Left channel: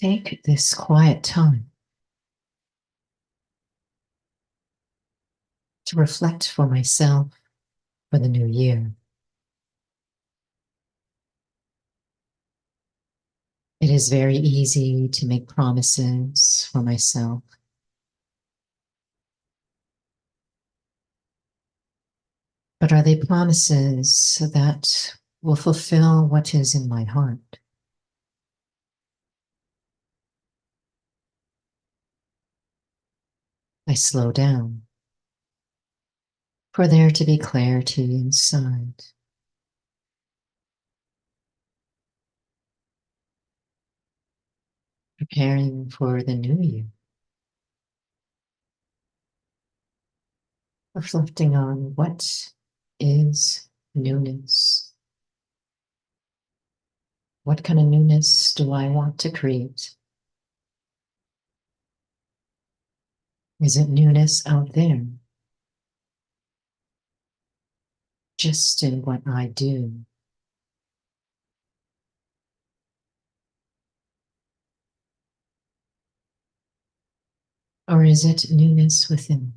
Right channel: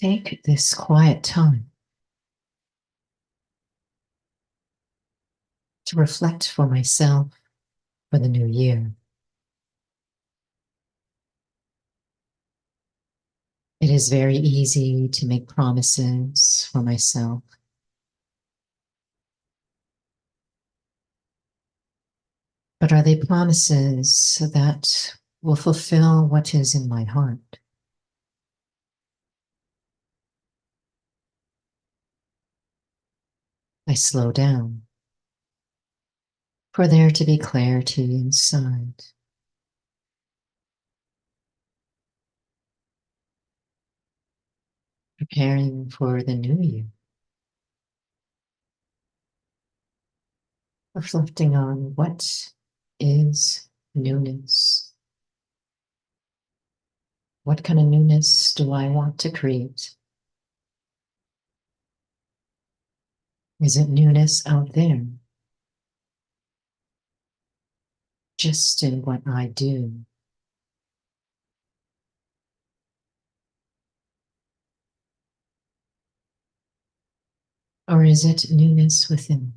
Take this quiet time to reflect for myself for the new year. It is very easy to make promises for myself, but are they promises that will fulfill what is in my heart? I slow down for there to be clarity inside, preparing for the new year, reflecting on what is newness. What kind of newness do I want to create? Is it newness out there, just in what I do? Or is it newness within?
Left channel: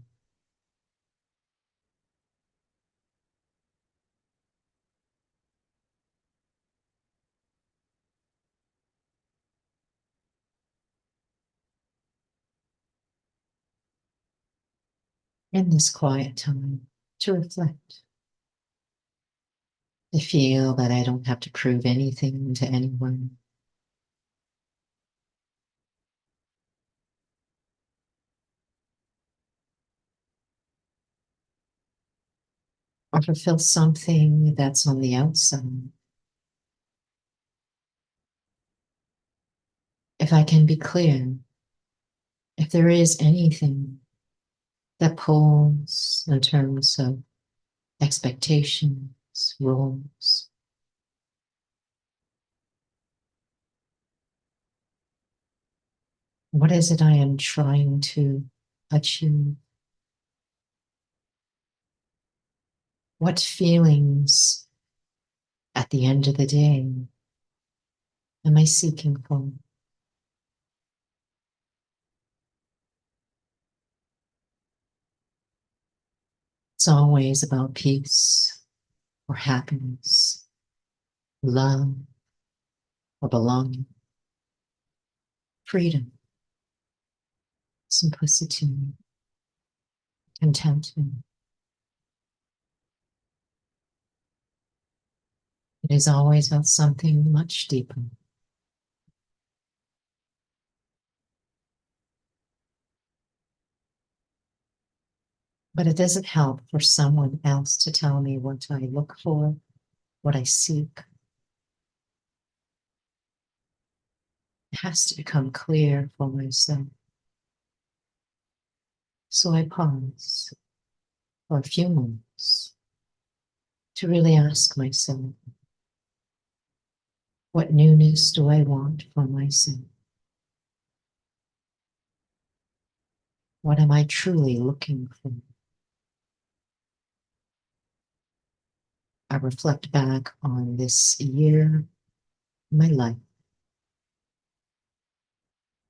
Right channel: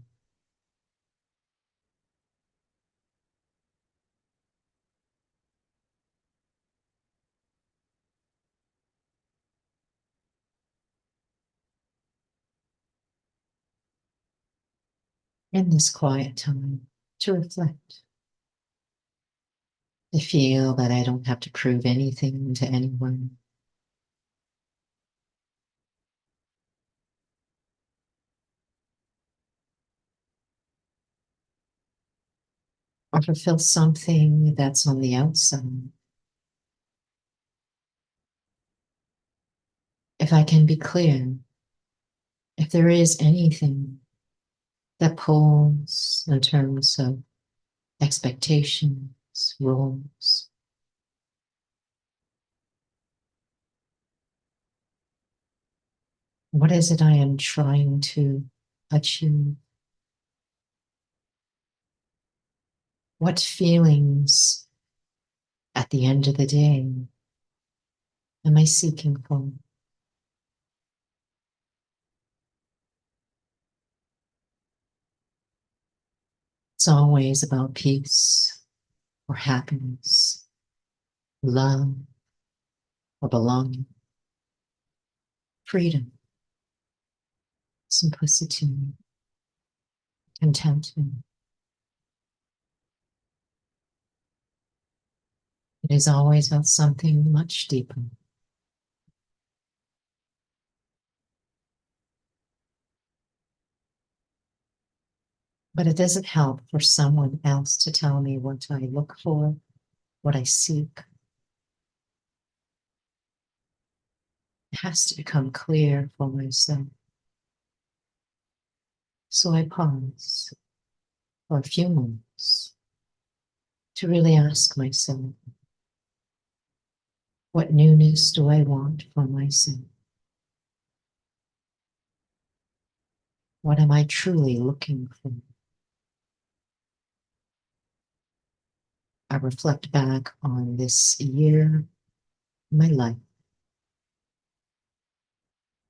In this quiet time to reflect, I feel that I don't have to prove anything to anyone. Or fulfill something that's on the outside. If I can be clear, if there is anything that pulls in terms of expectations, roles, what is it I am trying to achieve? What feelings at the end of the day am I seeking for? It's always about peace or happiness, love or belonging, freedom, simplicity, contentment. It is always about something much deeper. But it doesn't help for someone else to tell me what I look for, what I seek. It has to become clear for myself. So I pause for a few moments to really ask myself, what newness do I want for myself? What am I truly looking for? I reflect back on this year, my life,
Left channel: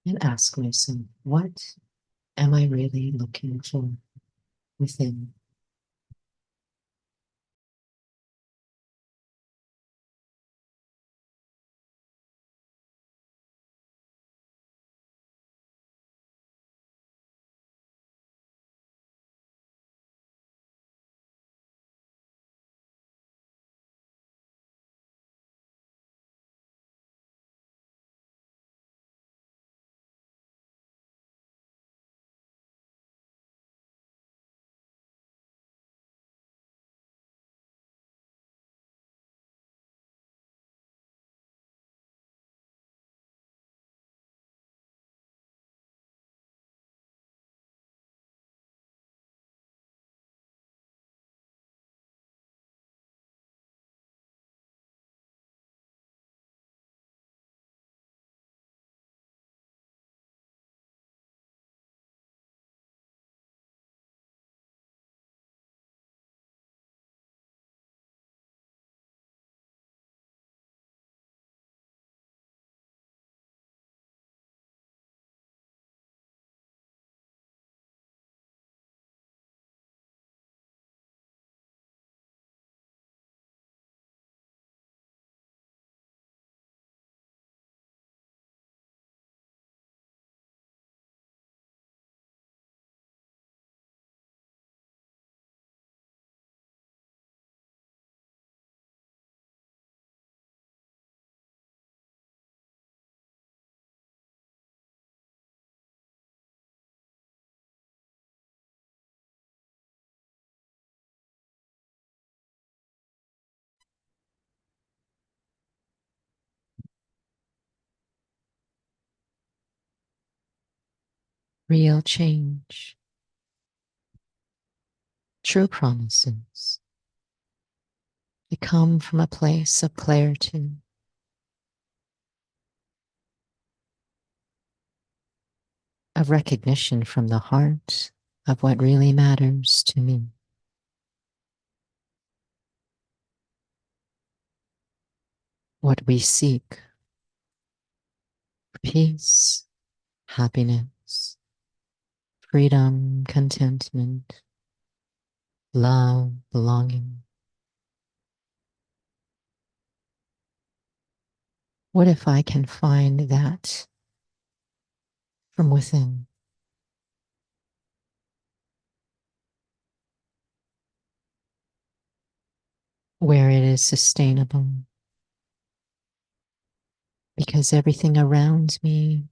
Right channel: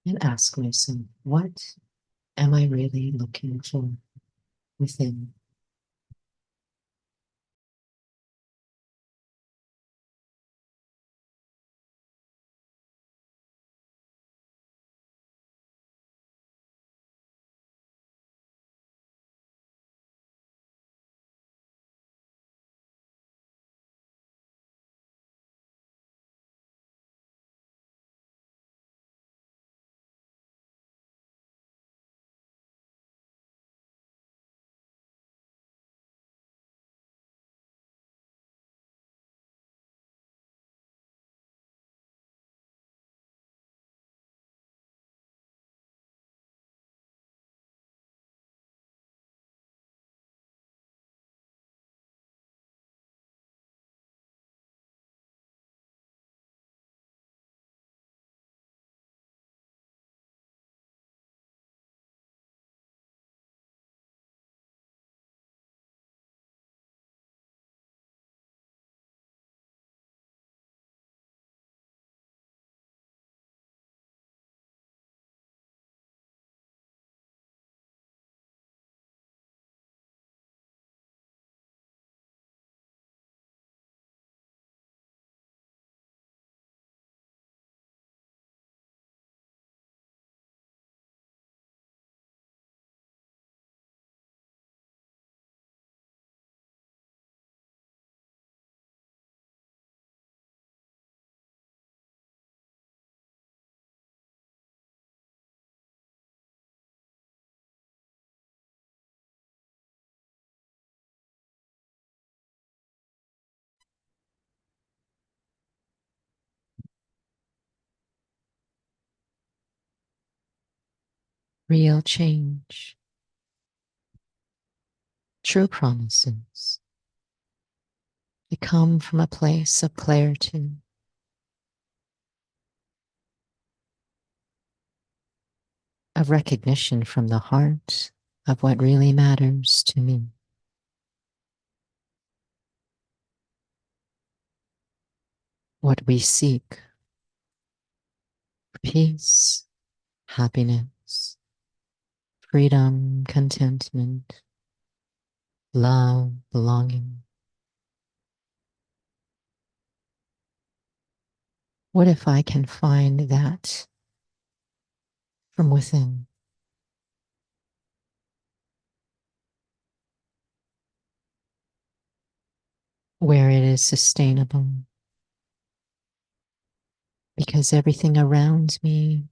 and ask myself, what am I really looking for within? real change, true promises. They come from a place of clarity, of recognition from the heart of what really matters to me. What we seek: peace, happiness, freedom, contentment, love, belonging. What if I can find that from within, where it is sustainable? Because everything around me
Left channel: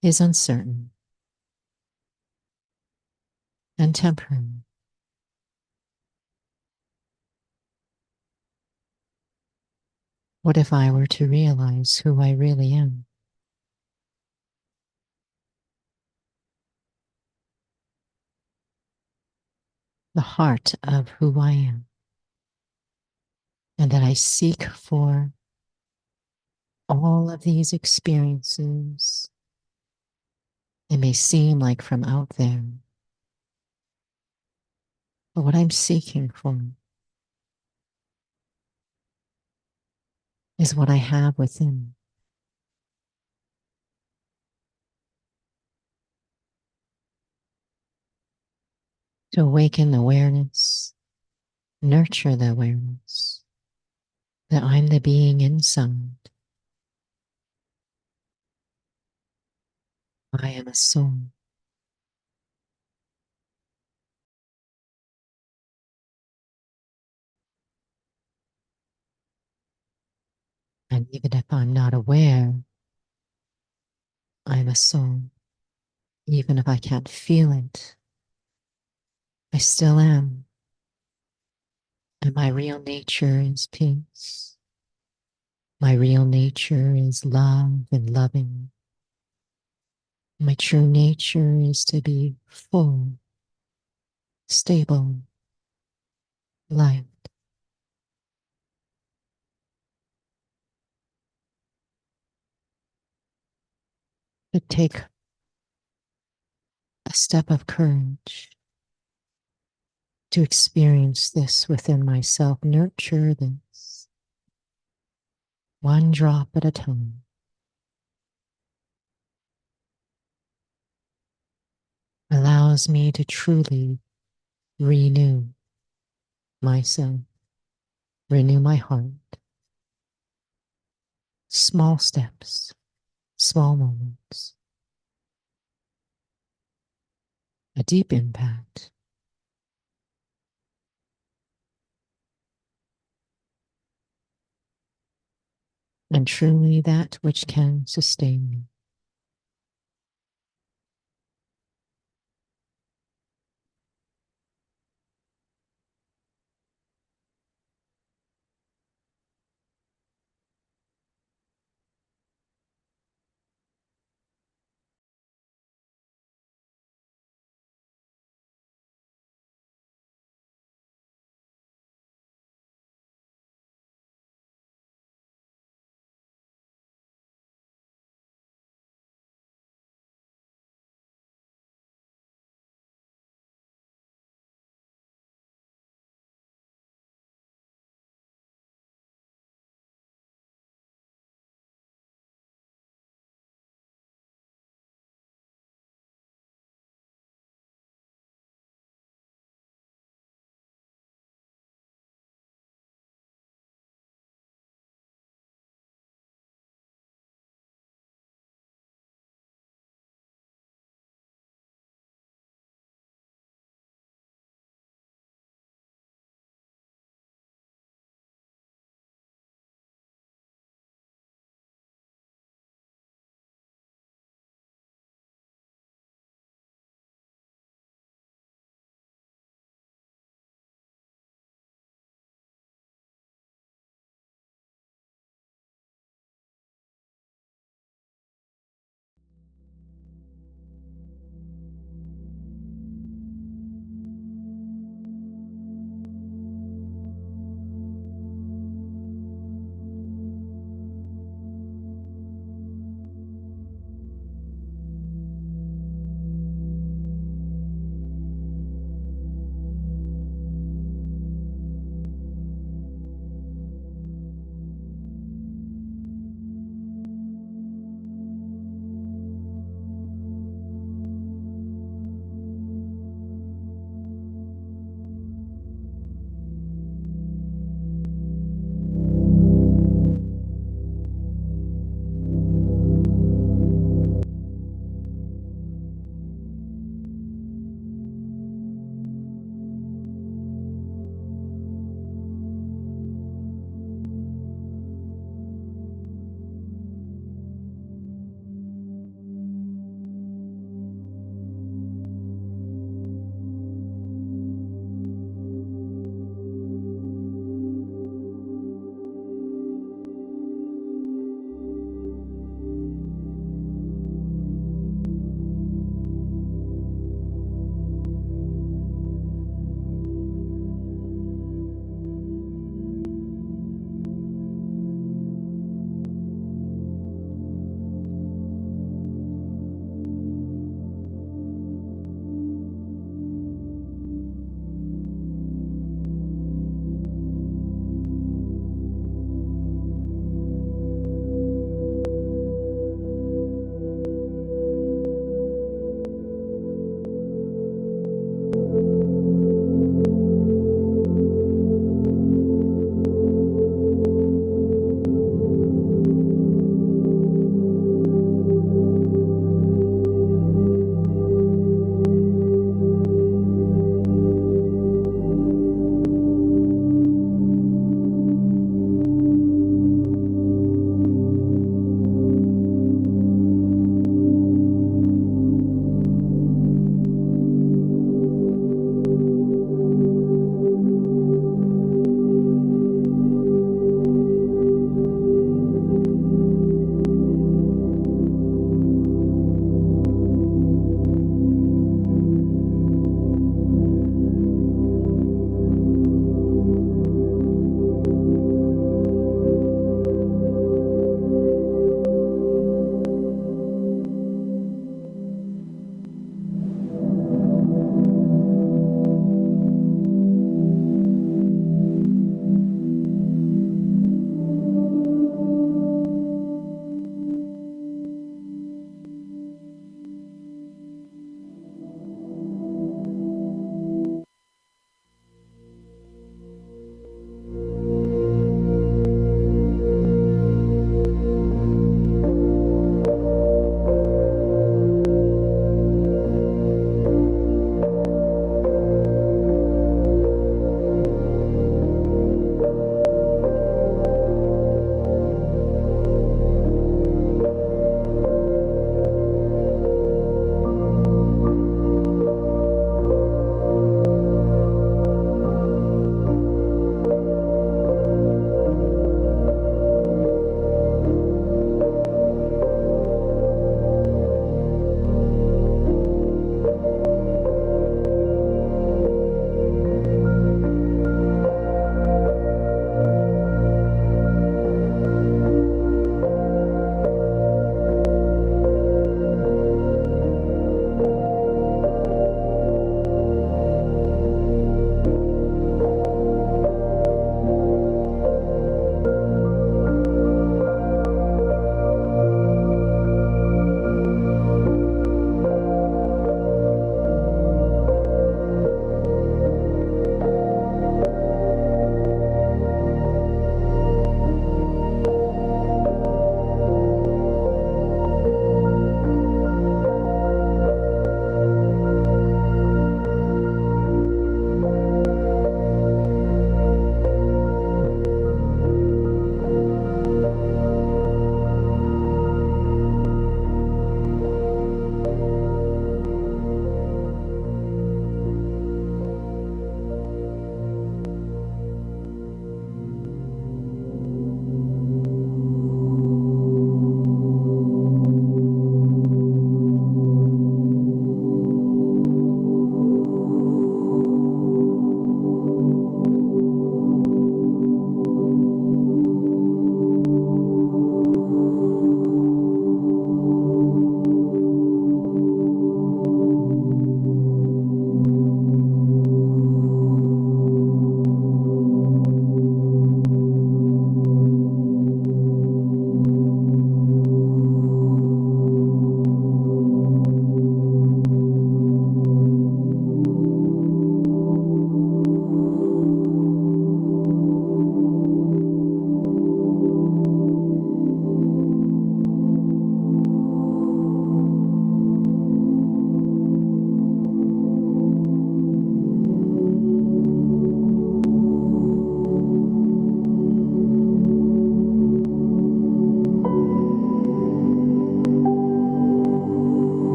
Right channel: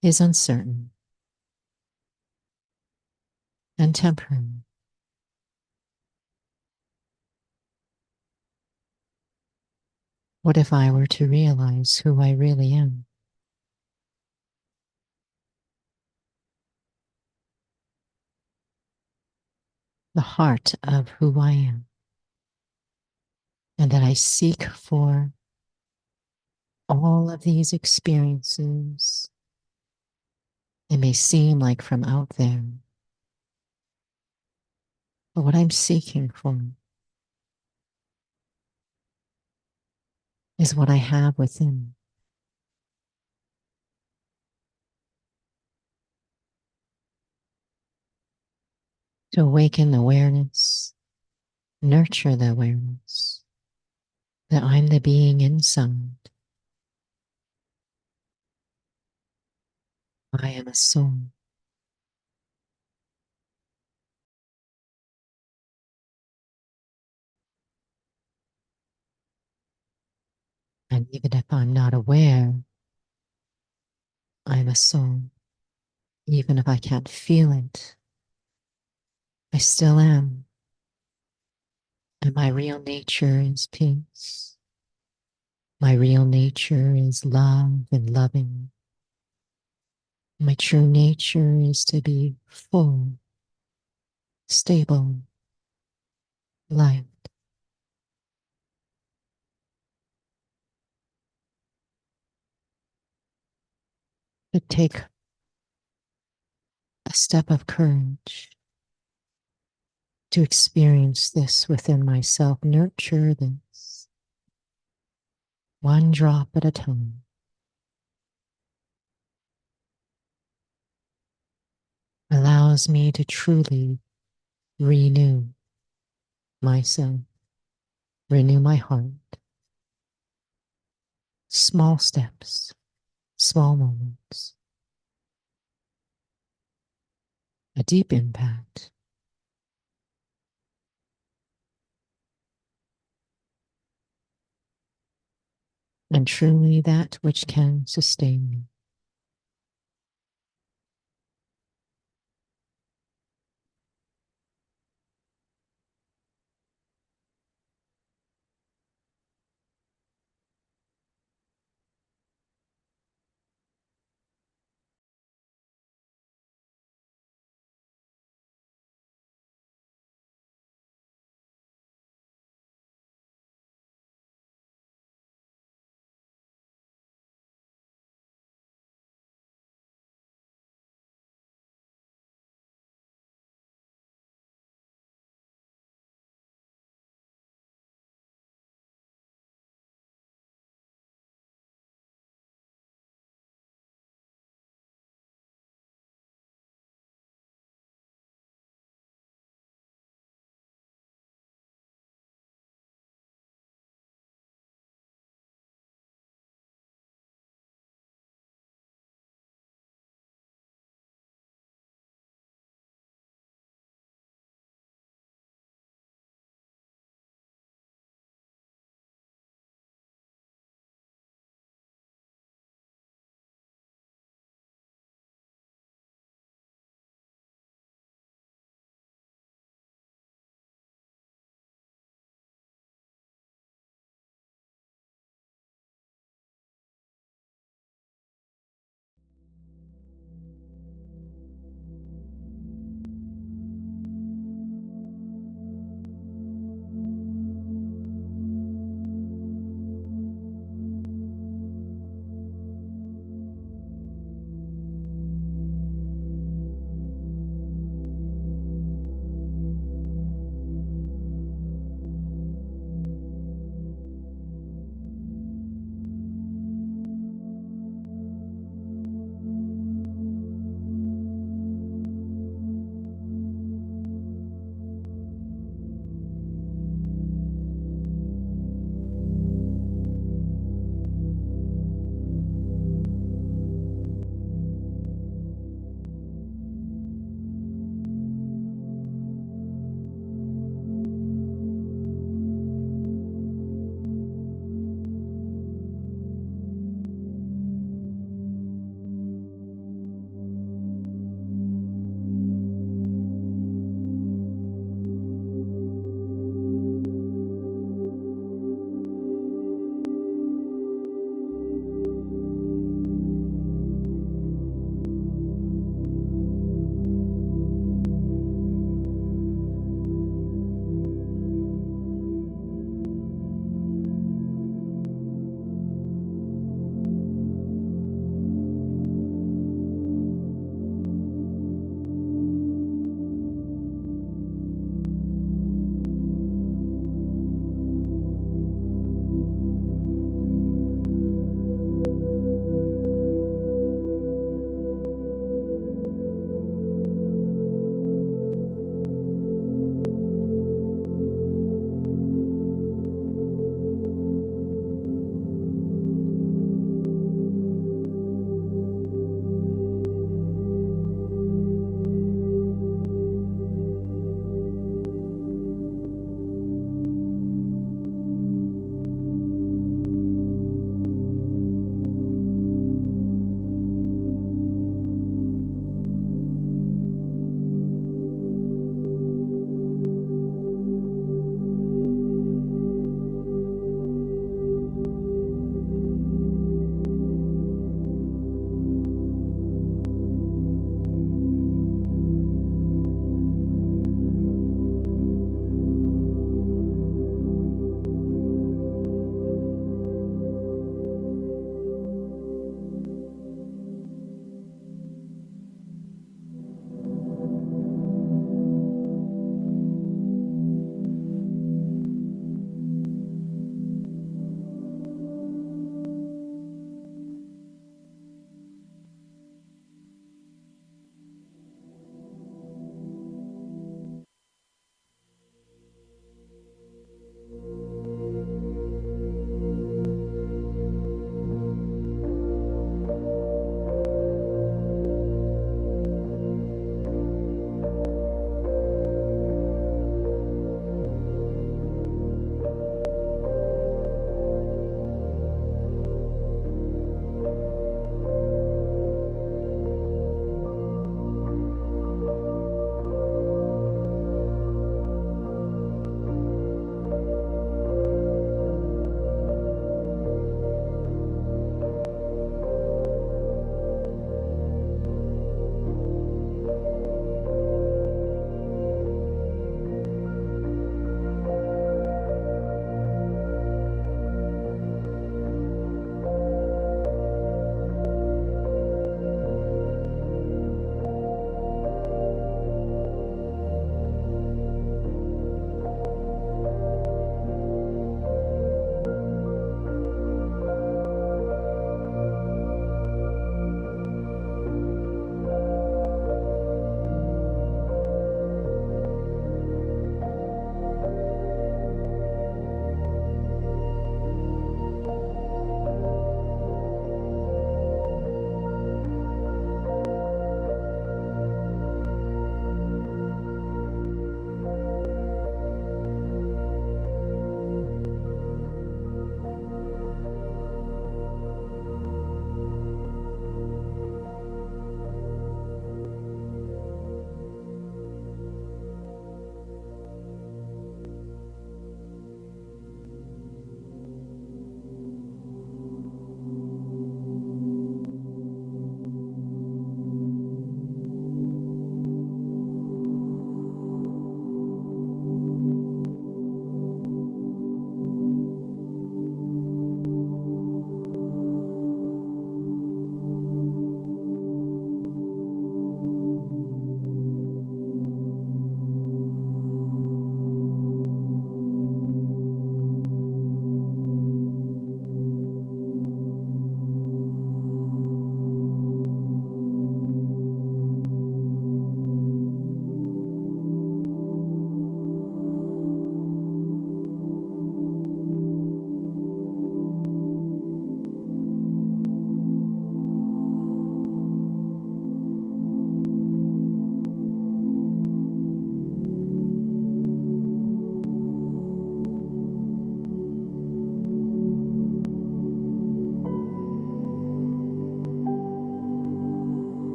is uncertain and temporary. What if I were to realize who I really am? The heart of who I am, and that I seek for all of these experiences. It may seem like from out there, but what I'm seeking for is what I have within. To awaken awareness, nurture the awareness that I'm the being inside. I am a soul. And even if I'm not aware, I'm a soul. Even if I can't feel it, I still am. And my real nature is peace. My real nature is love and loving. My true nature is to be full, stable, life. To take a step of courage to experience this within myself, nurture this one drop at a time, allows me to truly renew myself, renew my heart. Small steps, small moments, a deep impact, and truly that which can sustain me.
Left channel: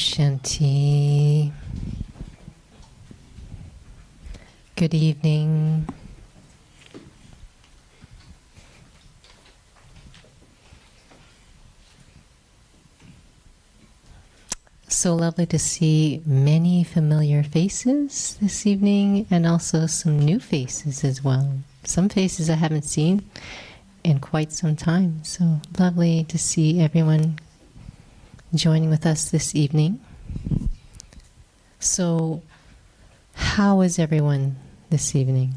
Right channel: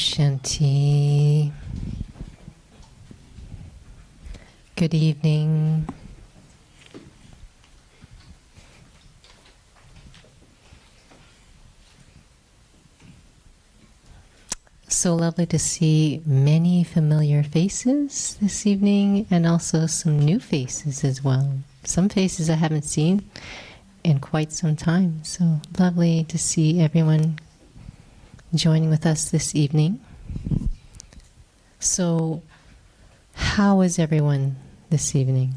Shanti. Good evening. So lovely to see many familiar faces this evening and also some new faces as well. Some faces I haven't seen in quite some time. So lovely to see everyone joining with us this evening. So how is everyone this evening?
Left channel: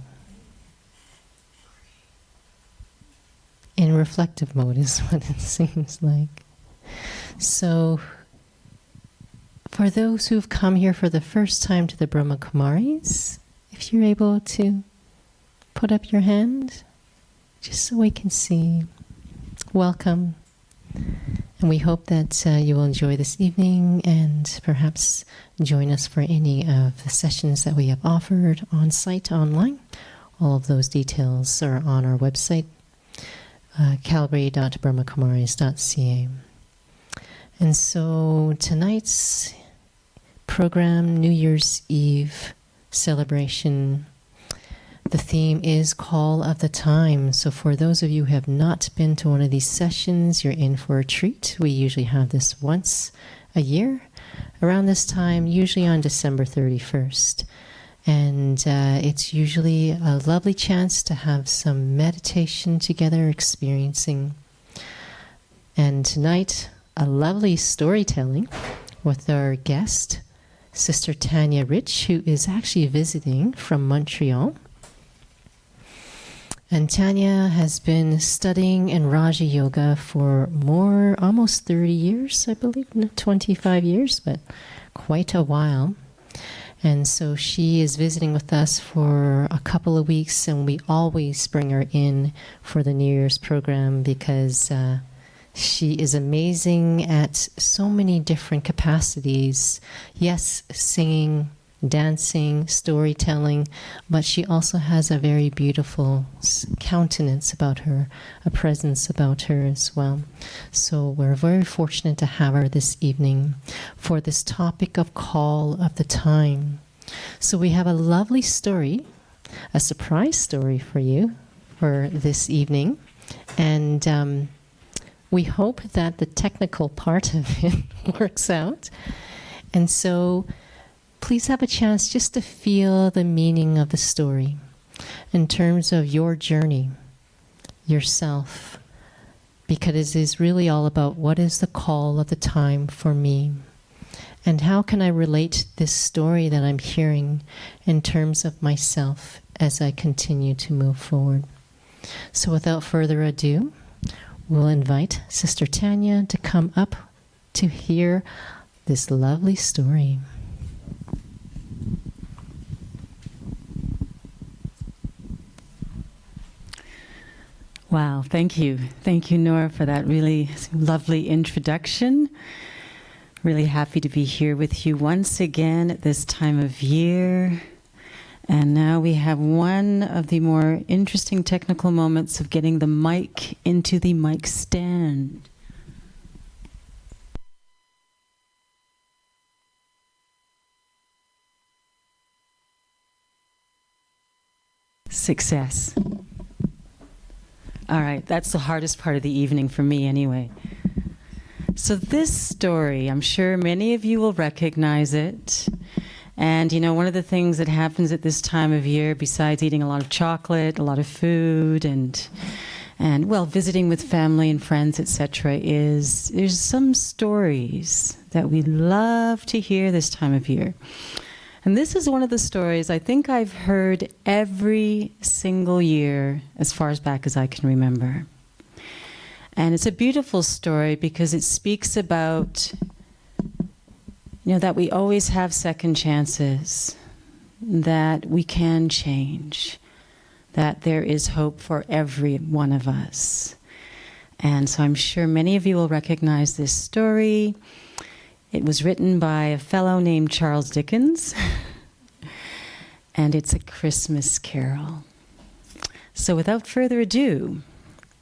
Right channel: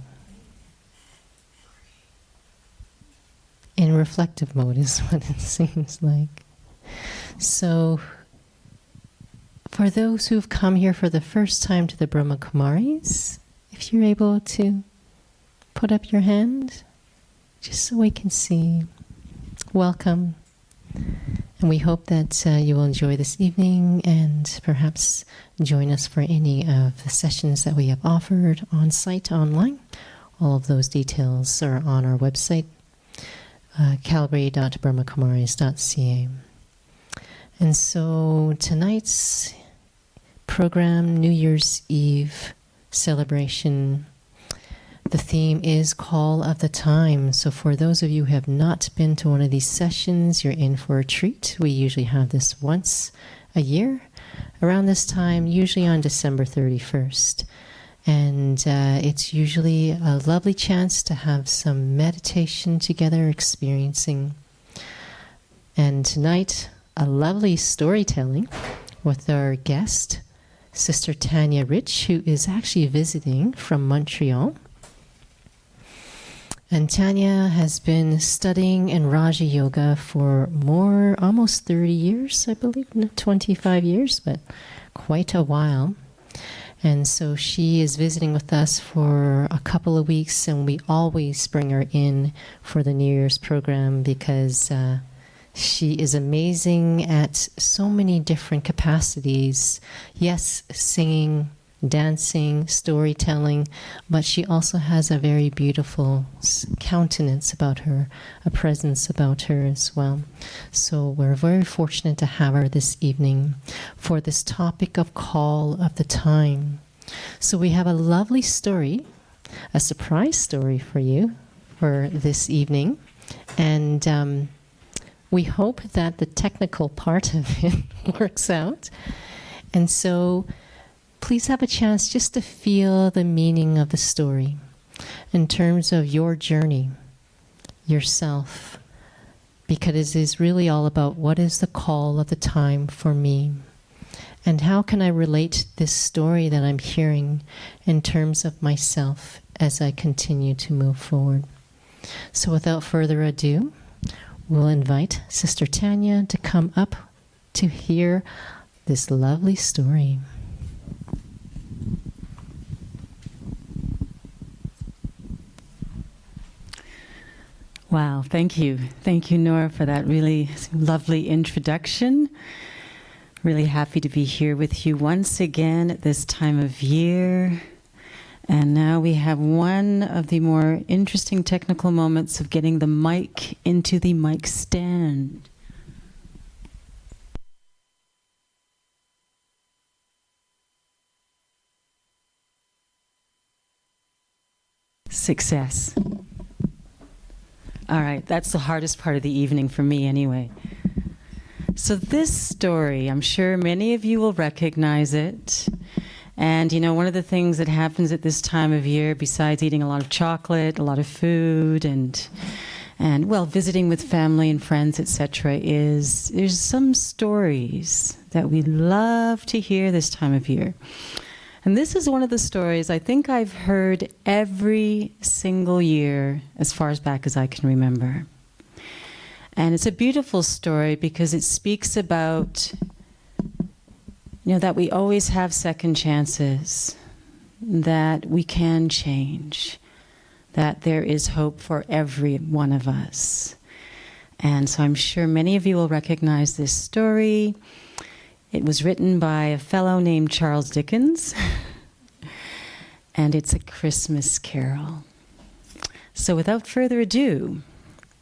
In reflective mode is what it seems like. So for those who've come here for the first time to the Brahma Kumaris, if you're able to put up your hand, just so we can see. Welcome. And we hope that you will enjoy this evening and perhaps join us for any of the sessions that we have offered on site, online. All of those details are on our website, calvary.brahmakumaris.ca. And so tonight's program, New Year's Eve celebration, the theme is Call of the Time. So for those of you who have not been to one of these sessions, you're in for a treat. We usually have this once a year around this time, usually on December 31st. And it's usually a lovely chance to have some meditation together, experiencing. And tonight, a lovely storytelling with our guest, Sister Tanya Rich, who is actually visiting from Montreal. And Tanya has been studying in Raja Yoga for almost 30 years, I believe, 25 years, but quite a while. And so she is visiting with us for a couple of weeks, and we always bring her in for the New Year's program because she is amazing at so many different capacities. Yes, singing, dancing, storytelling, but she also has a very beautiful countenance about her, a presence about her as well. So we're very fortunate to have her this evening for this topic of Call of the Time. So we have a lovely story, a surprise story for you for this evening. And we hope that the technical part of it works out. And so please have a chance just to feel the meaning of the story in terms of your journey, yourself, because it is really all about what is the call of the time for me, and how can I relate this story that I'm hearing in terms of myself as I continue to move forward. So without further ado, we'll invite Sister Tanya to come up to hear this lovely story. Wow, thank you. Thank you, Nora, for that really lovely introduction. Really happy to be here with you once again at this time of year. And now we have one of the more interesting technical moments of getting the mic into the mic stand. Success. All right, that's the hardest part of the evening for me anyway. So this story, I'm sure many of you will recognize it. And you know, one of the things that happens at this time of year, besides eating a lot of chocolate, a lot of food, and well, visiting with family and friends, etc., is there's some stories that we love to hear this time of year. And this is one of the stories I think I've heard every single year as far as back as I can remember. And it's a beautiful story because it speaks about, that we always have second chances, that we can change, that there is hope for every one of us. And so I'm sure many of you will recognize this story. It was written by a fellow named Charles Dickens, and it's A Christmas Carol. So without further ado,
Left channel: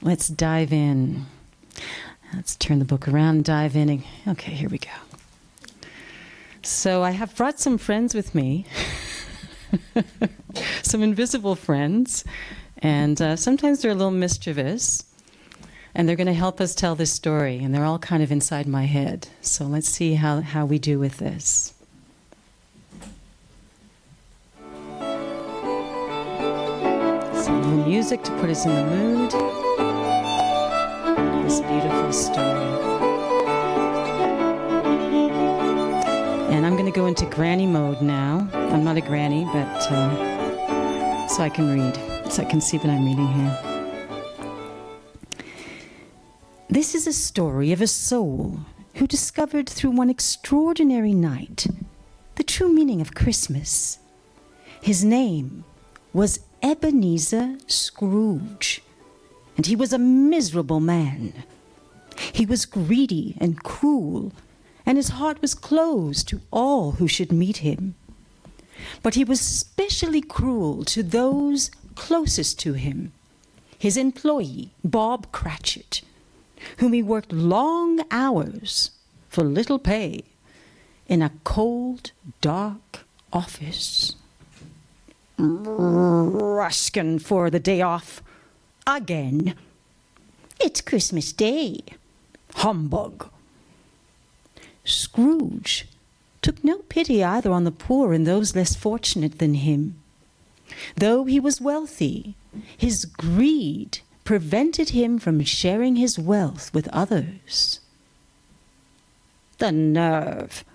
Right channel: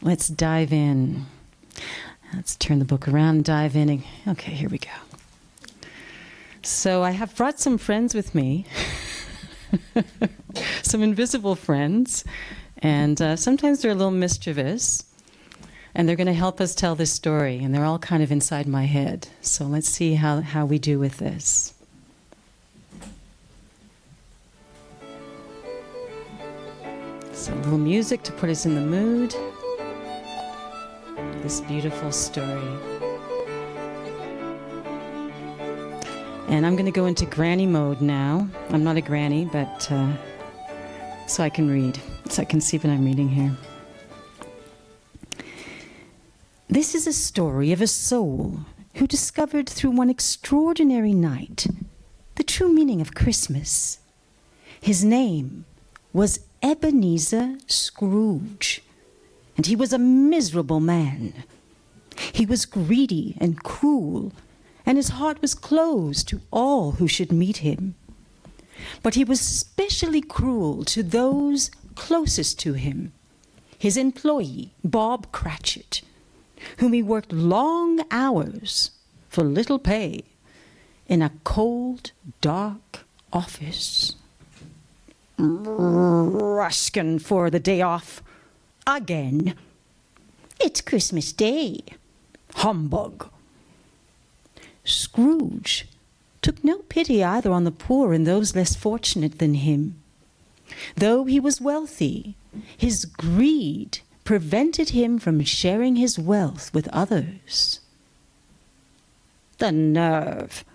let's dive in. Let's turn the book around and dive in. Okay, here we go. So I have brought some friends with me, some invisible friends, and sometimes they're a little mischievous, and they're going to help us tell this story, and they're all kind of inside my head. So let's see how we do with this. Some little music to put us in the mood. This beautiful story. And I'm going to go into granny mode now. I'm not a granny, but so I can read, so I can see what I'm reading here. This is a story of a soul who discovered through one extraordinary night the true meaning of Christmas. His name was Ebenezer Scrooge, and he was a miserable man. He was greedy and cruel, and his heart was closed to all who should meet him. But he was especially cruel to those closest to him, his employee, Bob Cratchit, whom he worked long hours for little pay in a cold, dark office. Ruskin for the day off again. It's Christmas Day. Humbug. Scrooge took no pity either on the poor and those less fortunate than him. Though he was wealthy, his greed prevented him from sharing his wealth with others. The nerve!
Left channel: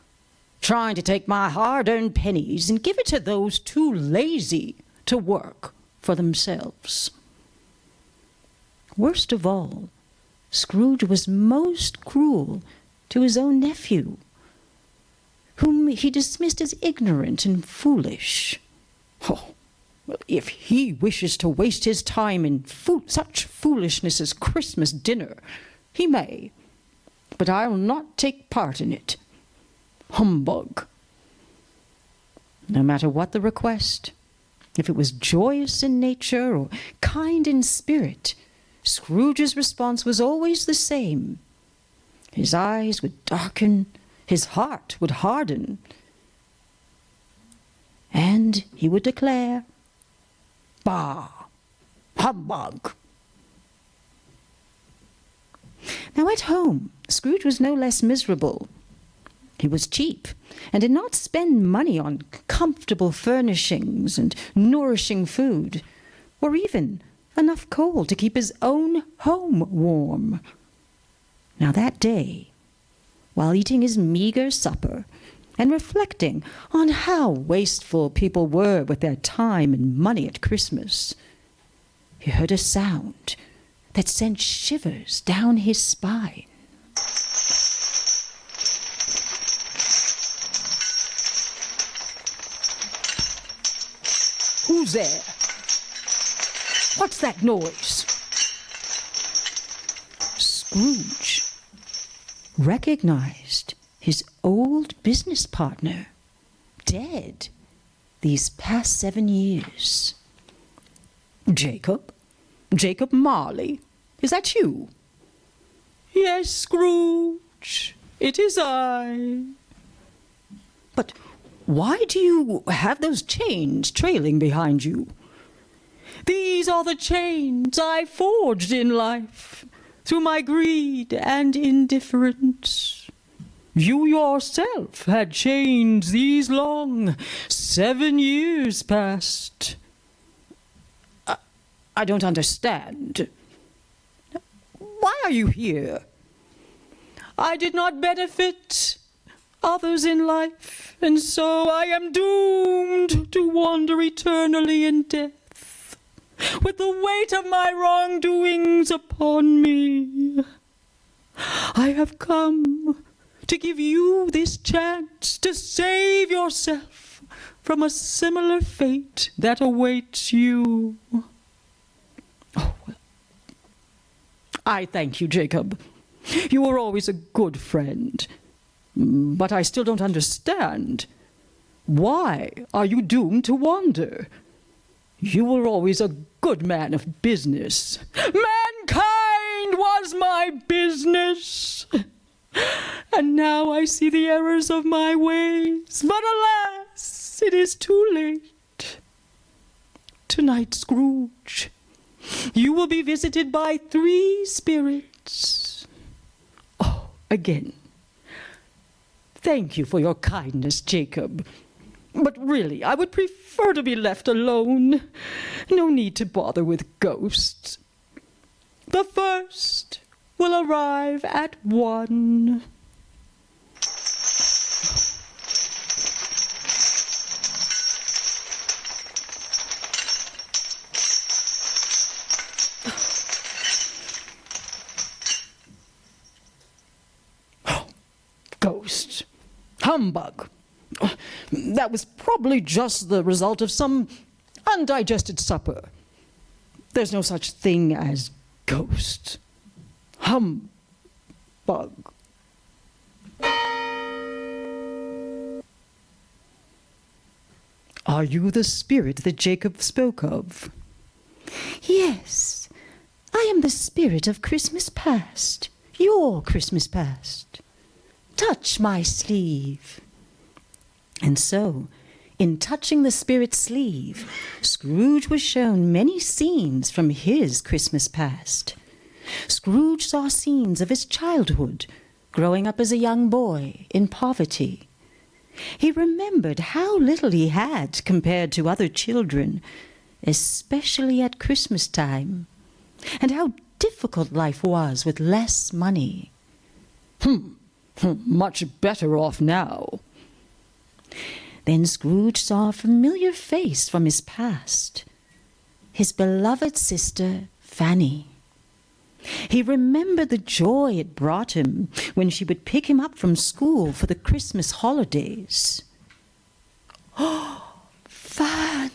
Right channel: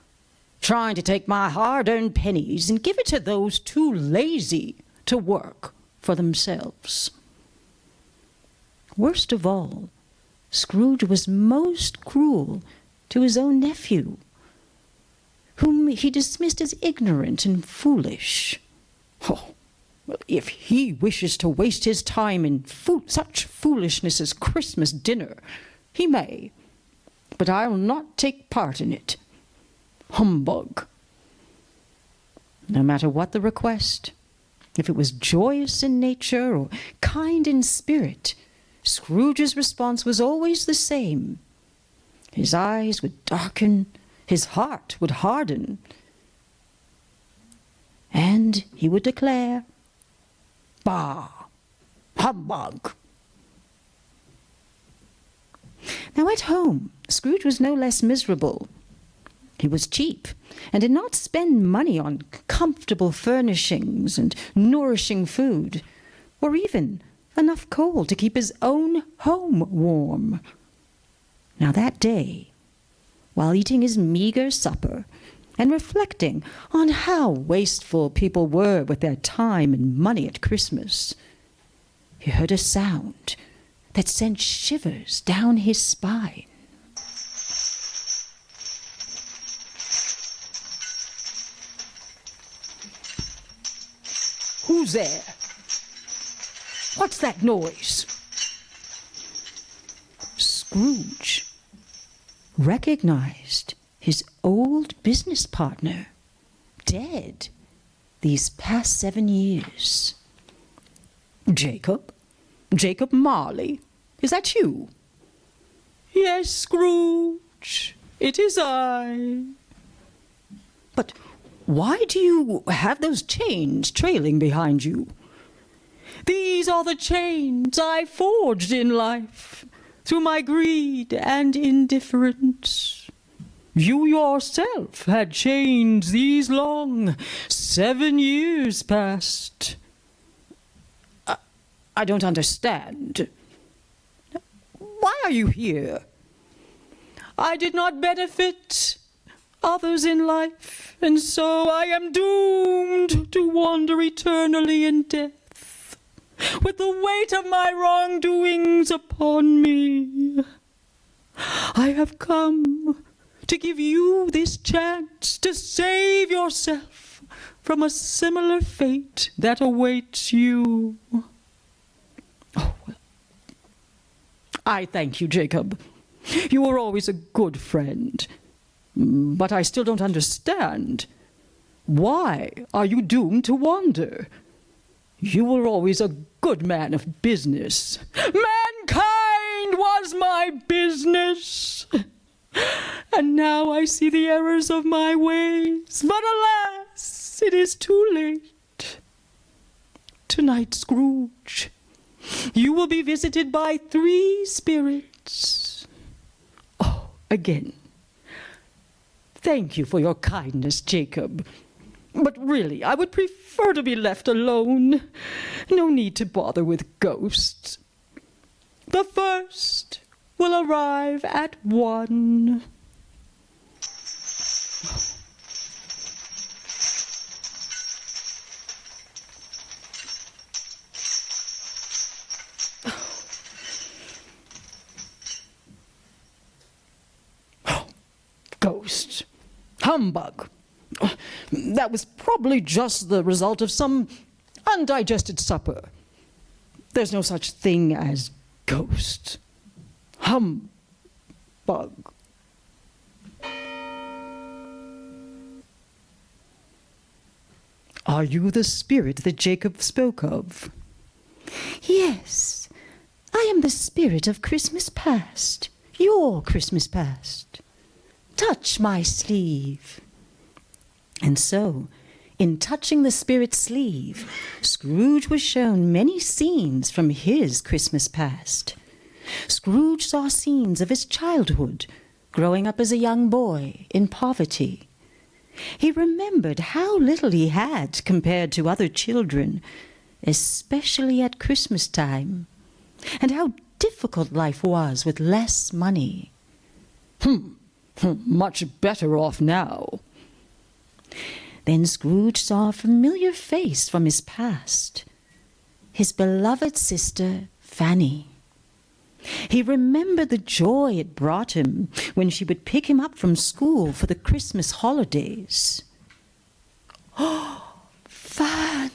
Trying to take my hard-earned pennies and give it to those too lazy to work for themselves. Worst of all, Scrooge was most cruel to his own nephew, whom he dismissed as ignorant and foolish. Oh, well, if he wishes to waste his time in such foolishness as Christmas dinner, he may, but I'll not take part in it. Humbug. No matter what the request, if it was joyous in nature or kind in spirit, Scrooge's response was always the same. His eyes would darken, his heart would harden, and he would declare, "Bah! Humbug!" Now at home, Scrooge was no less miserable. He was cheap and did not spend money on comfortable furnishings and nourishing food, or even enough coal to keep his own home warm. Now that day, while eating his meager supper and reflecting on how wasteful people were with their time and money at Christmas, he heard a sound that sent shivers down his spine. Who's there? What's that noise? Scrooge recognized his old business partner, dead these past 7 years. Jacob? Jacob Marley? Is that you? Yes, Scrooge, it is I. But why do you have those chains trailing behind you? These are the chains I forged in life through my greed and indifference. You yourself had chains these long, 7 years past. I don't understand. Why are you here? I did not benefit others in life, and so I am doomed to wander eternally in death, with the weight of my wrongdoings upon me. I have come to give you this chance to save yourself from a similar fate that awaits you. Oh, well. I thank you, Jacob. You were always a good friend. But I still don't understand. Why are you doomed to wander? You were always a good man of business. Mankind was my business. And now I see the errors of my ways. But alas, it is too late. Tonight, Scrooge, you will be visited by 3 spirits. Oh, again, thank you for your kindness, Jacob. But really, I would prefer to be left alone. No need to bother with ghosts. The first will arrive at 1. Ghost. Humbug. That was probably just the result of some undigested supper. There's no such thing as ghost. Humbug. Are you the spirit that Jacob spoke of? Yes, I am the spirit of Christmas past, your Christmas past. Touch my sleeve. And so, in touching the spirit's sleeve, Scrooge was shown many scenes from his Christmas past. Scrooge saw scenes of his childhood, growing up as a young boy in poverty. He remembered how little he had compared to other children, especially at Christmas time, and how difficult life was with less money. Much better off now. Then Scrooge saw a familiar face from his past, his beloved sister Fanny. He remembered the joy it brought him when she would pick him up from school for the Christmas holidays. Oh, Fan!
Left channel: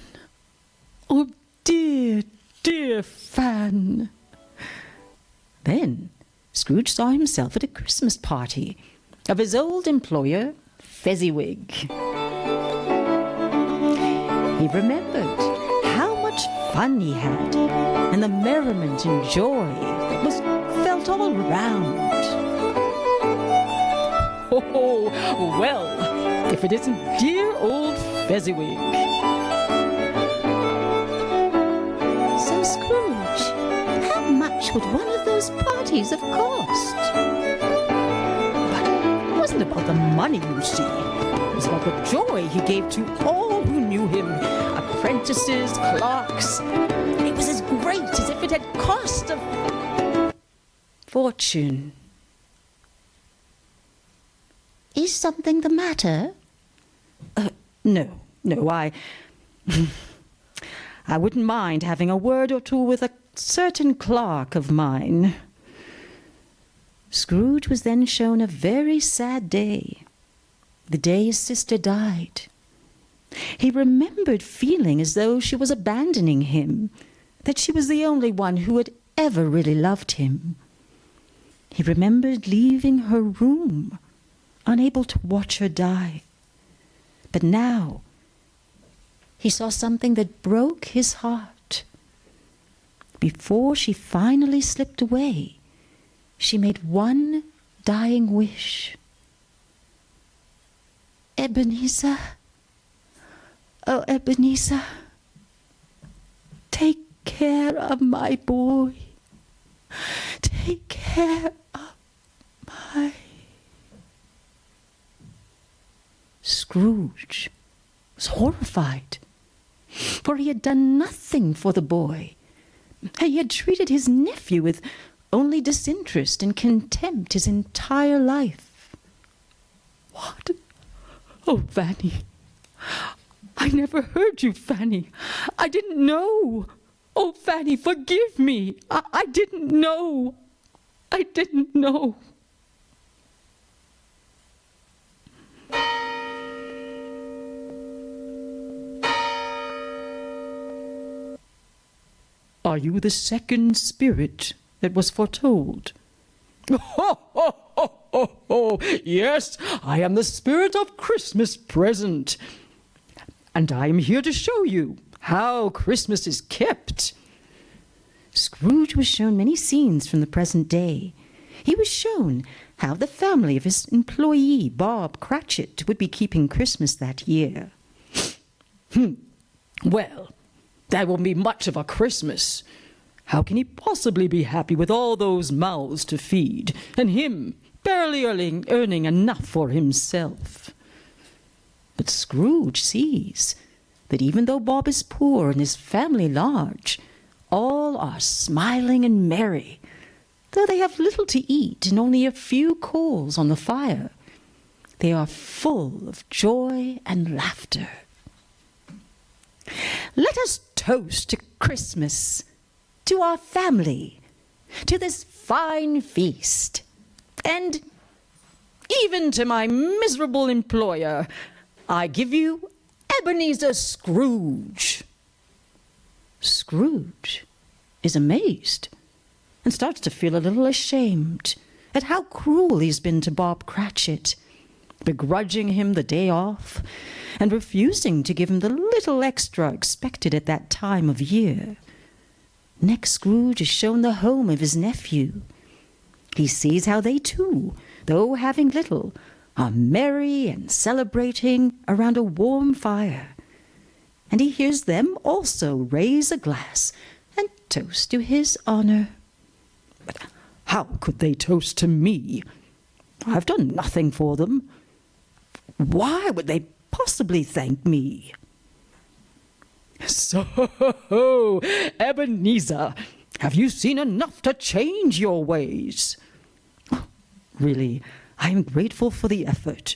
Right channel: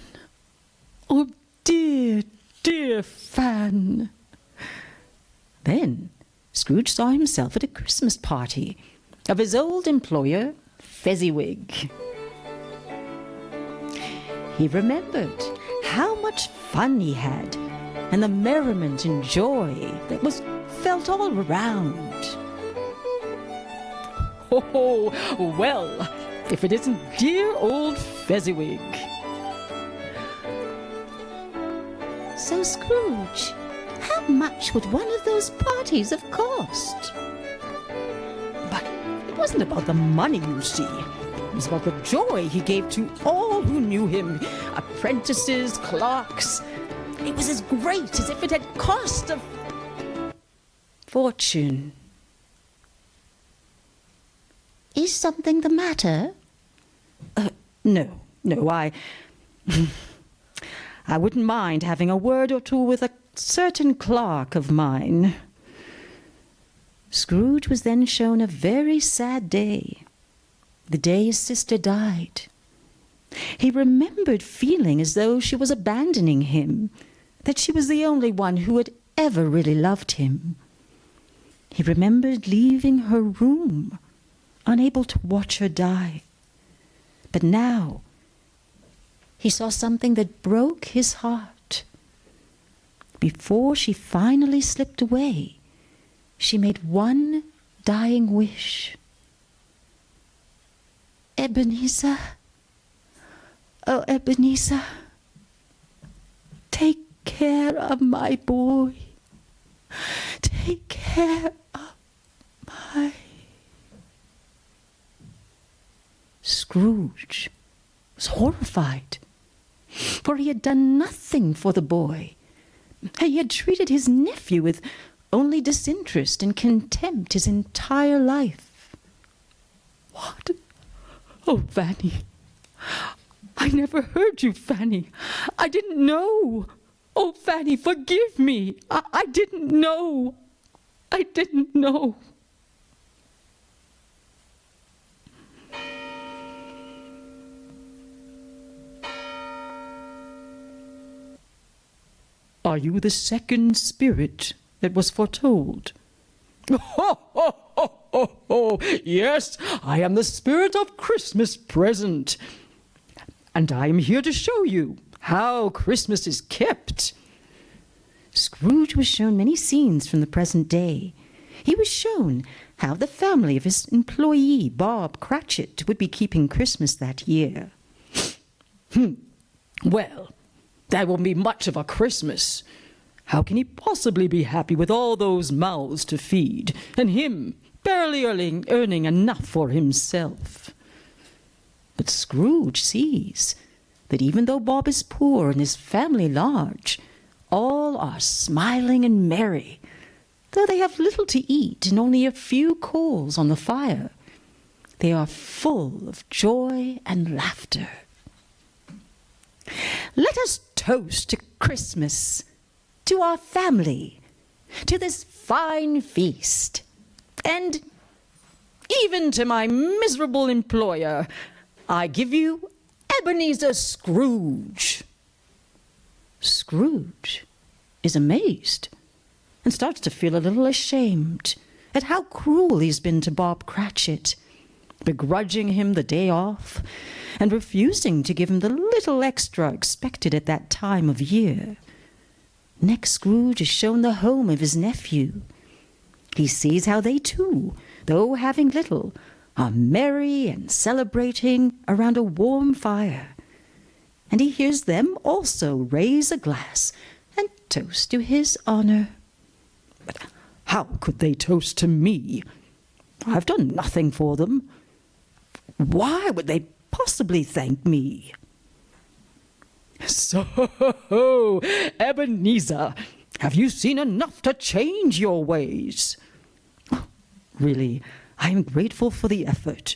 Oh, dear, dear Fan! Then Scrooge saw himself at a Christmas party of his old employer, Fezziwig. He remembered how much fun he had and the merriment and joy that was felt all around. Oh, well, if it isn't dear old Fezziwig. So, Scrooge, how much would one of those parties have cost? But it wasn't about the money, you see. It was about the joy he gave to all who knew him, apprentices, clerks. It was as great as if it had cost a fortune. Is something the matter? No, I wouldn't mind having a word or two with a certain clerk of mine. Scrooge was then shown a very sad day, the day his sister died. He remembered feeling as though she was abandoning him, that she was the only one who had ever really loved him. He remembered leaving her room, unable to watch her die. But now he saw something that broke his heart. Before she finally slipped away, she made one dying wish. Ebenezer, oh Ebenezer, take care of my boy. Take care of my... Scrooge was horrified, for he had done nothing for the boy. He had treated his nephew with only disinterest and contempt his entire life. What? Oh, Fanny. I never heard you, Fanny. I didn't know. Oh, Fanny, forgive me. I didn't know. I didn't know. Are you the second spirit that was foretold? Ho, ho, ho, ho, ho. Yes, I am the spirit of Christmas present. And I am here to show you how Christmas is kept. Scrooge was shown many scenes from the present day. he was shown how the family of his employee, Bob Cratchit, would be keeping Christmas that year. Well, that won't be much of a Christmas. How can he possibly be happy with all those mouths to feed, and him barely earning enough for himself? But Scrooge sees that even though Bob is poor and his family large, all are smiling and merry, though they have little to eat and only a few coals on the fire. They are full of joy and laughter. Let us toast to Christmas, to our family, to this fine feast, and even to my miserable employer. I give you Ebenezer Scrooge. Scrooge is amazed and starts to feel a little ashamed at how cruel he's been to Bob Cratchit, begrudging him the day off and refusing to give him the little extra expected at that time of year. Next, Scrooge is shown the home of his nephew. He sees how they too, though having little, are merry and celebrating around a warm fire. And he hears them also raise a glass and toast to his honor. But how could they toast to me? I've done nothing for them. Why would they possibly thank me? So, Ebenezer, have you seen enough to change your ways? Really, I am grateful for the effort.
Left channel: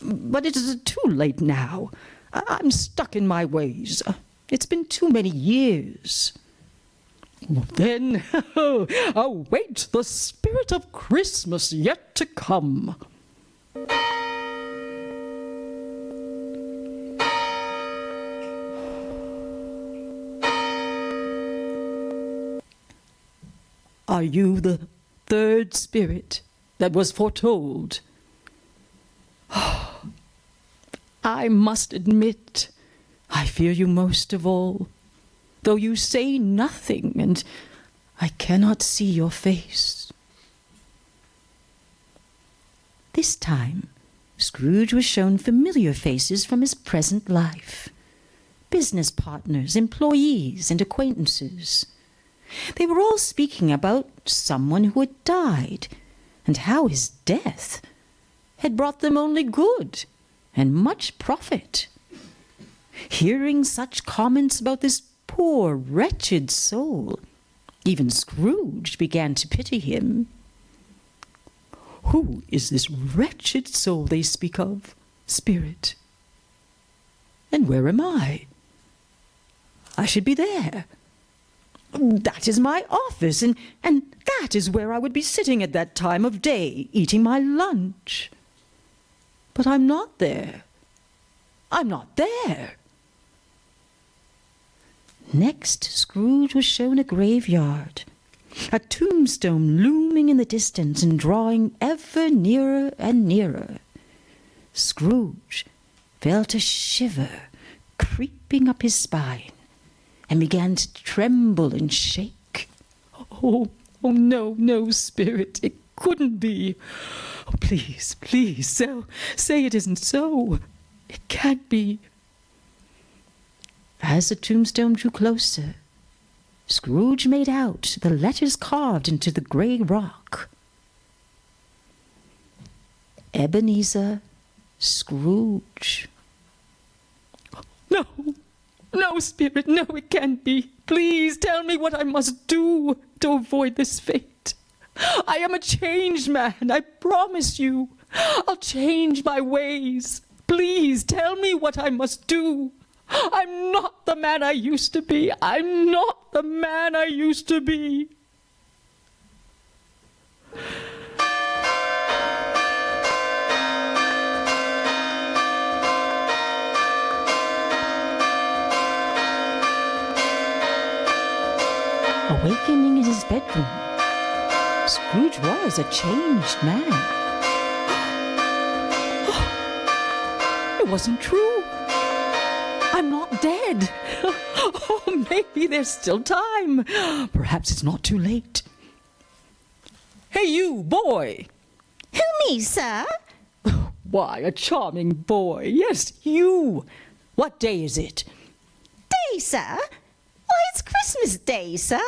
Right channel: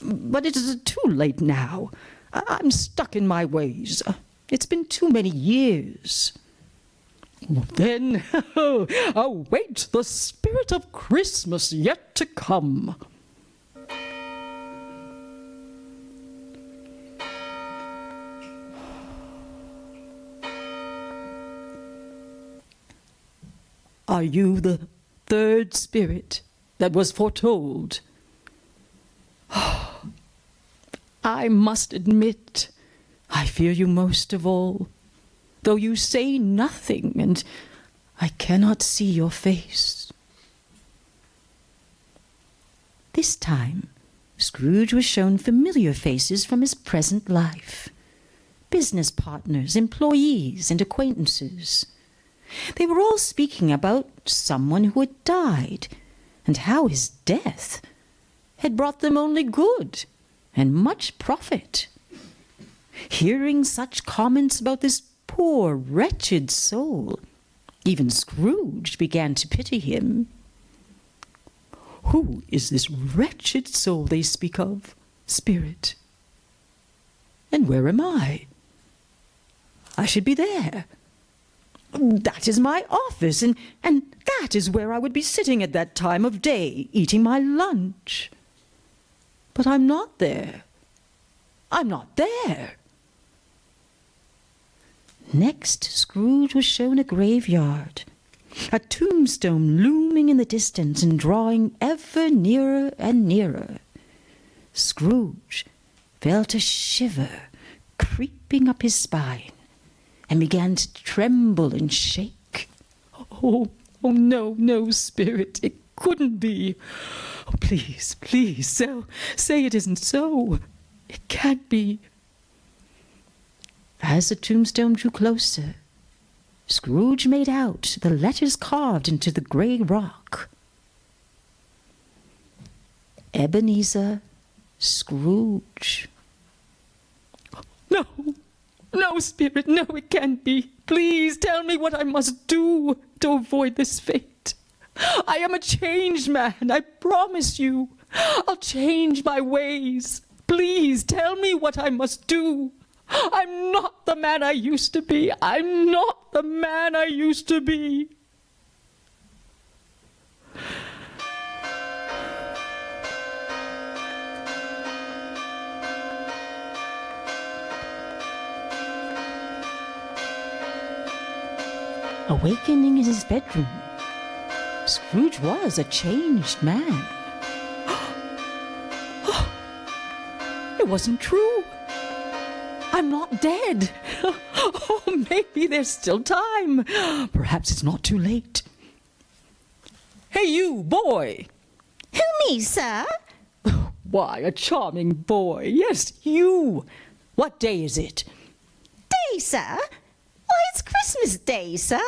But it is too late now. I'm stuck in my ways. It's been too many years. Then await the spirit of Christmas yet to come. Are you the third spirit that was foretold? I must admit, I fear you most of all, though you say nothing and I cannot see your face. This time, Scrooge was shown familiar faces from his present life. Business partners, employees, and acquaintances. They were all speaking about someone who had died, and how his death had brought them only good and much profit. Hearing such comments about this poor, wretched soul, even Scrooge began to pity him. Who is this wretched soul they speak of, spirit? And where am I? I should be there. That is my office, and that is where I would be sitting at that time of day, eating my lunch. But I'm not there. I'm not there. Next, Scrooge was shown a graveyard, a tombstone looming in the distance and drawing ever nearer and nearer. Scrooge felt a shiver creeping up his spine and began to tremble and shake. Oh, no, spirit, it couldn't be. Oh, please, say it isn't so. It can't be. As the tombstone drew closer, Scrooge made out the letters carved into the grey rock. Ebenezer Scrooge. No, spirit, no, it can't be. Please tell me what I must do to avoid this fate. I am a changed man, I promise you. I'll change my ways. Please tell me what I must do. I'm not the man I used to be. I'm not the man I used to be. Awakening in his bedroom, Scrooge was a changed man. It wasn't true. I'm not dead. Oh, maybe there's still time. Perhaps it's not too late. Hey, you, boy! Who, me, sir? Why, a charming boy. Yes, you. What day is it? Day, sir? Why, it's Christmas Day, sir.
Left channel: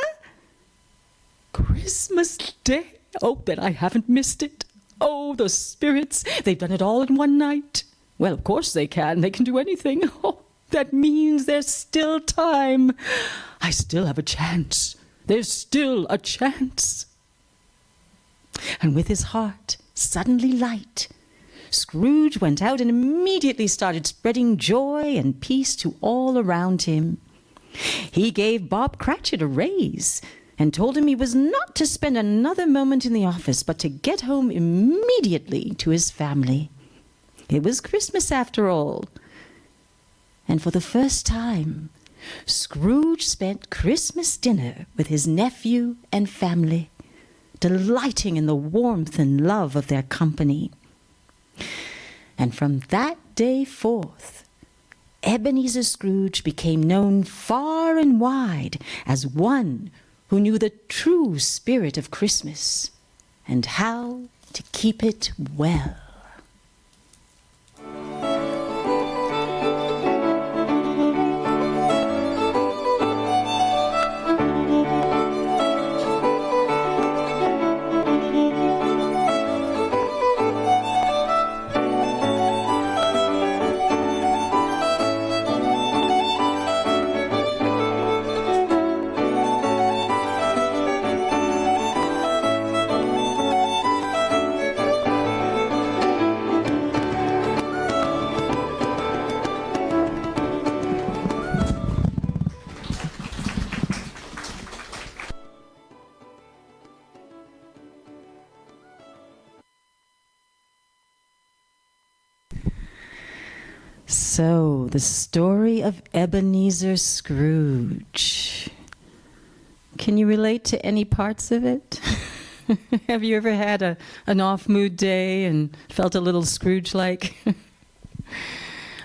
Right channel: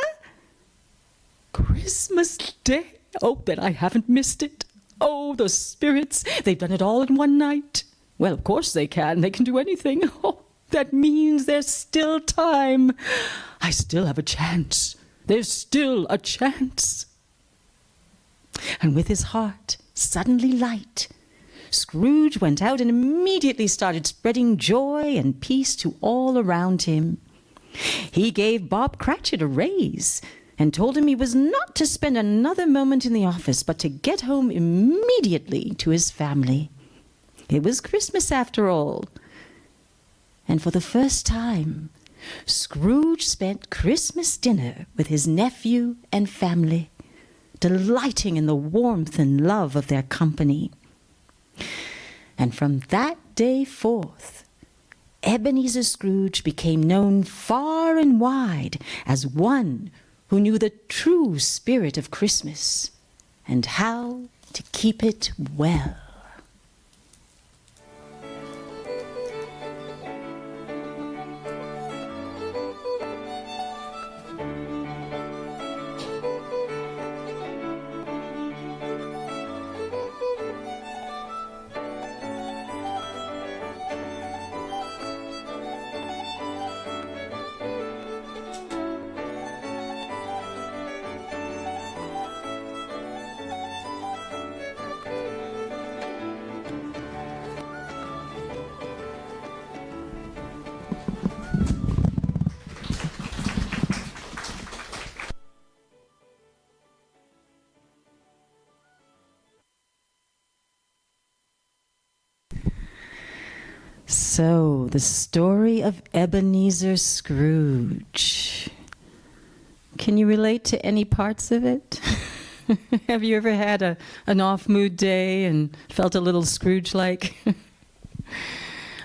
Christmas Day? Oh, then I haven't missed it. Oh, the spirits. They've done it all in one night. Well, of course they can. They can do anything. Oh, that means there's still time. I still have a chance. There's still a chance. And with his heart suddenly light, Scrooge went out and immediately started spreading joy and peace to all around him. He gave Bob Cratchit a raise and told him he was not to spend another moment in the office, but to get home immediately to his family. It was Christmas after all. And for the first time, Scrooge spent Christmas dinner with his nephew and family, delighting in the warmth and love of their company. And from that day forth, Ebenezer Scrooge became known far and wide as one who knew the true spirit of Christmas and how to keep it well. So, the story of Ebenezer Scrooge. Can you relate to any parts of it? Have you ever had an off-mood day and felt a little Scrooge-like?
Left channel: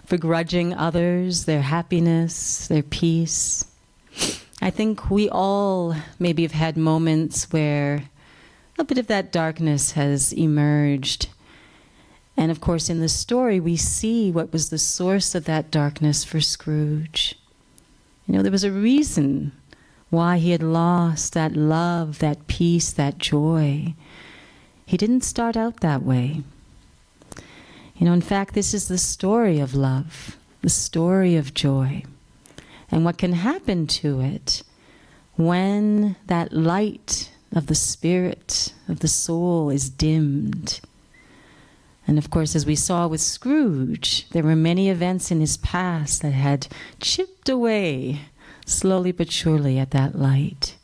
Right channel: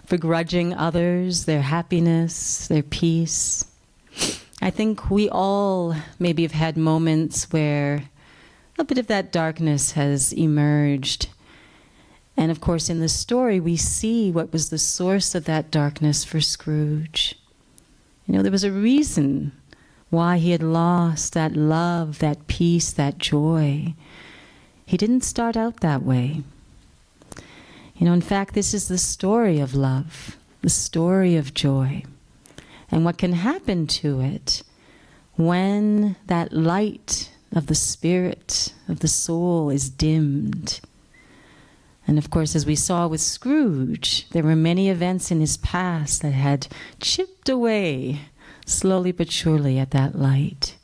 Begrudging others, their happiness, their peace. I think we all maybe have had moments where a bit of that darkness has emerged. And of course, in the story, we see what was the source of that darkness for Scrooge. You know, there was a reason why he had lost that love, that peace, that joy. He didn't start out that way. You know, in fact, this is the story of love, the story of joy. And what can happen to it when that light of the spirit, of the soul is dimmed. And of course, as we saw with Scrooge, there were many events in his past that had chipped away slowly but surely at that light.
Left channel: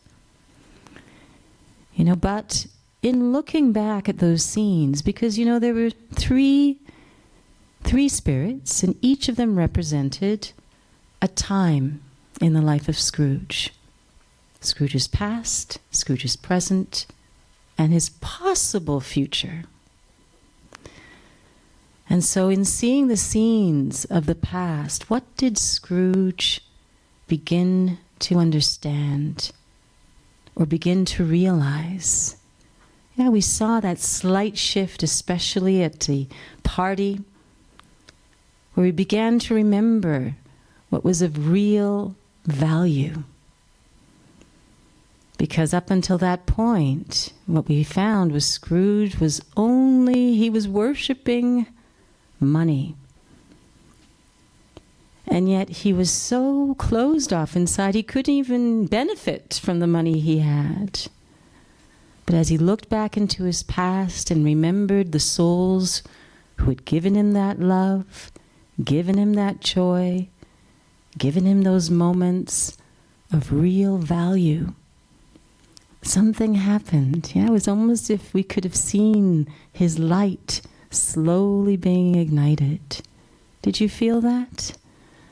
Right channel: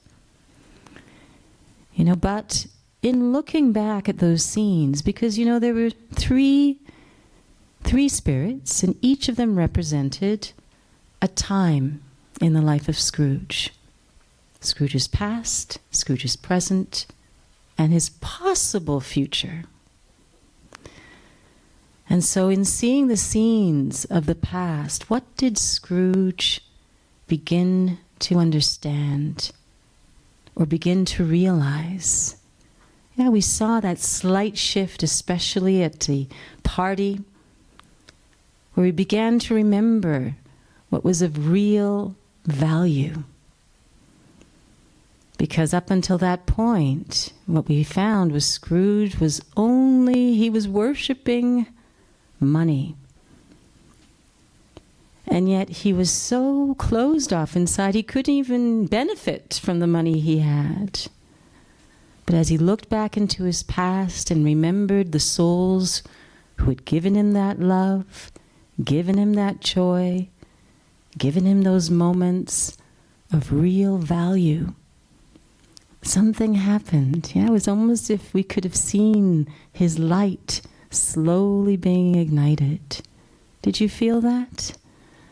You know, but in looking back at those scenes, because, you know, there were three spirits, and each of them represented a time in the life of Scrooge. Scrooge's past, Scrooge's present, and his possible future. And so in seeing the scenes of the past, what did Scrooge begin to understand or begin to realize? Yeah, we saw that slight shift, especially at the party, where we began to remember what was of real value. Because up until that point, what we found was Scrooge was worshiping money. And yet he was so closed off inside, he couldn't even benefit from the money he had. But as he looked back into his past and remembered the souls who had given him that love, given him that joy, given him those moments of real value, something happened. Yeah, it was almost as if we could have seen his light slowly being ignited. Did you feel that?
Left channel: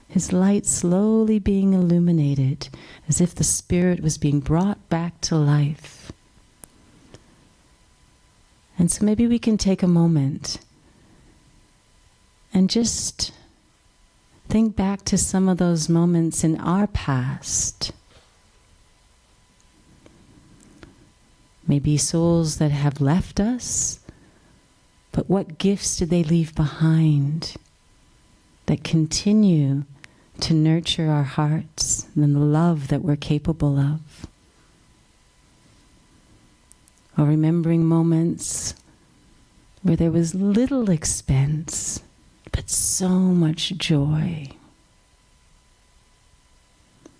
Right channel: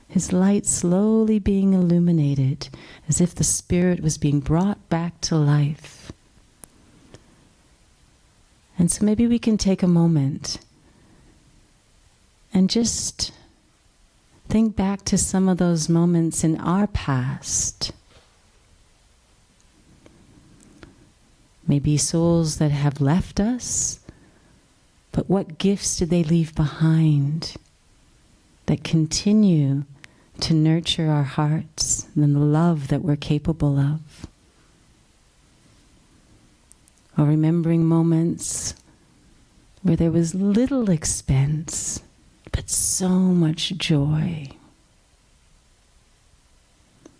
His light slowly being illuminated, as if the spirit was being brought back to life. And so maybe we can take a moment and just think back to some of those moments in our past maybe souls that have left us, but what gifts did they leave behind that continue to nurture our hearts and the love that we're capable of? Or remembering moments where there was little expense, but so much joy.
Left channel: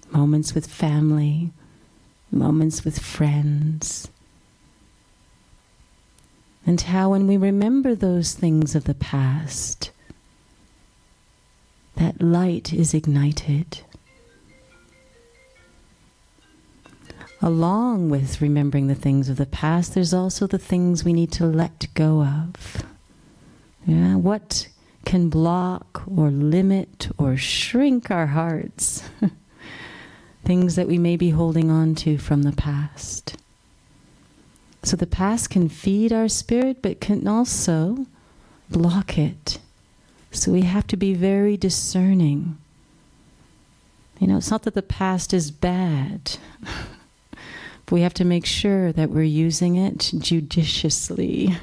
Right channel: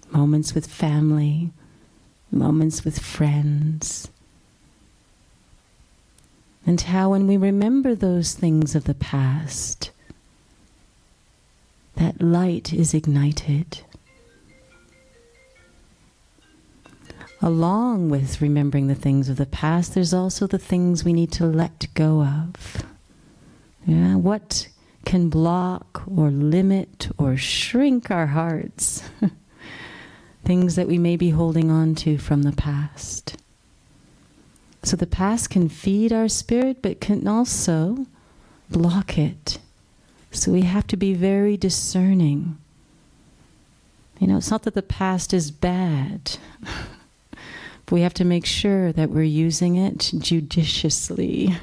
Moments with family, moments with friends. And how when we remember those things of the past, that light is ignited. Along with remembering the things of the past, there's also the things we need to let go of. Yeah, what can block or limit or shrink our hearts? Things that we may be holding on to from the past. So the past can feed our spirit, but can also block it. So we have to be very discerning. You know, it's not that the past is bad. But we have to make sure that we're using it judiciously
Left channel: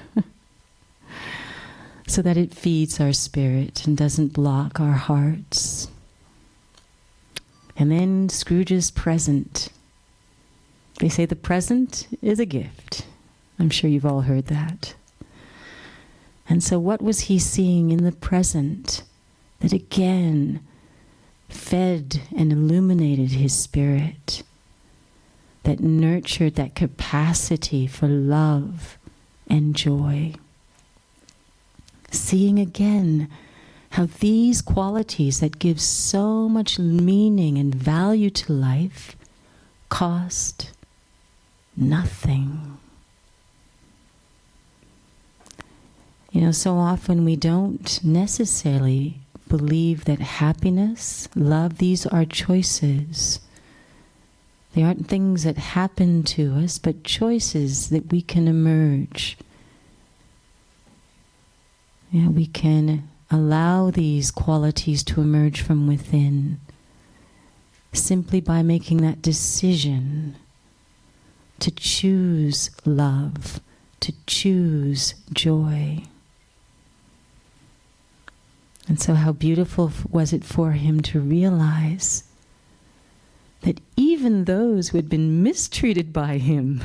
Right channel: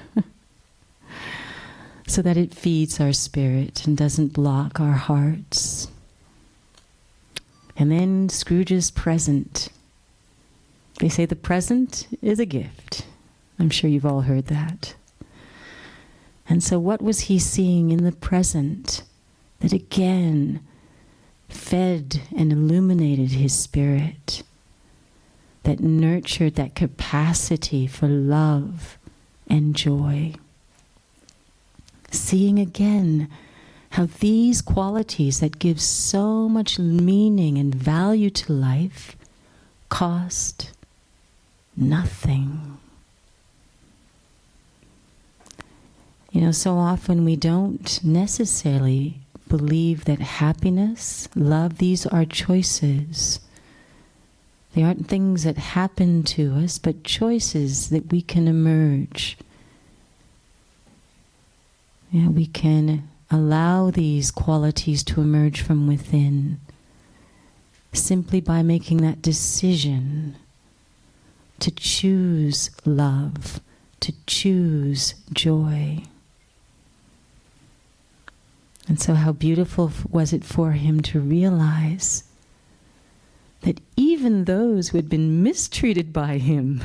so that it feeds our spirit and doesn't block our hearts. And then Scrooge's present. They say the present is a gift. I'm sure you've all heard that. And so what was he seeing in the present that again fed and illuminated his spirit? That nurtured that capacity for love and joy. Seeing again how these qualities that give so much meaning and value to life cost nothing. You know, so often we don't necessarily believe that happiness, love, these are choices. They aren't things that happen to us, but choices that we can emerge. Yeah, we can allow these qualities to emerge from within simply by making that decision to choose love, to choose joy. And so how beautiful was it for him to realize that even those who had been mistreated by him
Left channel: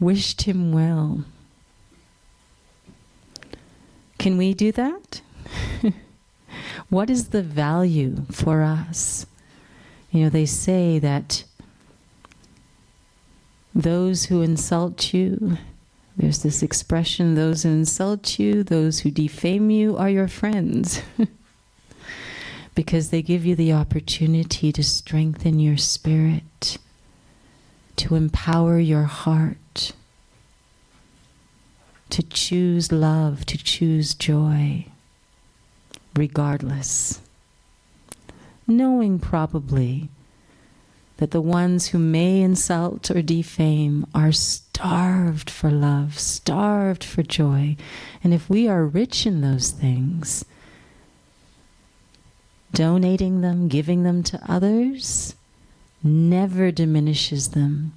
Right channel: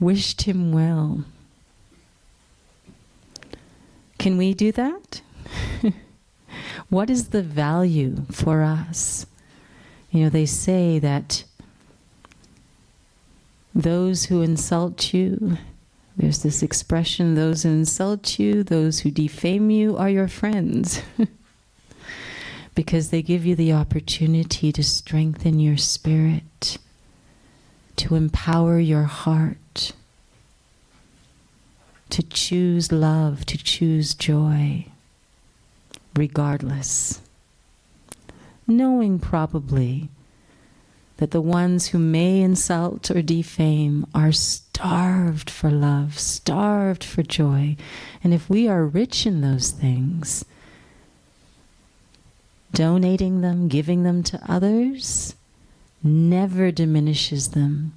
wished him well. Can we do that? What is the value for us? You know, they say that those who insult you, there's this expression, those who insult you, those who defame you are your friends. Because they give you the opportunity to strengthen your spirit, to empower your heart, to choose love, to choose joy, regardless. Knowing probably that the ones who may insult or defame are starved for love, starved for joy. And if we are rich in those things, donating them, giving them to others, never diminishes them,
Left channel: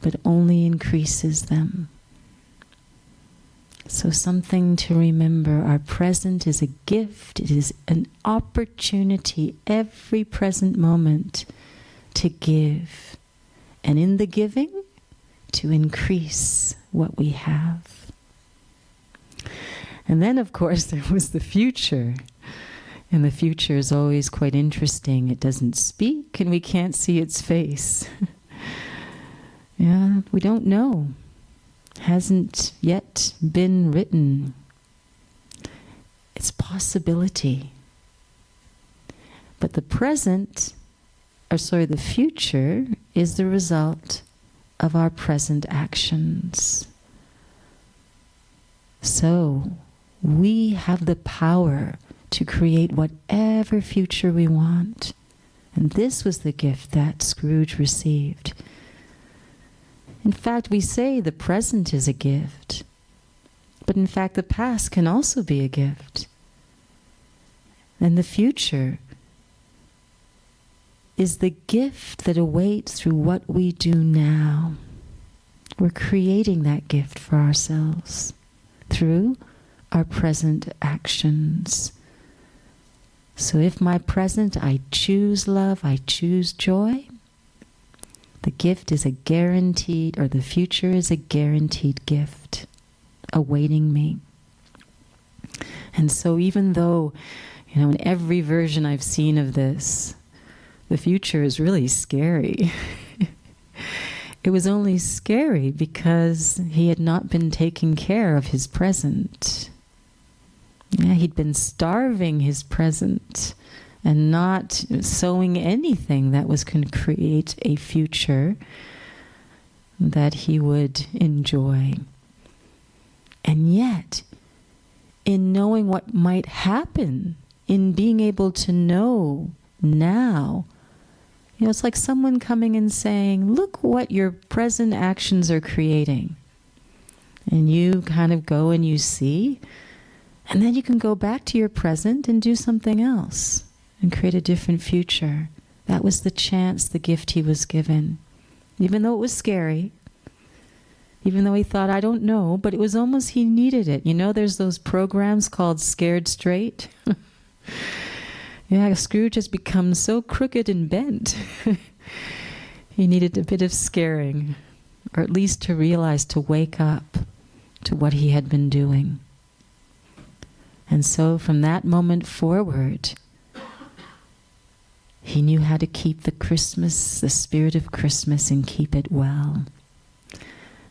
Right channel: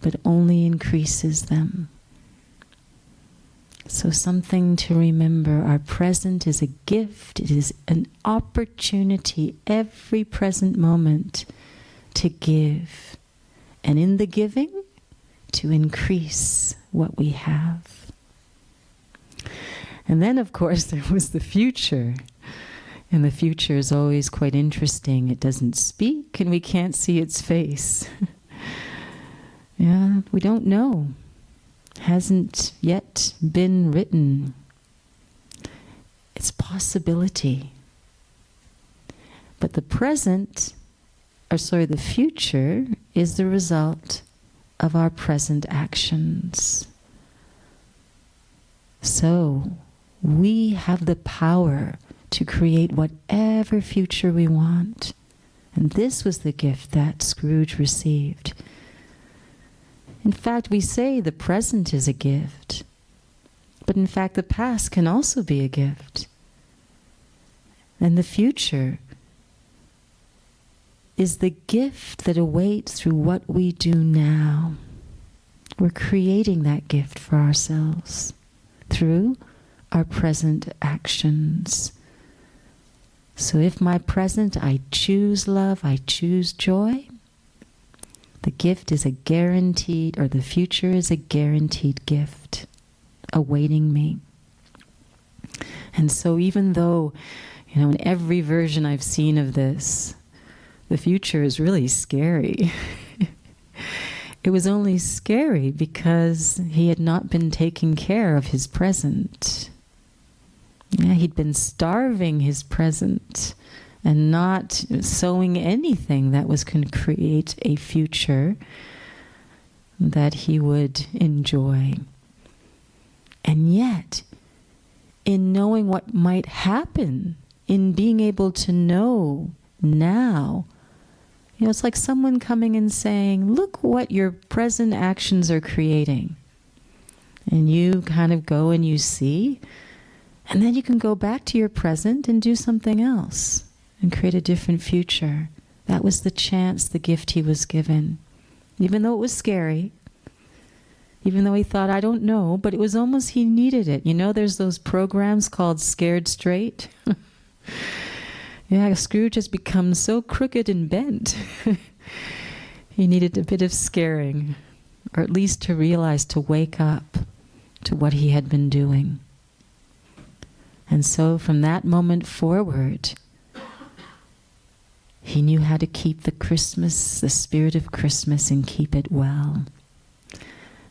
but only increases them. So something to remember, our present is a gift, it is an opportunity every present moment to give. And in the giving, to increase what we have. And then, of course, there was the future. And the future is always quite interesting. It doesn't speak and we can't see its face. Yeah, we don't know. Hasn't yet been written. It's possibility. But the the future is the result of our present actions. So we have the power to create whatever future we want. And this was the gift that Scrooge received. In fact, we say the present is a gift, but in fact the past can also be a gift. And the future is the gift that awaits through what we do now. We're creating that gift for ourselves through our present actions. So if my present, I choose love, I choose joy, the gift is a guaranteed, or the future is a guaranteed gift awaiting me. And so even though, in every version I've seen of this, the future is really scary. It was only scary because he had not been taking care of his present. Yeah, he'd been starving his present and not sowing anything that was going to create a future that he would enjoy. And yet, in knowing what might happen, in being able to know now, it's like someone coming and saying, look what your present actions are creating. And you kind of go and you see, and then you can go back to your present and do something else and create a different future. That was the chance, the gift he was given. Even though it was scary, even though he thought, I don't know, but it was almost he needed it. There's those programs called Scared Straight. Yeah, Scrooge has become so crooked and bent. He needed a bit of scaring, or at least to realize, to wake up to what he had been doing. And so from that moment forward, he knew how to keep the spirit of Christmas, and keep it well.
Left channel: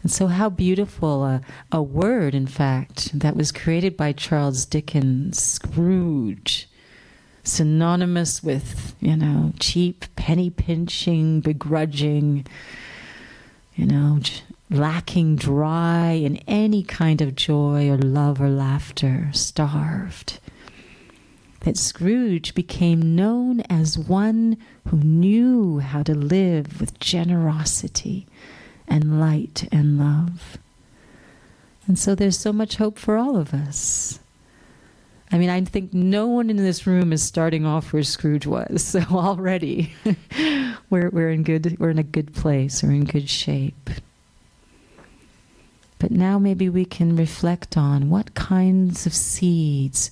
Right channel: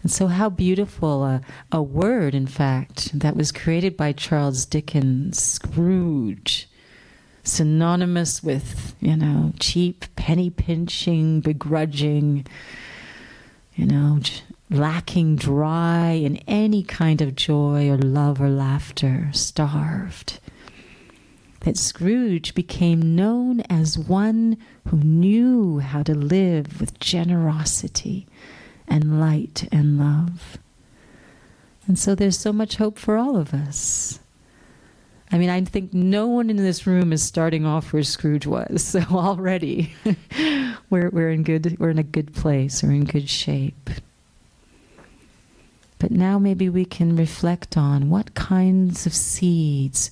And so how beautiful a word, in fact, that was created by Charles Dickens, Scrooge, synonymous with, cheap, penny-pinching, begrudging, lacking dry in any kind of joy or love or laughter, starved. That Scrooge became known as one who knew how to live with generosity and light and love. And so there's so much hope for all of us. I think no one in this room is starting off where Scrooge was. So already we're in a good place, we're in good shape. But now maybe we can reflect on what kinds of seeds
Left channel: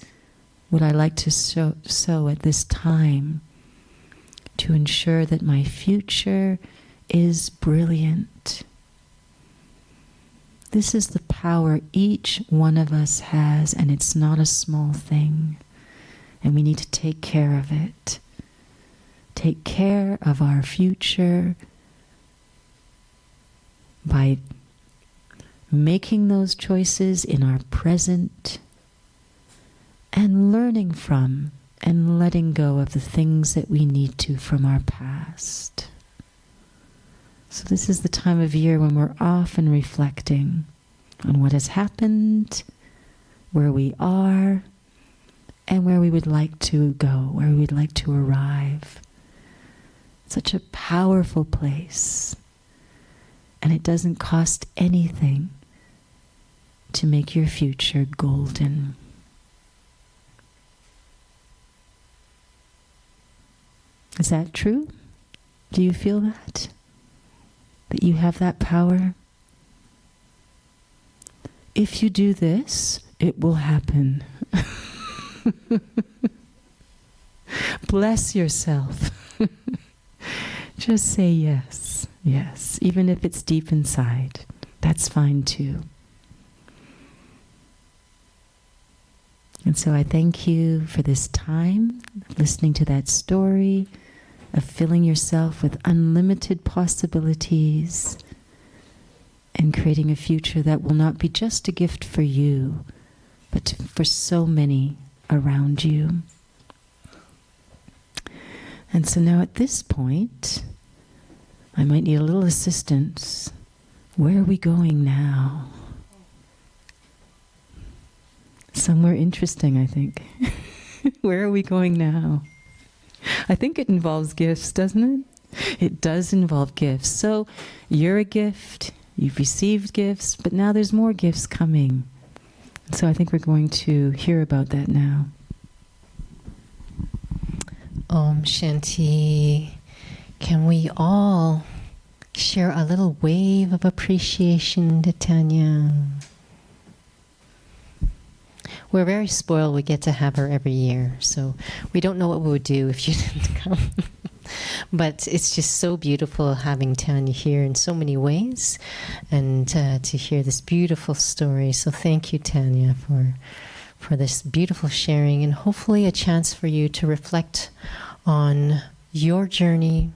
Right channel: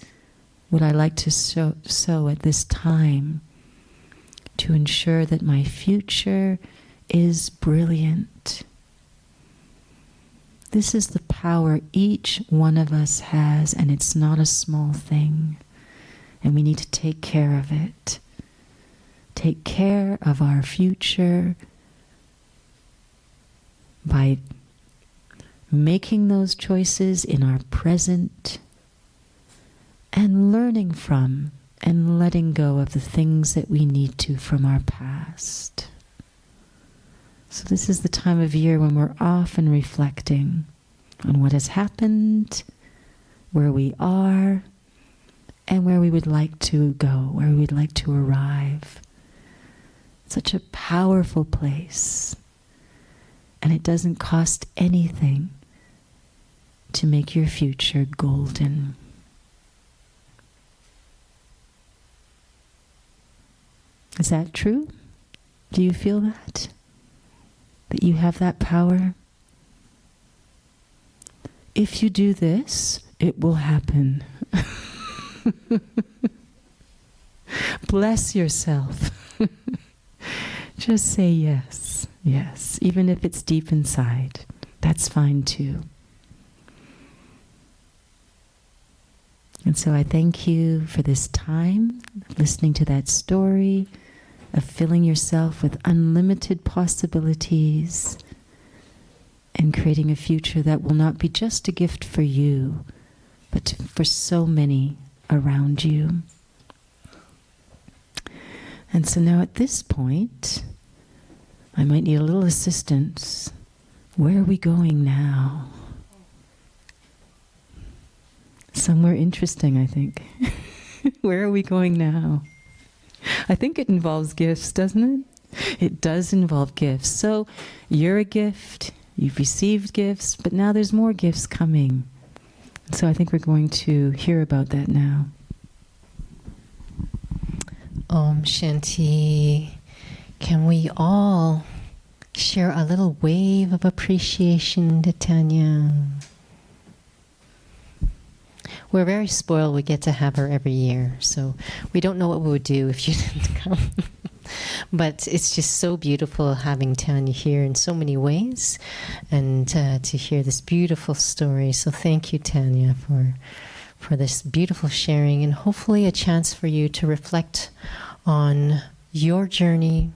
would I like to sow at this time to ensure that my future is brilliant. This is the power each one of us has, and it's not a small thing. And we need to take care of it. Take care of our future by making those choices in our present and learning from and letting go of the things that we need to from our past. So this is the time of year when we're often reflecting on what has happened, where we are, and where we would like to go, where we would like to arrive. Such a powerful place. And it doesn't cost anything to make your future golden. Is that true? Do you feel that? That you have that power? If you do this, it will happen. Bless yourself. Just say yes, yes, even if it's deep inside. That's fine too. And so I thank you for this time, listening to that story, of filling yourself with unlimited possibilities and creating a future that will not be just a gift for you, but for so many around you. And so now at this point, I might need a little assistance. Where are we going now? Somewhere interesting, I think. Where are we going now? I think it involves gifts, doesn't it? It does involve gifts. So you're a gift, you've received gifts, but now there's more gifts coming. So I think we're going to hear about that now. Om Shanti. Can we all share a little wave of appreciation to Tanya. We're very spoiled. We get to have her every year. So we don't know what we would do if you didn't come. But it's just so beautiful having Tanya here in so many ways, and to hear this beautiful story. So thank you, Tanya, for this beautiful sharing, and hopefully a chance for you to reflect on your journey.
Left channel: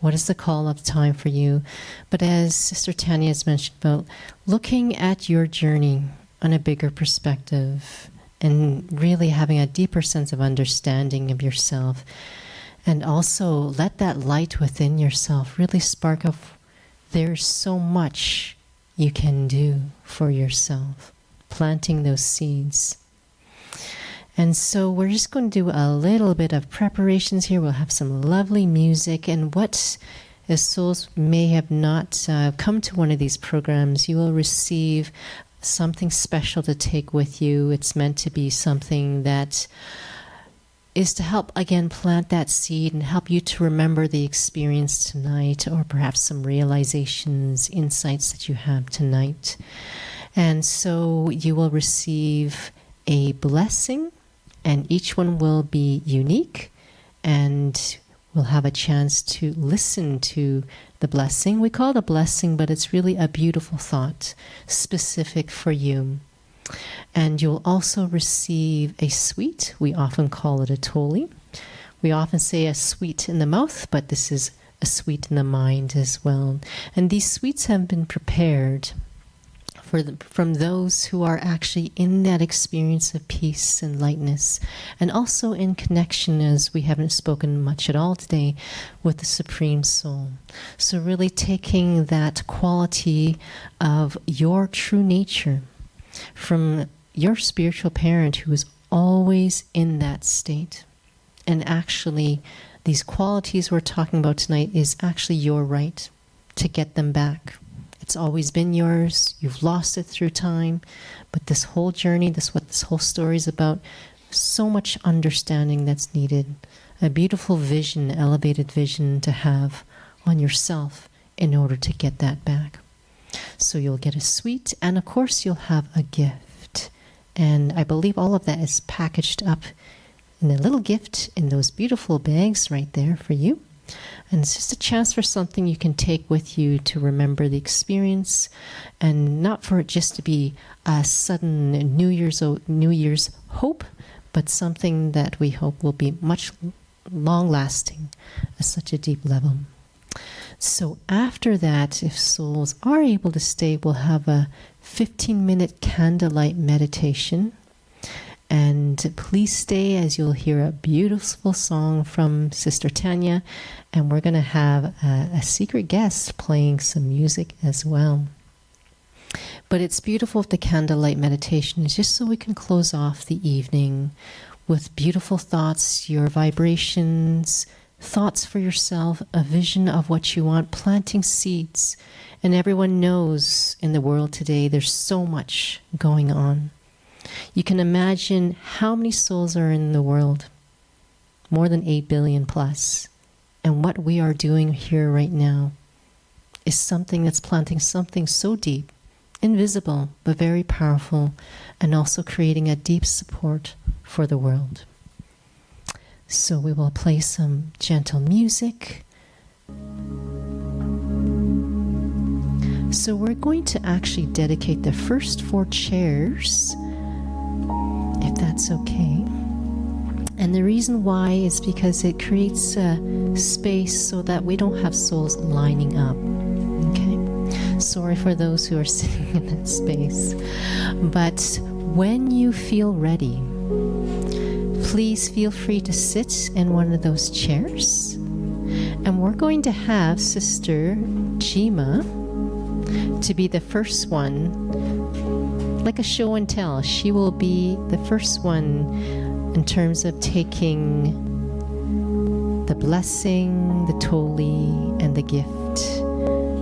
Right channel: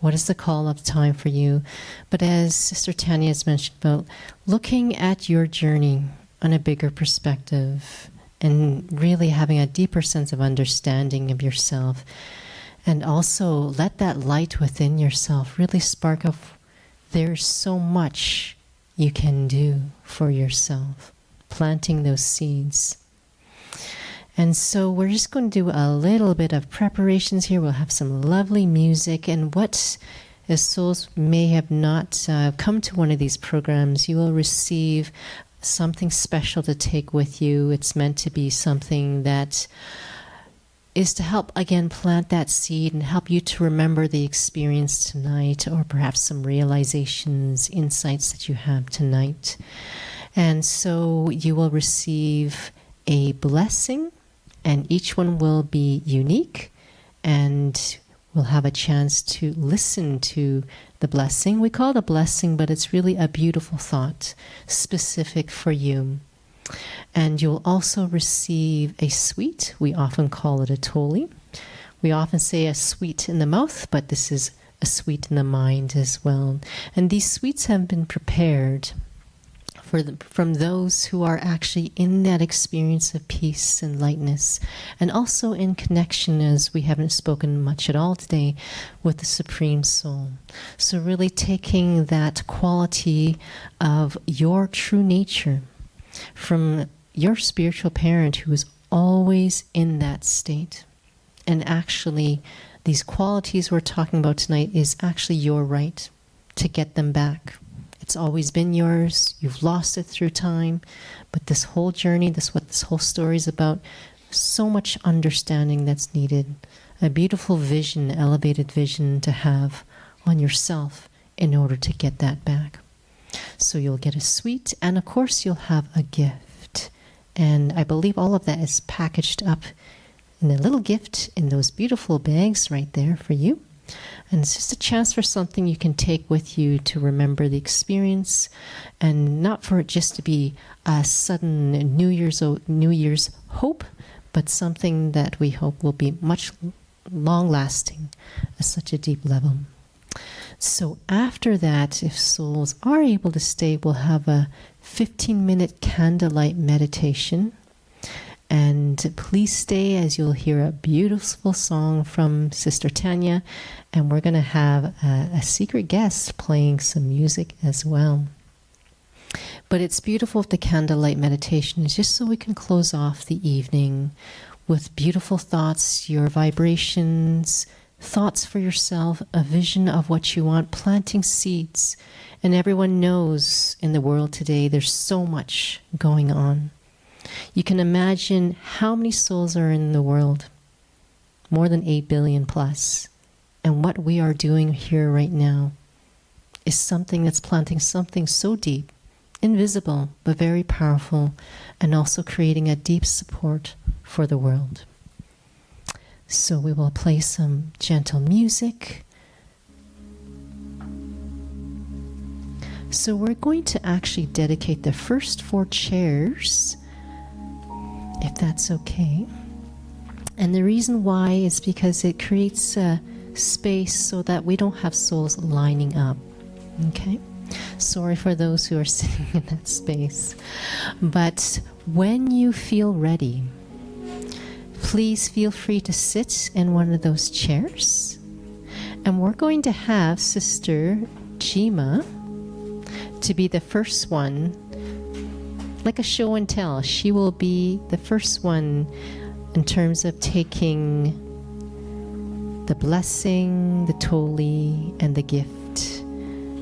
What is the call of time for you? But as Sister Tanya has mentioned about looking at your journey on a bigger perspective and really having a deeper sense of understanding of yourself, and also let that light within yourself really spark of there's so much you can do for yourself, planting those seeds. And so we're just going to do a little bit of preparations here. We'll have some lovely music. And what, as souls may have not come to one of these programs, you will receive something special to take with you. It's meant to be something that is to help, again, plant that seed and help you to remember the experience tonight, or perhaps some realizations, insights that you have tonight. And so you will receive a blessing, and each one will be unique, and we'll have a chance to listen to the blessing. We call it a blessing, but it's really a beautiful thought specific for you. And you'll also receive a sweet. We often call it a toli. We often say a sweet in the mouth, but this is a sweet in the mind as well. And these sweets have been prepared from those who are actually in that experience of peace and lightness, and also in connection, as we haven't spoken much at all today, with the Supreme Soul. So really taking that quality of your true nature from your spiritual parent who is always in that state. And actually, these qualities we're talking about tonight is actually your right to get them back. It's always been yours. You've lost it through time. But this whole journey, what this whole story is about, so much understanding that's needed. A beautiful vision, elevated vision to have on yourself in order to get that back. So you'll get a sweet, and of course you'll have a gift. And I believe all of that is packaged up in a little gift in those beautiful bags right there for you. And it's just a chance for something you can take with you to remember the experience, and not for it just to be a sudden New Year's hope, but something that we hope will be much long-lasting at such a deep level. So after that, if souls are able to stay, we'll have a 15-minute candlelight meditation. And please stay, as you'll hear a beautiful song from Sister Tanya. And we're going to have a secret guest playing some music as well. But it's beautiful with the candlelight meditation, is just so we can close off the evening with beautiful thoughts, your vibrations, thoughts for yourself, a vision of what you want, planting seeds. And everyone knows in the world today there's so much going on. You can imagine how many souls are in the world, more than 8 billion plus. And what we are doing here right now is something that's planting something so deep, invisible, but very powerful, and also creating a deep support for the world. So we will play some gentle music. So we're going to actually dedicate the first 4 chairs, if that's okay. And the reason why is because it creates a space so that we don't have souls lining up. Okay? Sorry for those who are sitting in that space. But when you feel ready, please feel free to sit in one of those chairs. And we're going to have Sister Jima to be the first one, like a show and tell. She will be the first one in terms of taking the blessing, the toli, and the gift.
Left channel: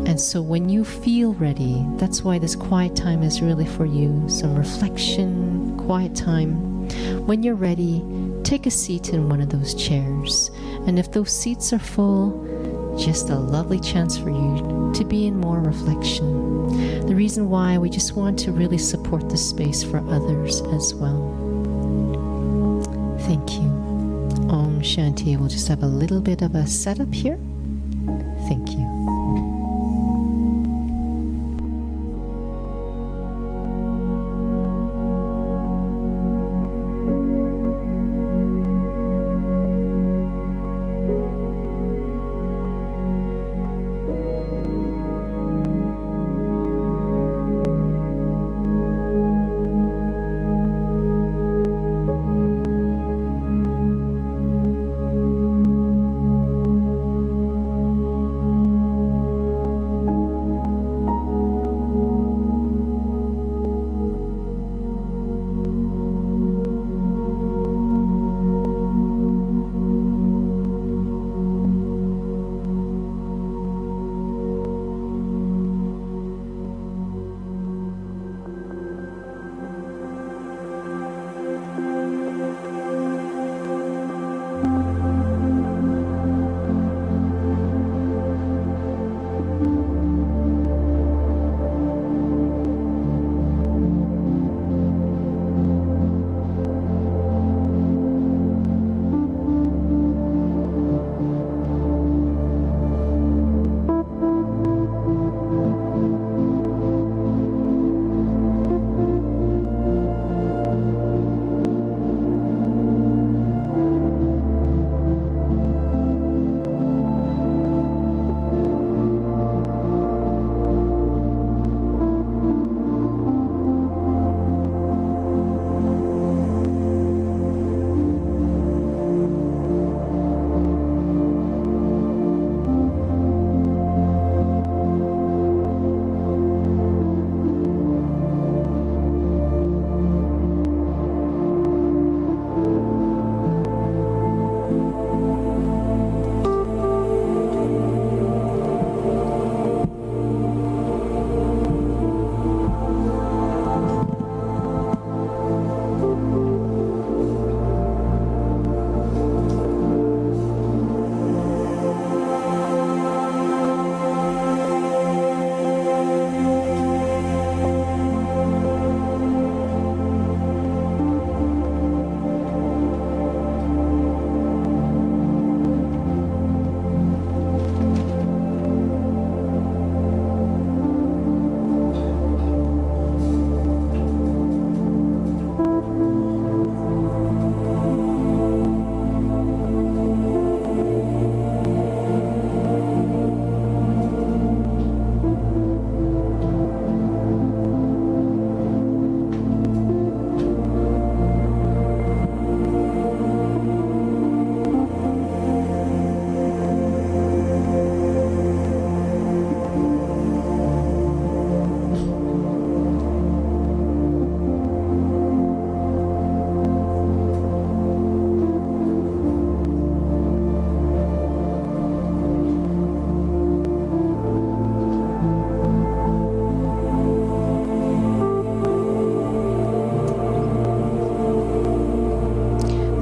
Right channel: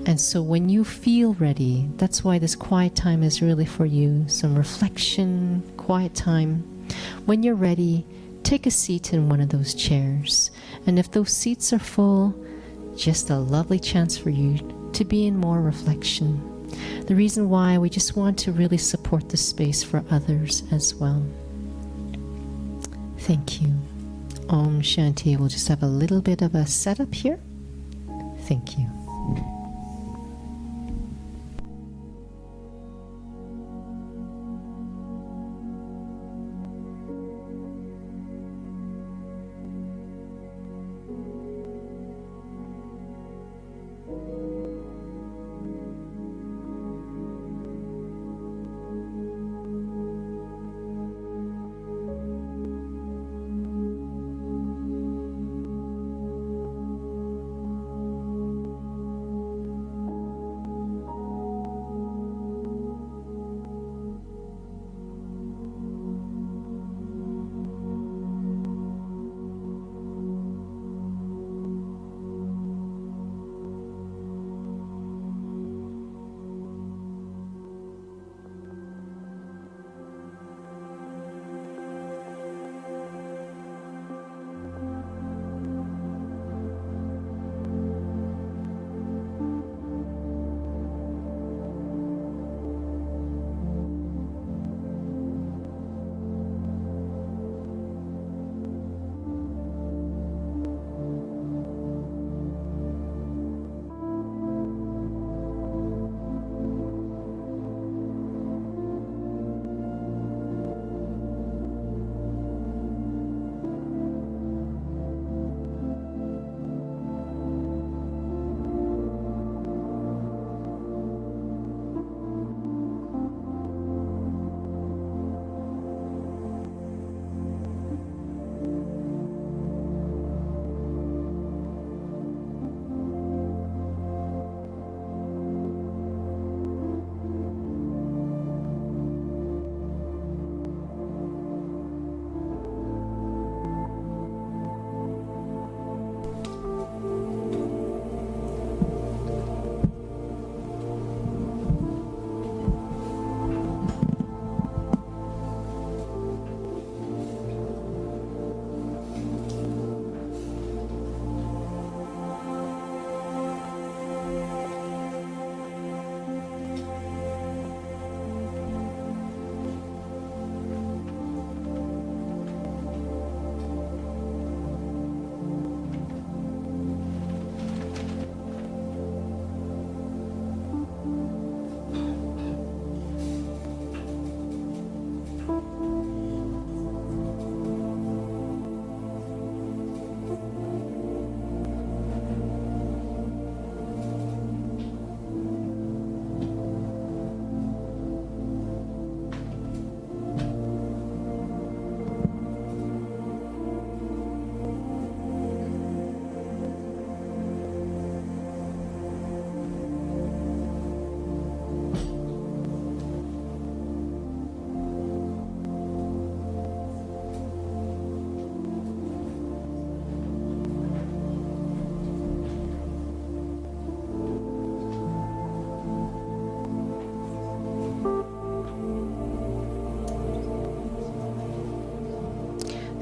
And so when you feel ready, that's why this quiet time is really for you. Some reflection, quiet time. When you're ready, take a seat in one of those chairs. And if those seats are full, just a lovely chance for you to be in more reflection. The reason why, we just want to really support the space for others as well. Thank you. Om Shanti. We'll just have a little bit of a setup here. Thank you.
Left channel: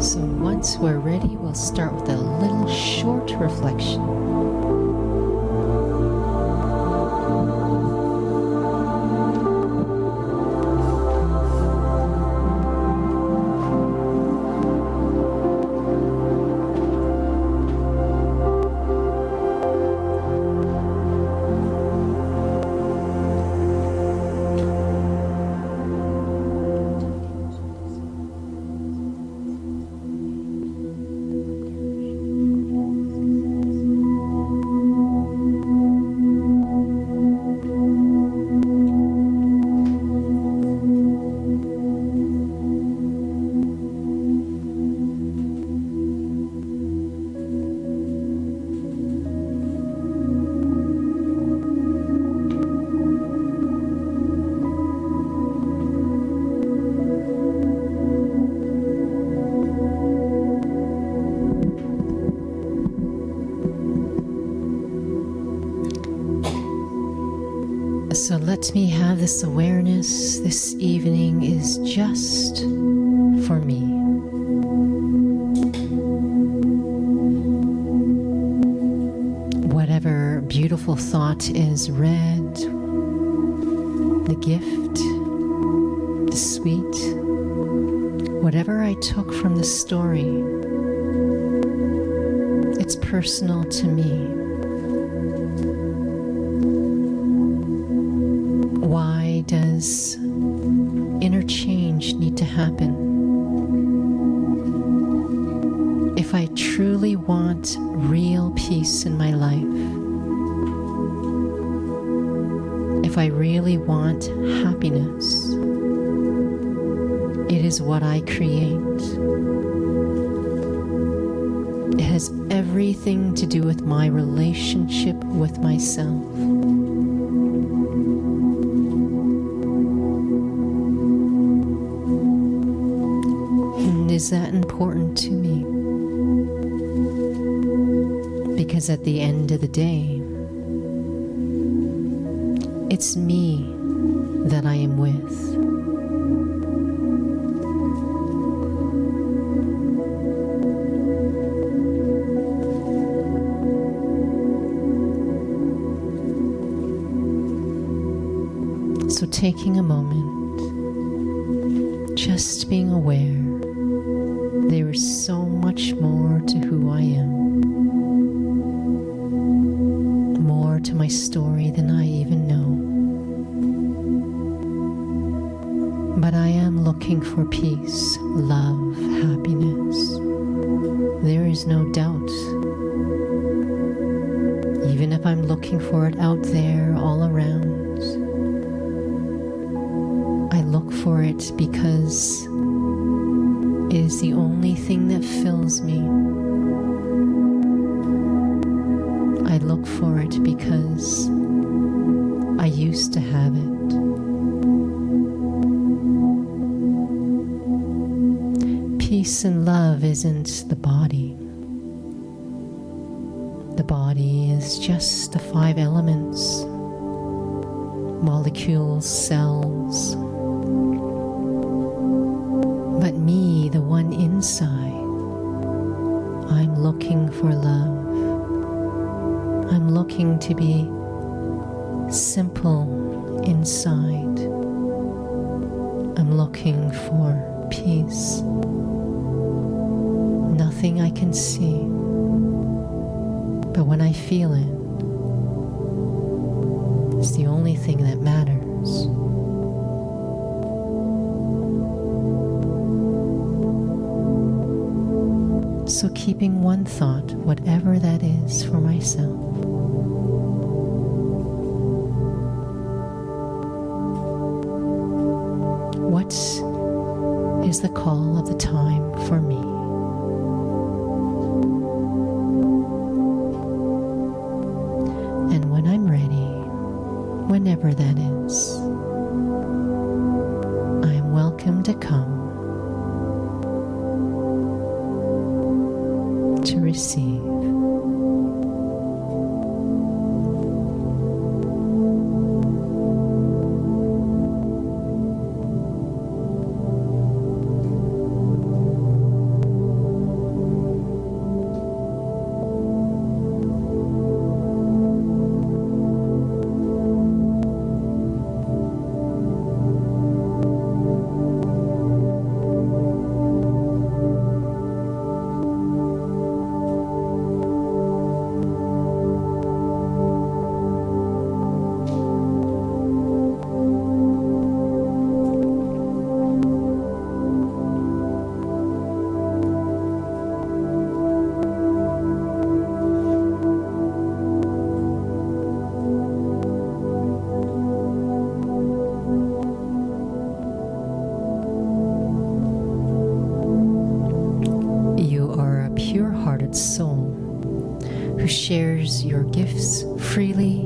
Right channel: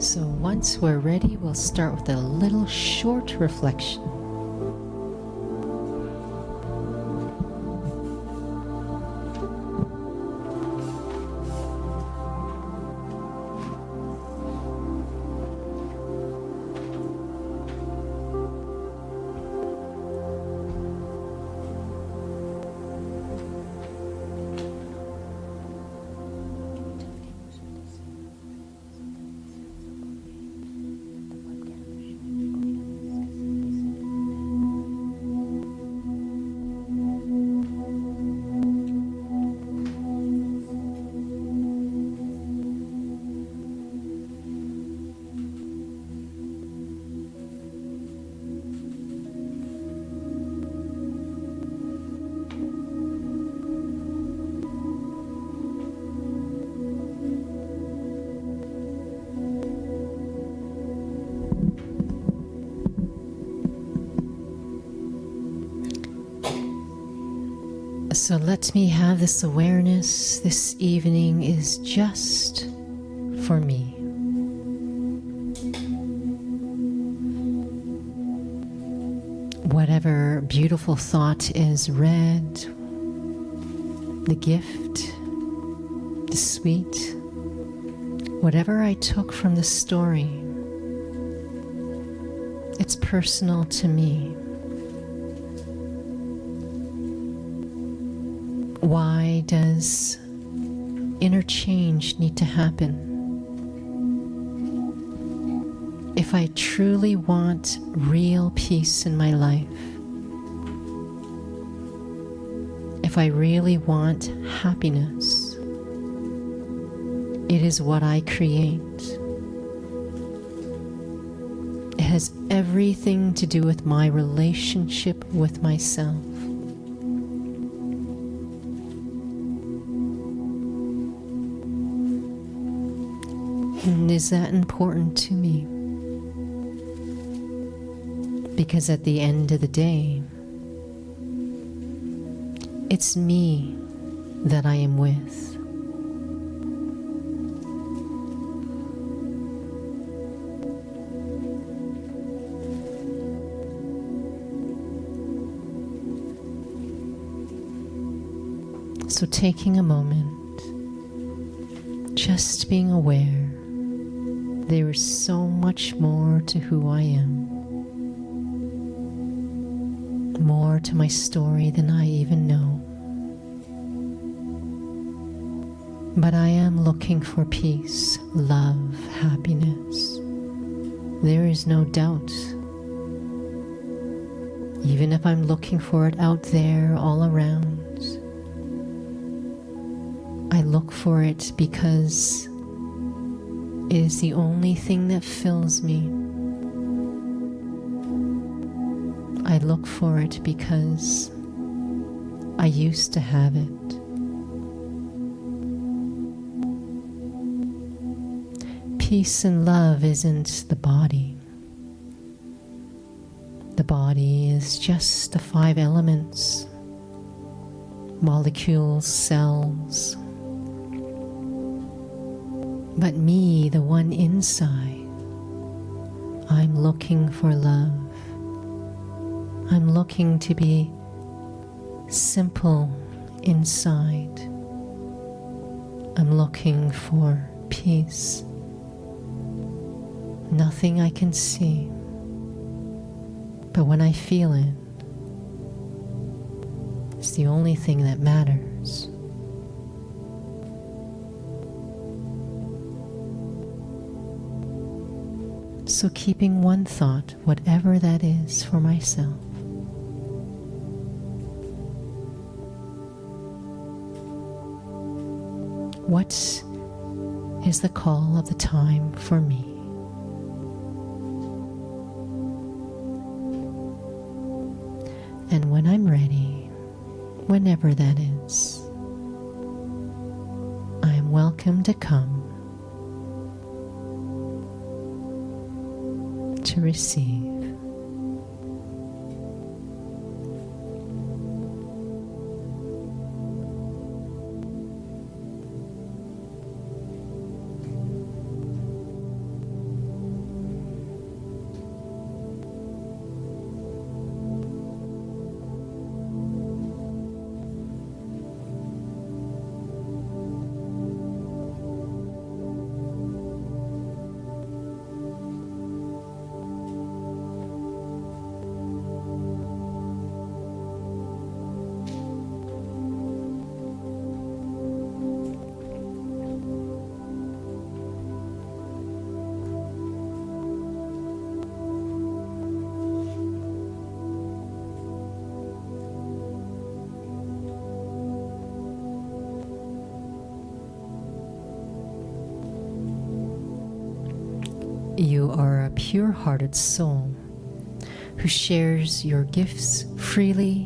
So once we're ready, we'll start with a little short reflection. So let me have this awareness. This evening is just for me. whatever beautiful thought is read, the gift, the sweet, whatever I took from the story, it's personal to me. Why does interchange need to happen? If I truly want real peace in my life, if I really want happiness, it is what I create. It has everything to do with my relationship with myself. And is that important to me? Because at the end of the day, it's me that I am with. So taking a moment, just being aware, there is so much more to who I am. More to my story than I even know. But I am looking for peace, love, happiness. There is no doubt. Even if I'm looking for it out there all around, I look for it because it is the only thing that fills me. I look for it because I used to have it. Peace and love isn't the body. The body is just the 5 elements, molecules, cells. But me, the one inside, I'm looking for love. I'm looking to be simple inside. I'm looking for peace. Nothing I can see, but when I feel it, it's the only thing that matters. So keeping one thought, whatever that is, for myself. What is the call of the time for me? And when I'm ready, whenever that is, I am welcome to come to receive. You are a pure-hearted soul who shares your gifts freely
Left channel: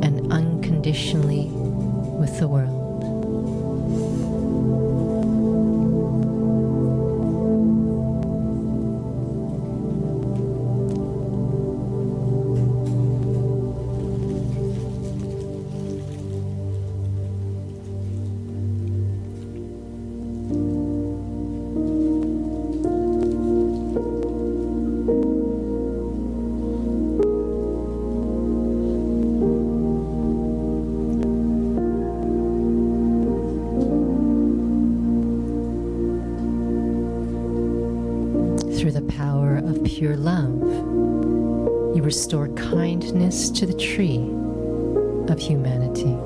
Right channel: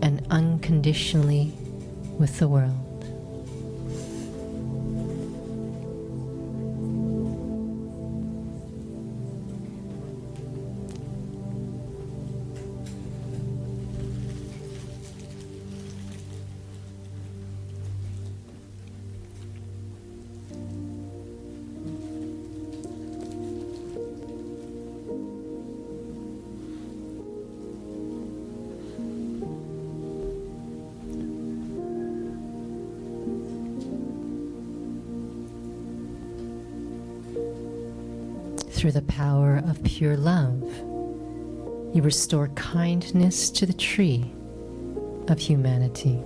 and unconditionally with the world. Through the power of pure love, you restore kindness to the tree of humanity.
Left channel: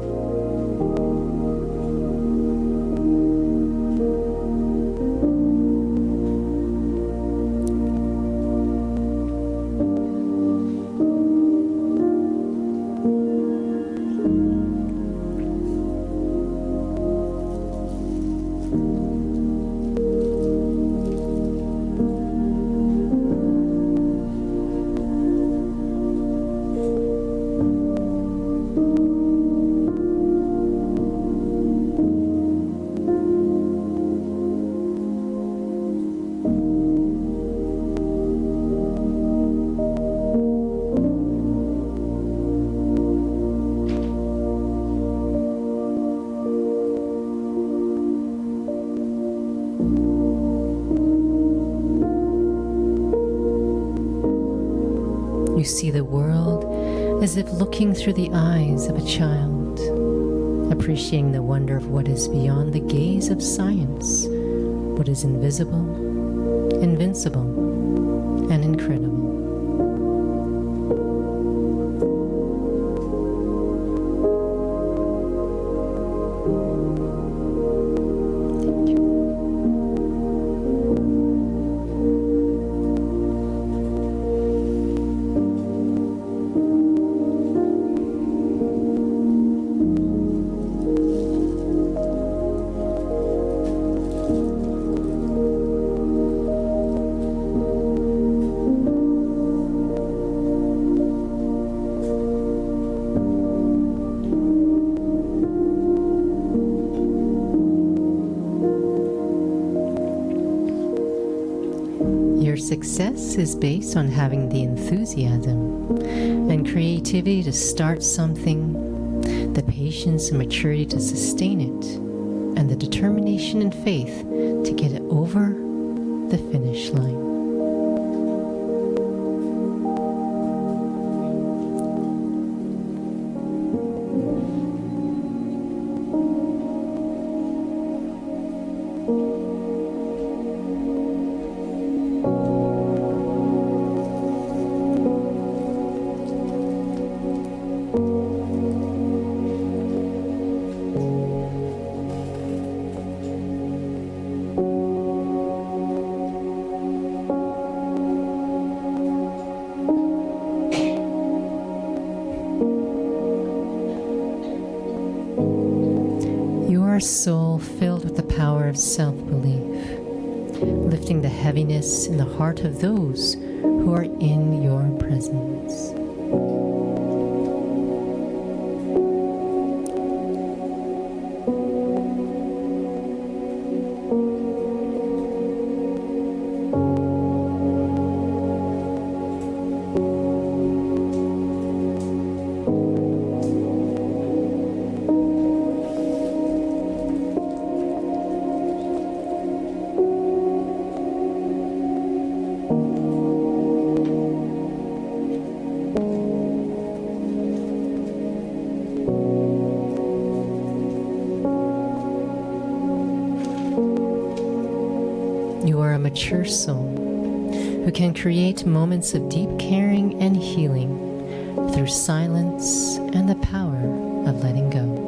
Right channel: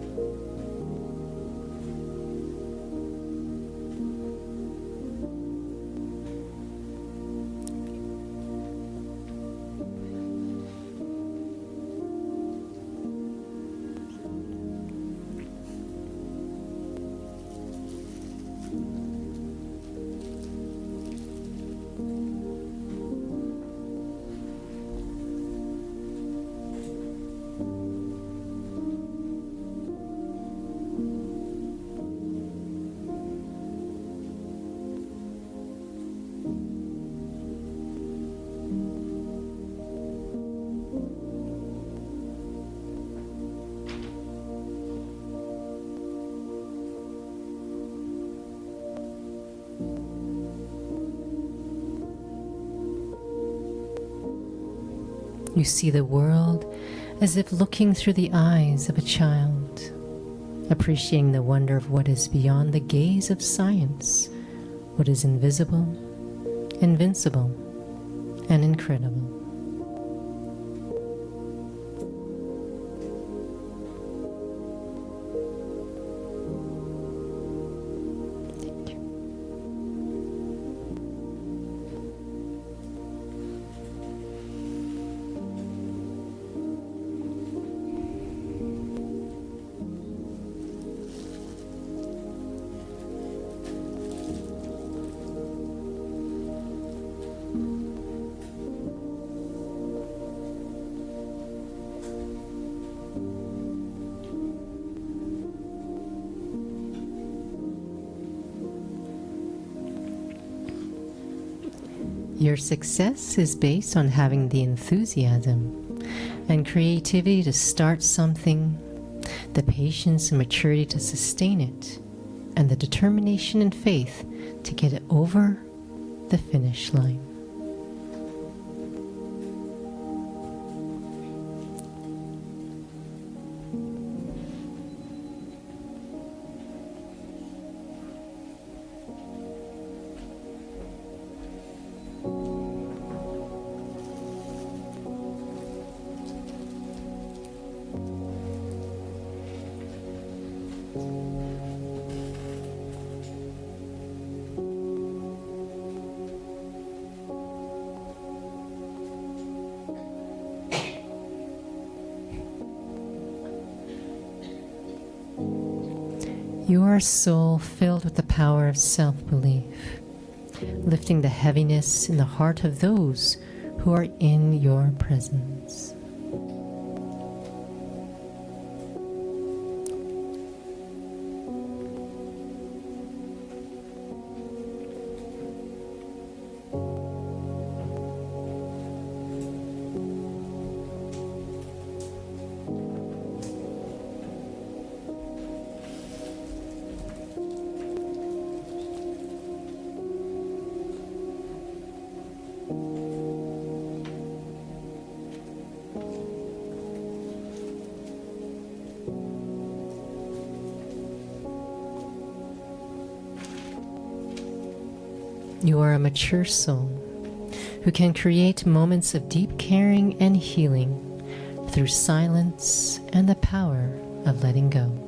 You see the world as if looking through the eyes of a child, appreciating the wonder of what is beyond the gaze of science, what is invisible, invincible, and incredible. Your success is based on having the enthusiasm and creativity to start something, the patience and maturity to sustain it, and the determination and faith to get it over the finish line. You are a soul filled with the power of self-belief, lifting the heaviness in the heart of those who are in your presence. You are a mature soul who can create moments of deep caring and healing through silence and the power of letting go.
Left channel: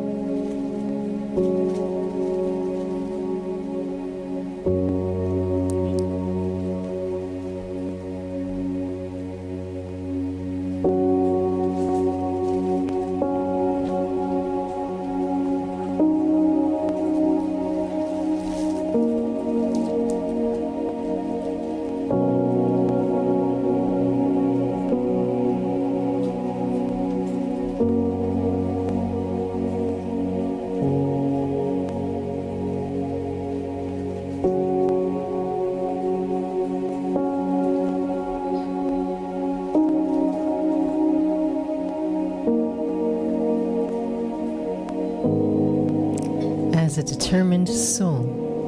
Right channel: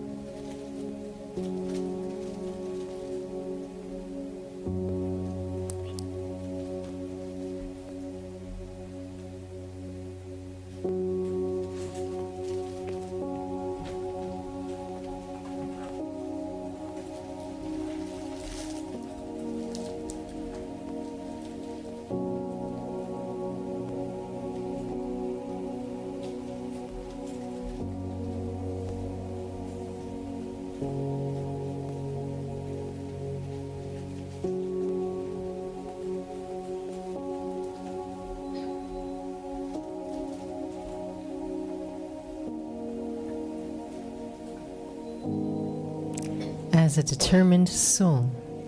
As a determined soul,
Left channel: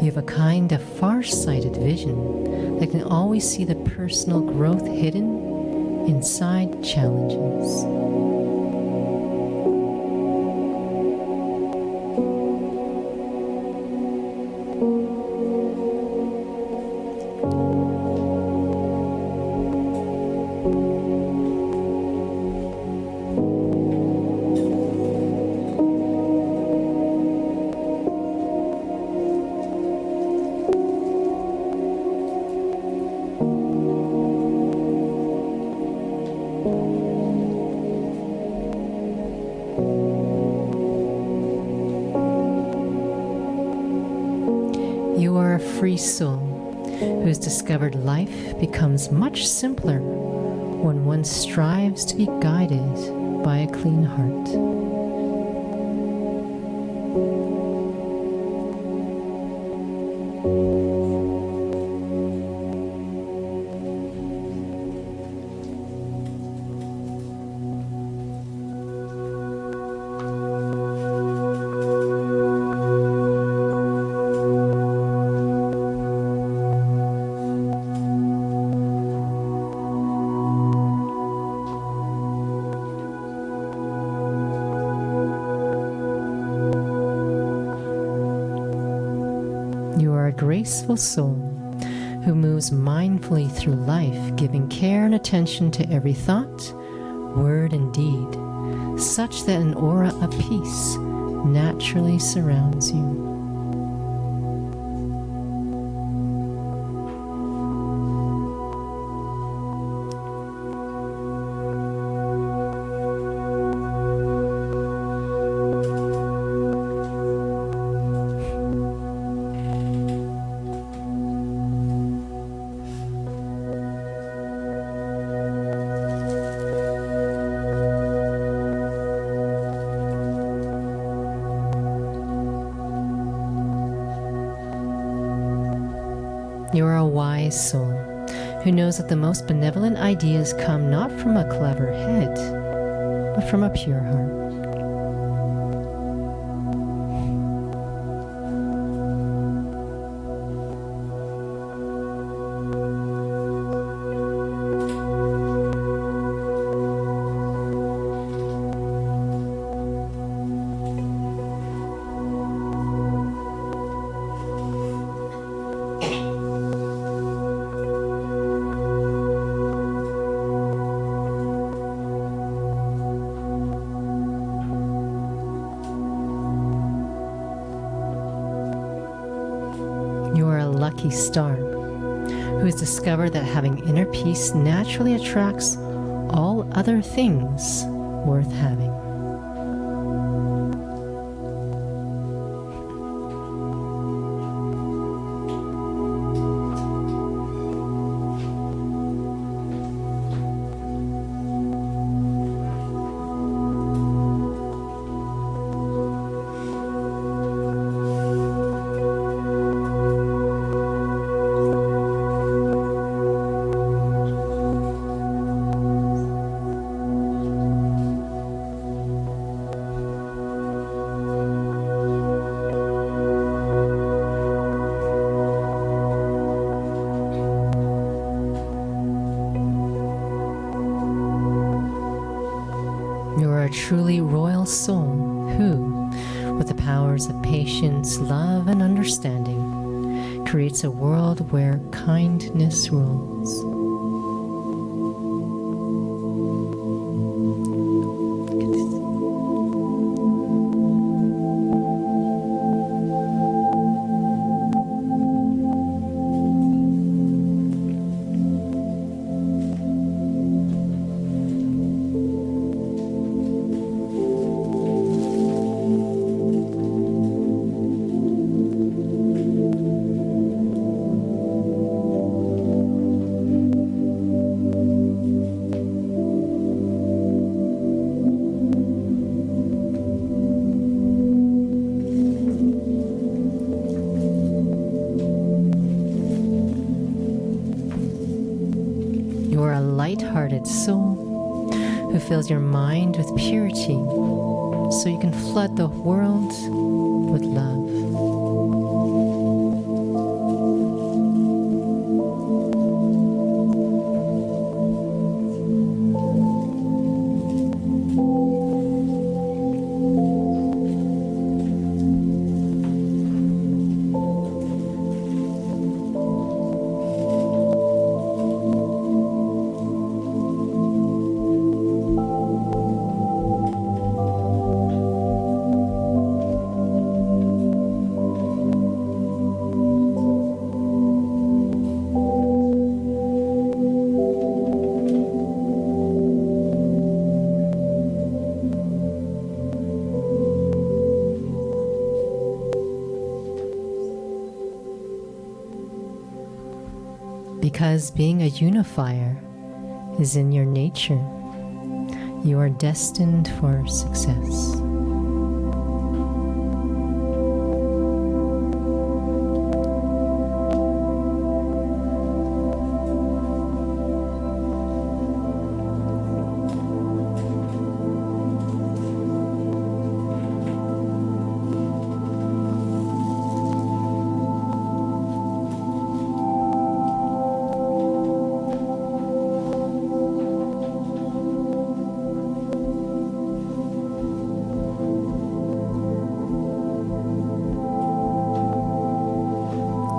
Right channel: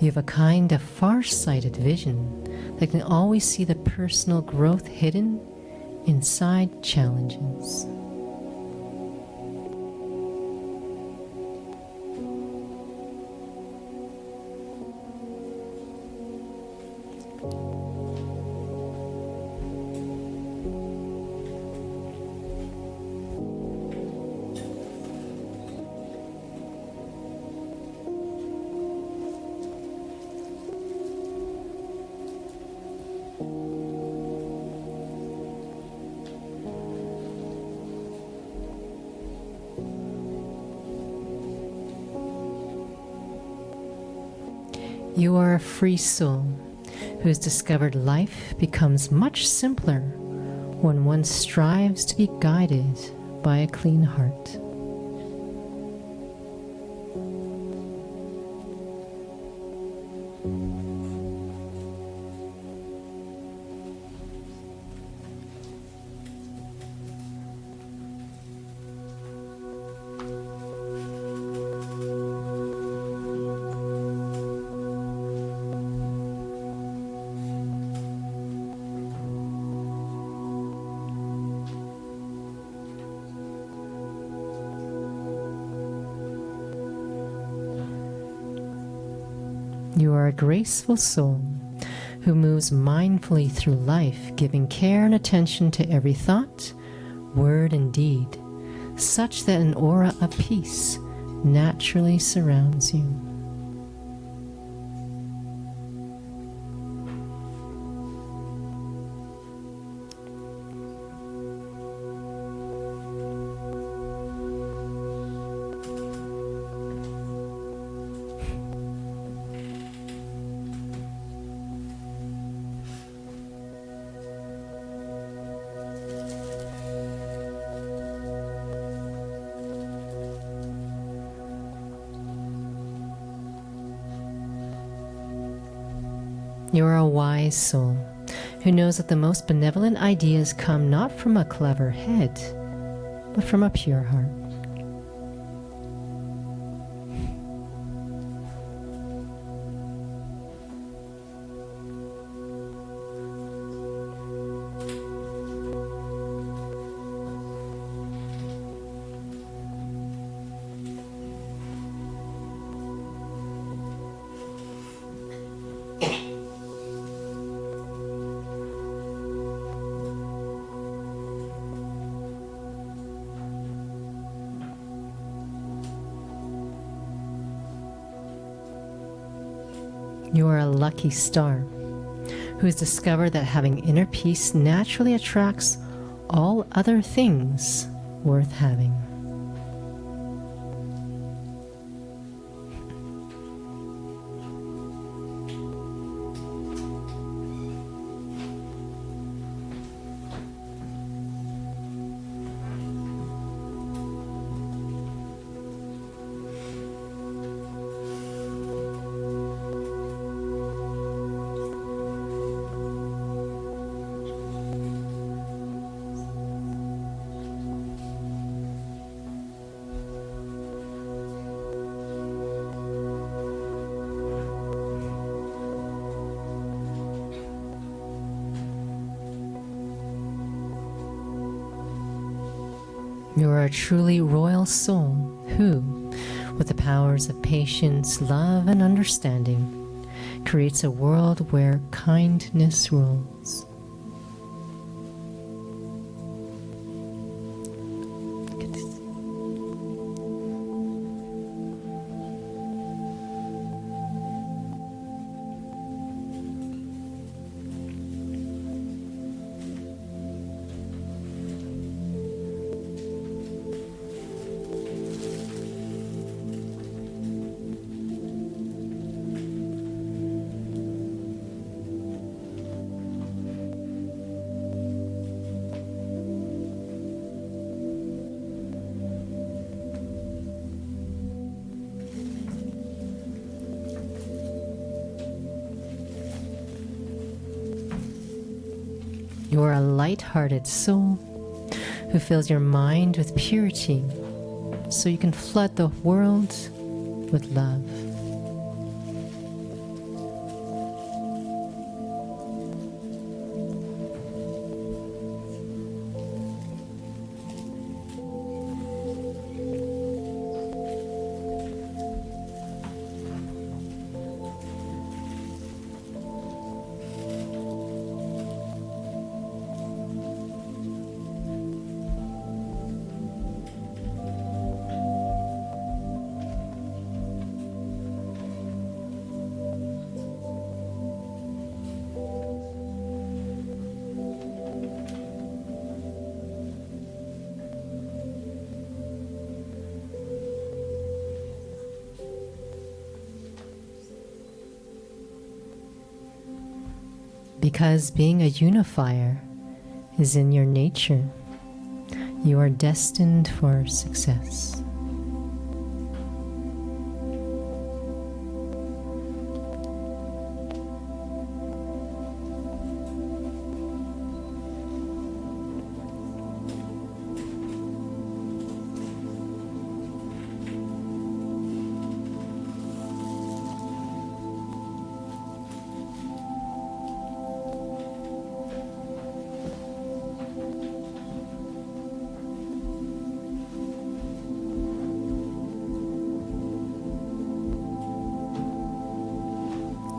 you have a kind of far-sighted vision that can always see the personal growth hidden inside challenges. You are a free soul who has discovered life becomes much simpler when one strives to be guided by a clean heart. You are a graceful soul who moves mindfully through life, giving care and attention to every thought, word, and deed, such that an aura of peace naturally surrounds you. You are a wise soul who knows that the most benevolent ideas come not from a clever head, but from a pure heart. You are a lucky star who has discovered that having inner peace naturally attracts all other things worth having. You are a truly royal soul who, with the powers of patience, love, and understanding, creates a world where kindness rules. You are a light-hearted soul who fills your mind with purity so you can flood the world with love. Because being a unifier is in your nature, you are destined for success.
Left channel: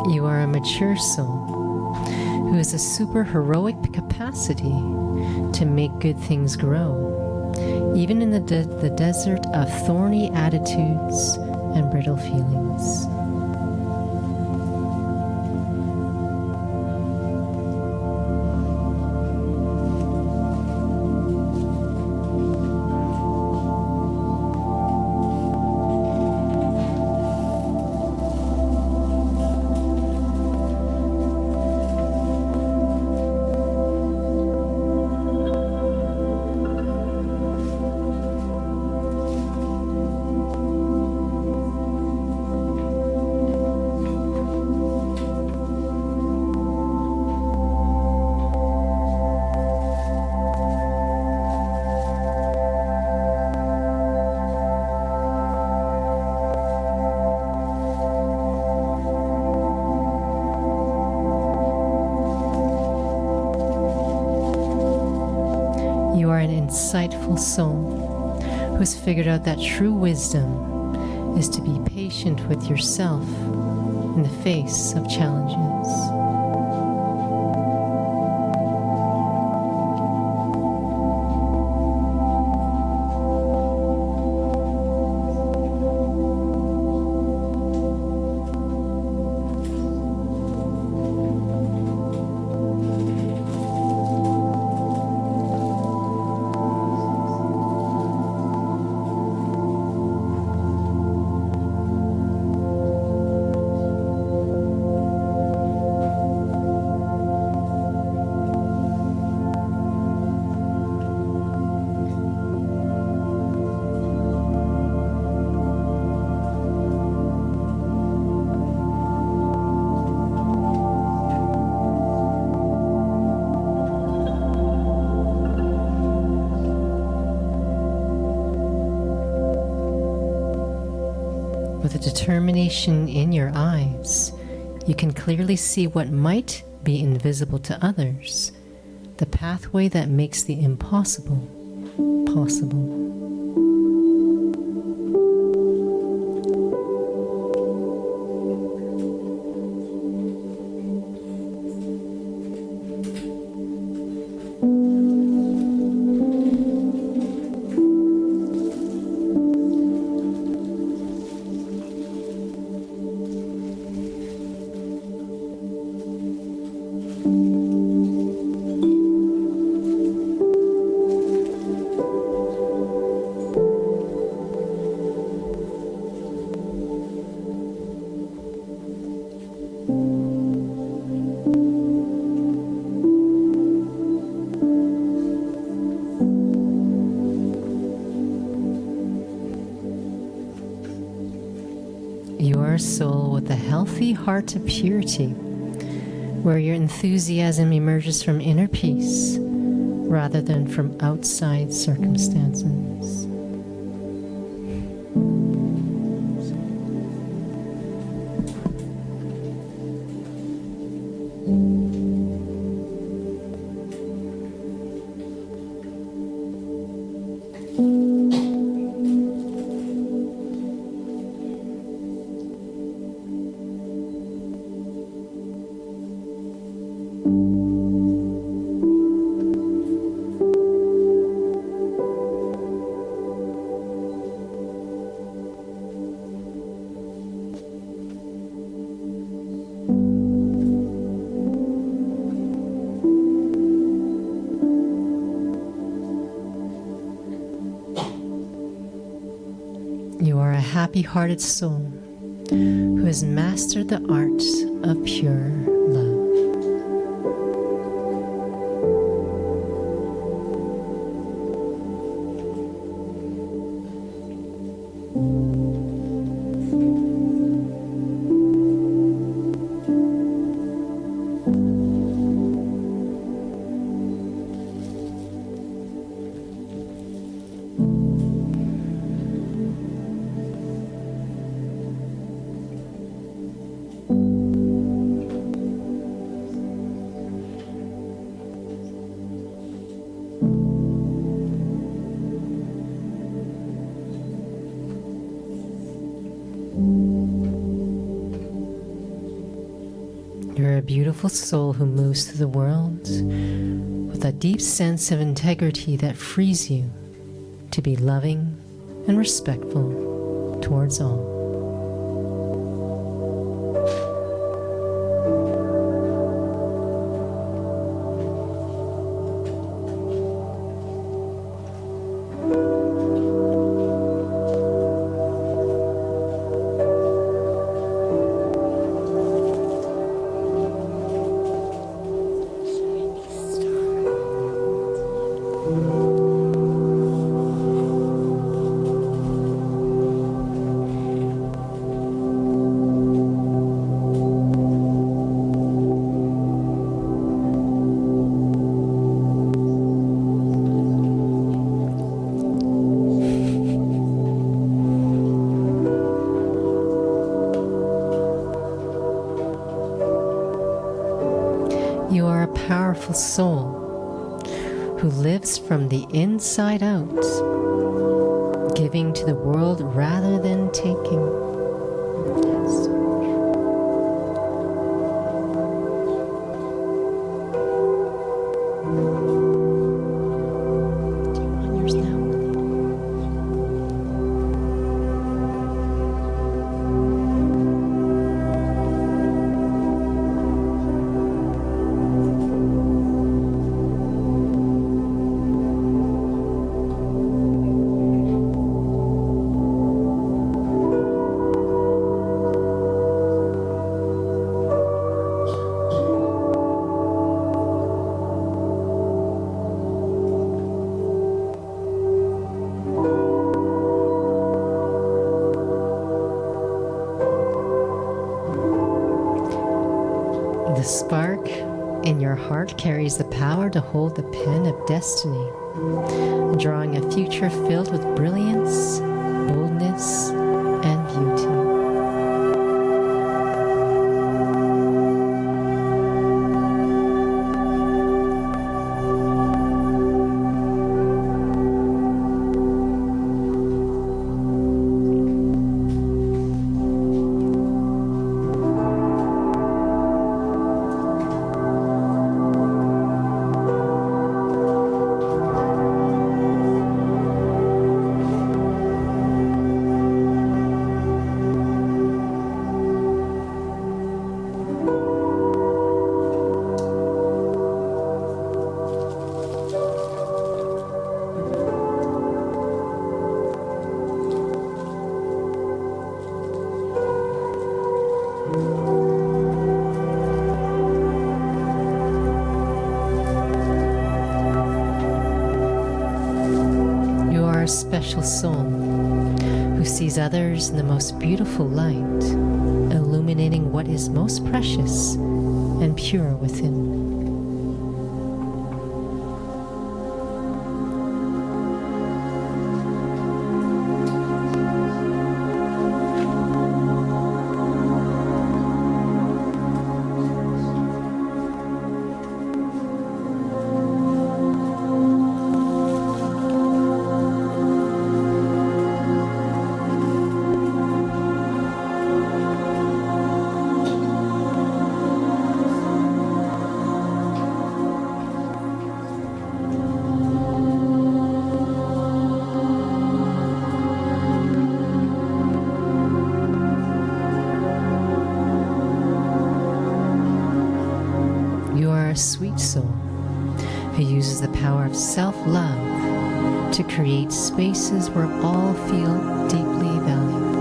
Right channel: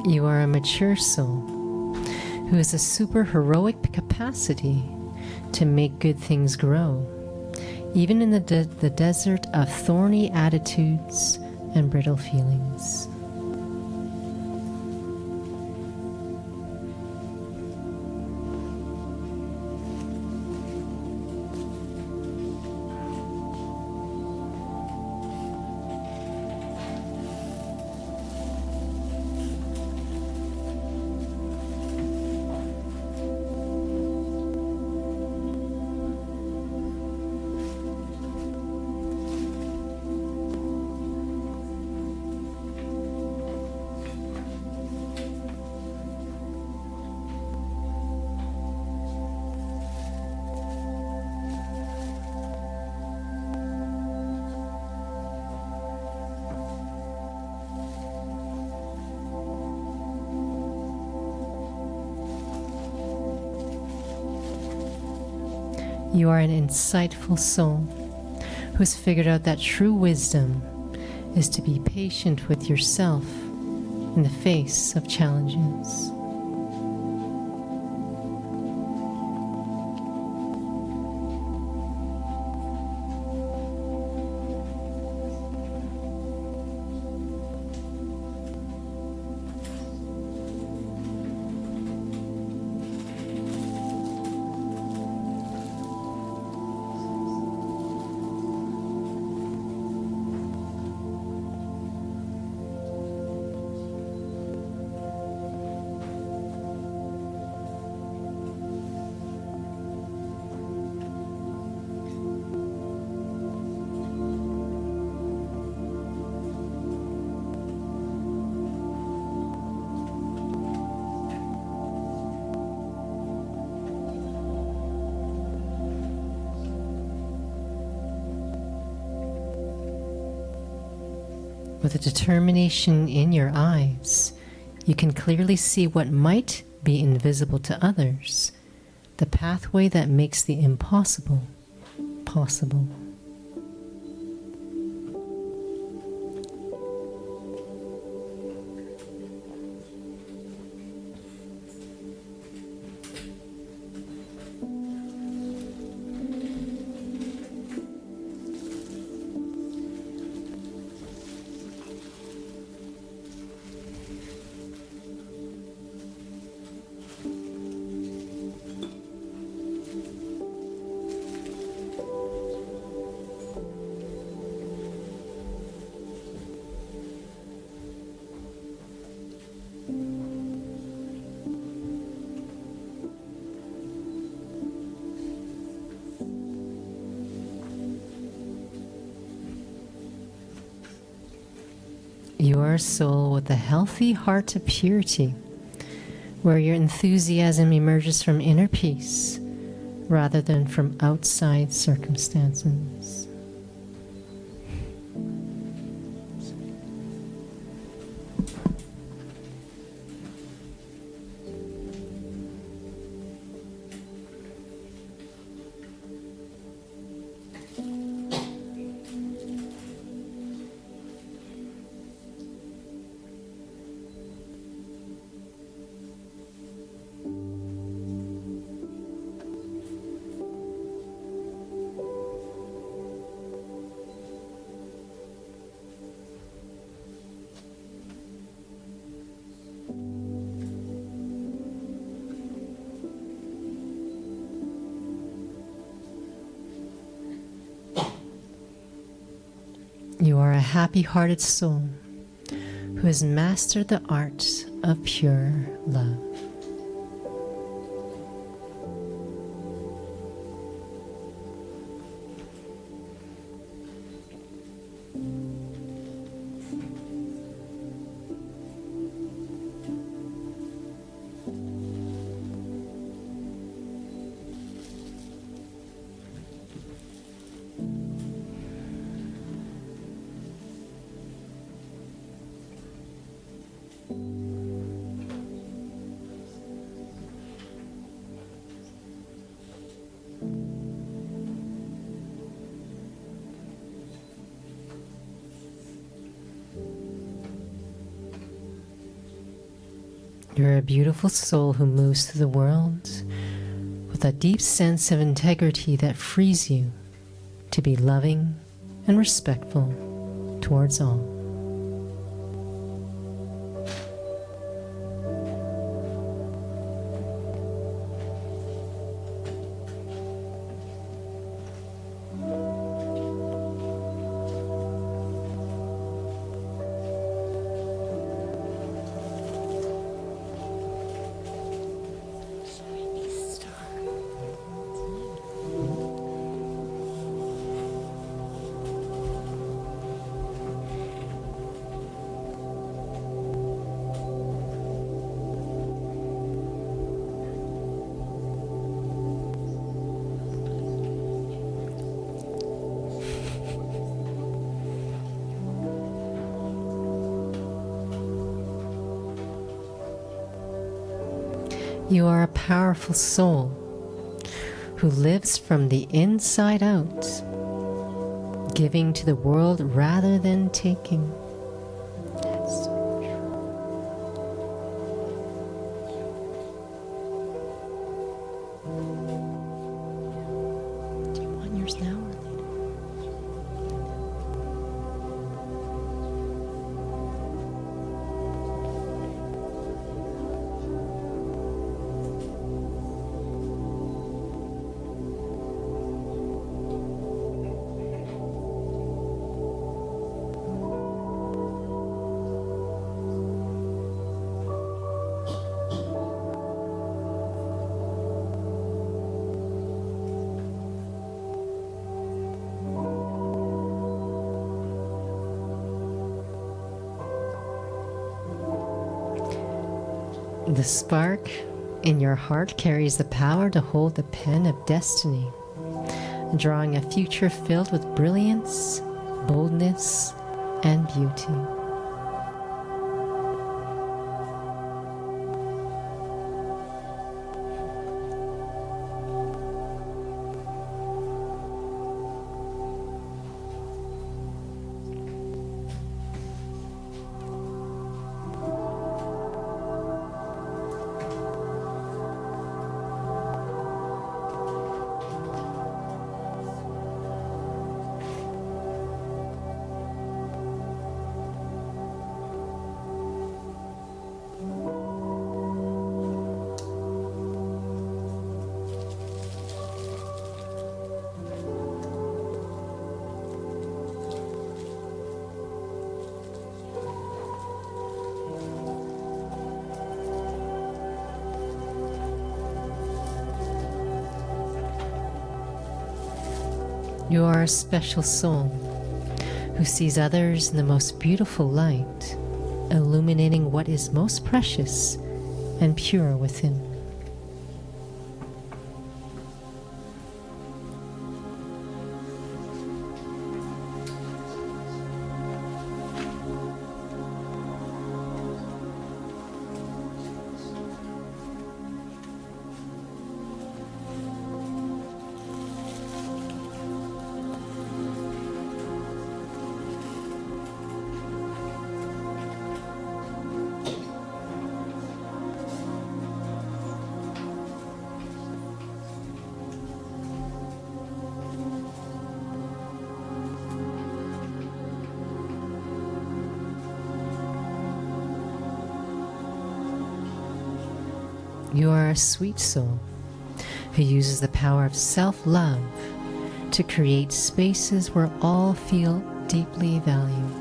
You are a mature soul who has a super heroic capacity to make good things grow, even in the desert of thorny attitudes and brittle feelings. You are an insightful soul who has figured out that true wisdom is to be patient with yourself in the face of challenges. With a determination in your eyes, you can clearly see what might be invisible to others, the pathway that makes the impossible possible. You are a soul with a healthy heart of purity, where your enthusiasm emerges from inner peace rather than from outside circumstances. You are a happy-hearted soul who has mastered the art of pure love. You're a beautiful soul who moves through the world with a deep sense of integrity that frees you to be loving and respectful towards all. You are a powerful soul who lives from the inside out, giving to the world rather than taking. Yes. Do you want yours now? The spark in your heart carries the power to hold the pen of destiny, drawing a future filled with brilliance, boldness, and beauty. You are a special soul who sees others in the most beautiful light, illuminating what is most precious and pure within. You are a sweet soul who uses the power of self-love to create spaces where all feel deeply valued.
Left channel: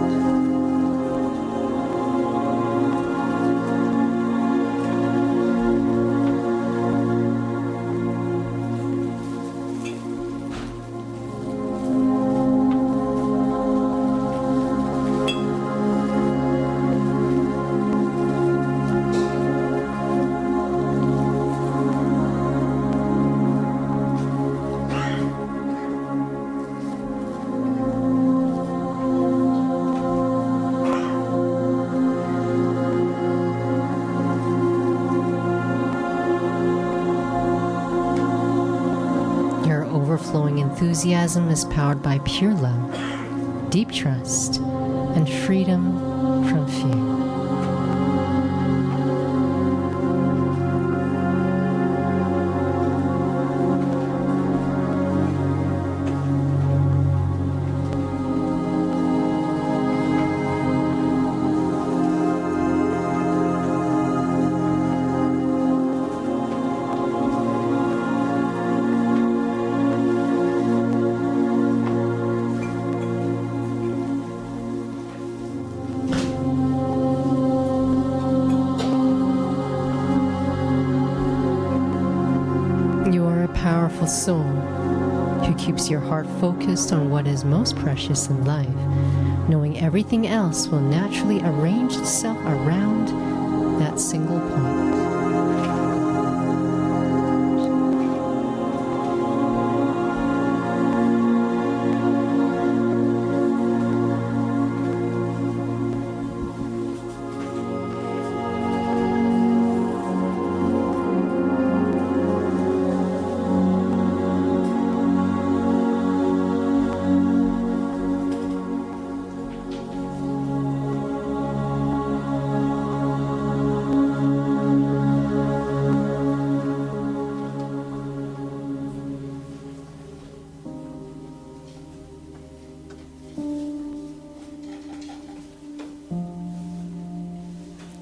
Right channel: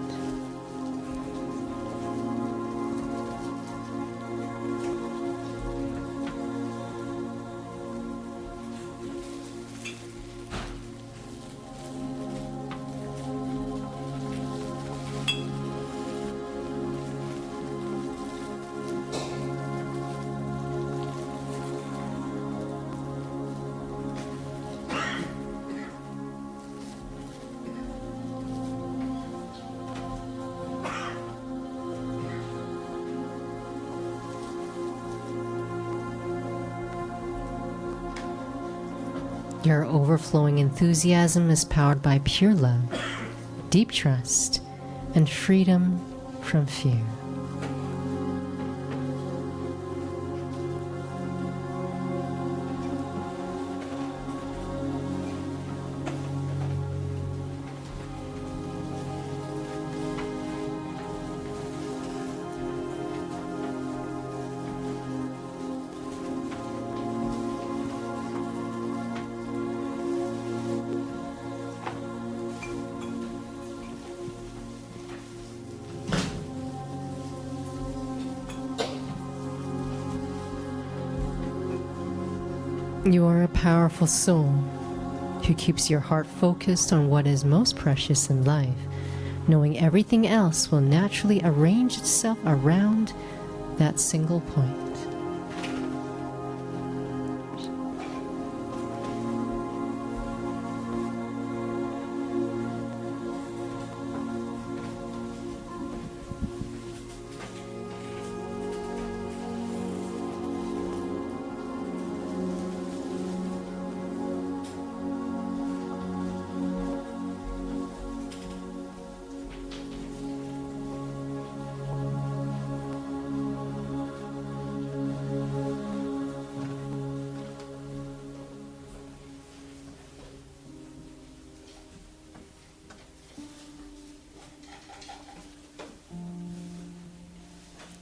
Your overflowing enthusiasm is powered by pure love, deep trust, and freedom from fear. You are a powerful soul who keeps your heart focused on what is most precious in life, knowing everything else will naturally arrange itself around that single point.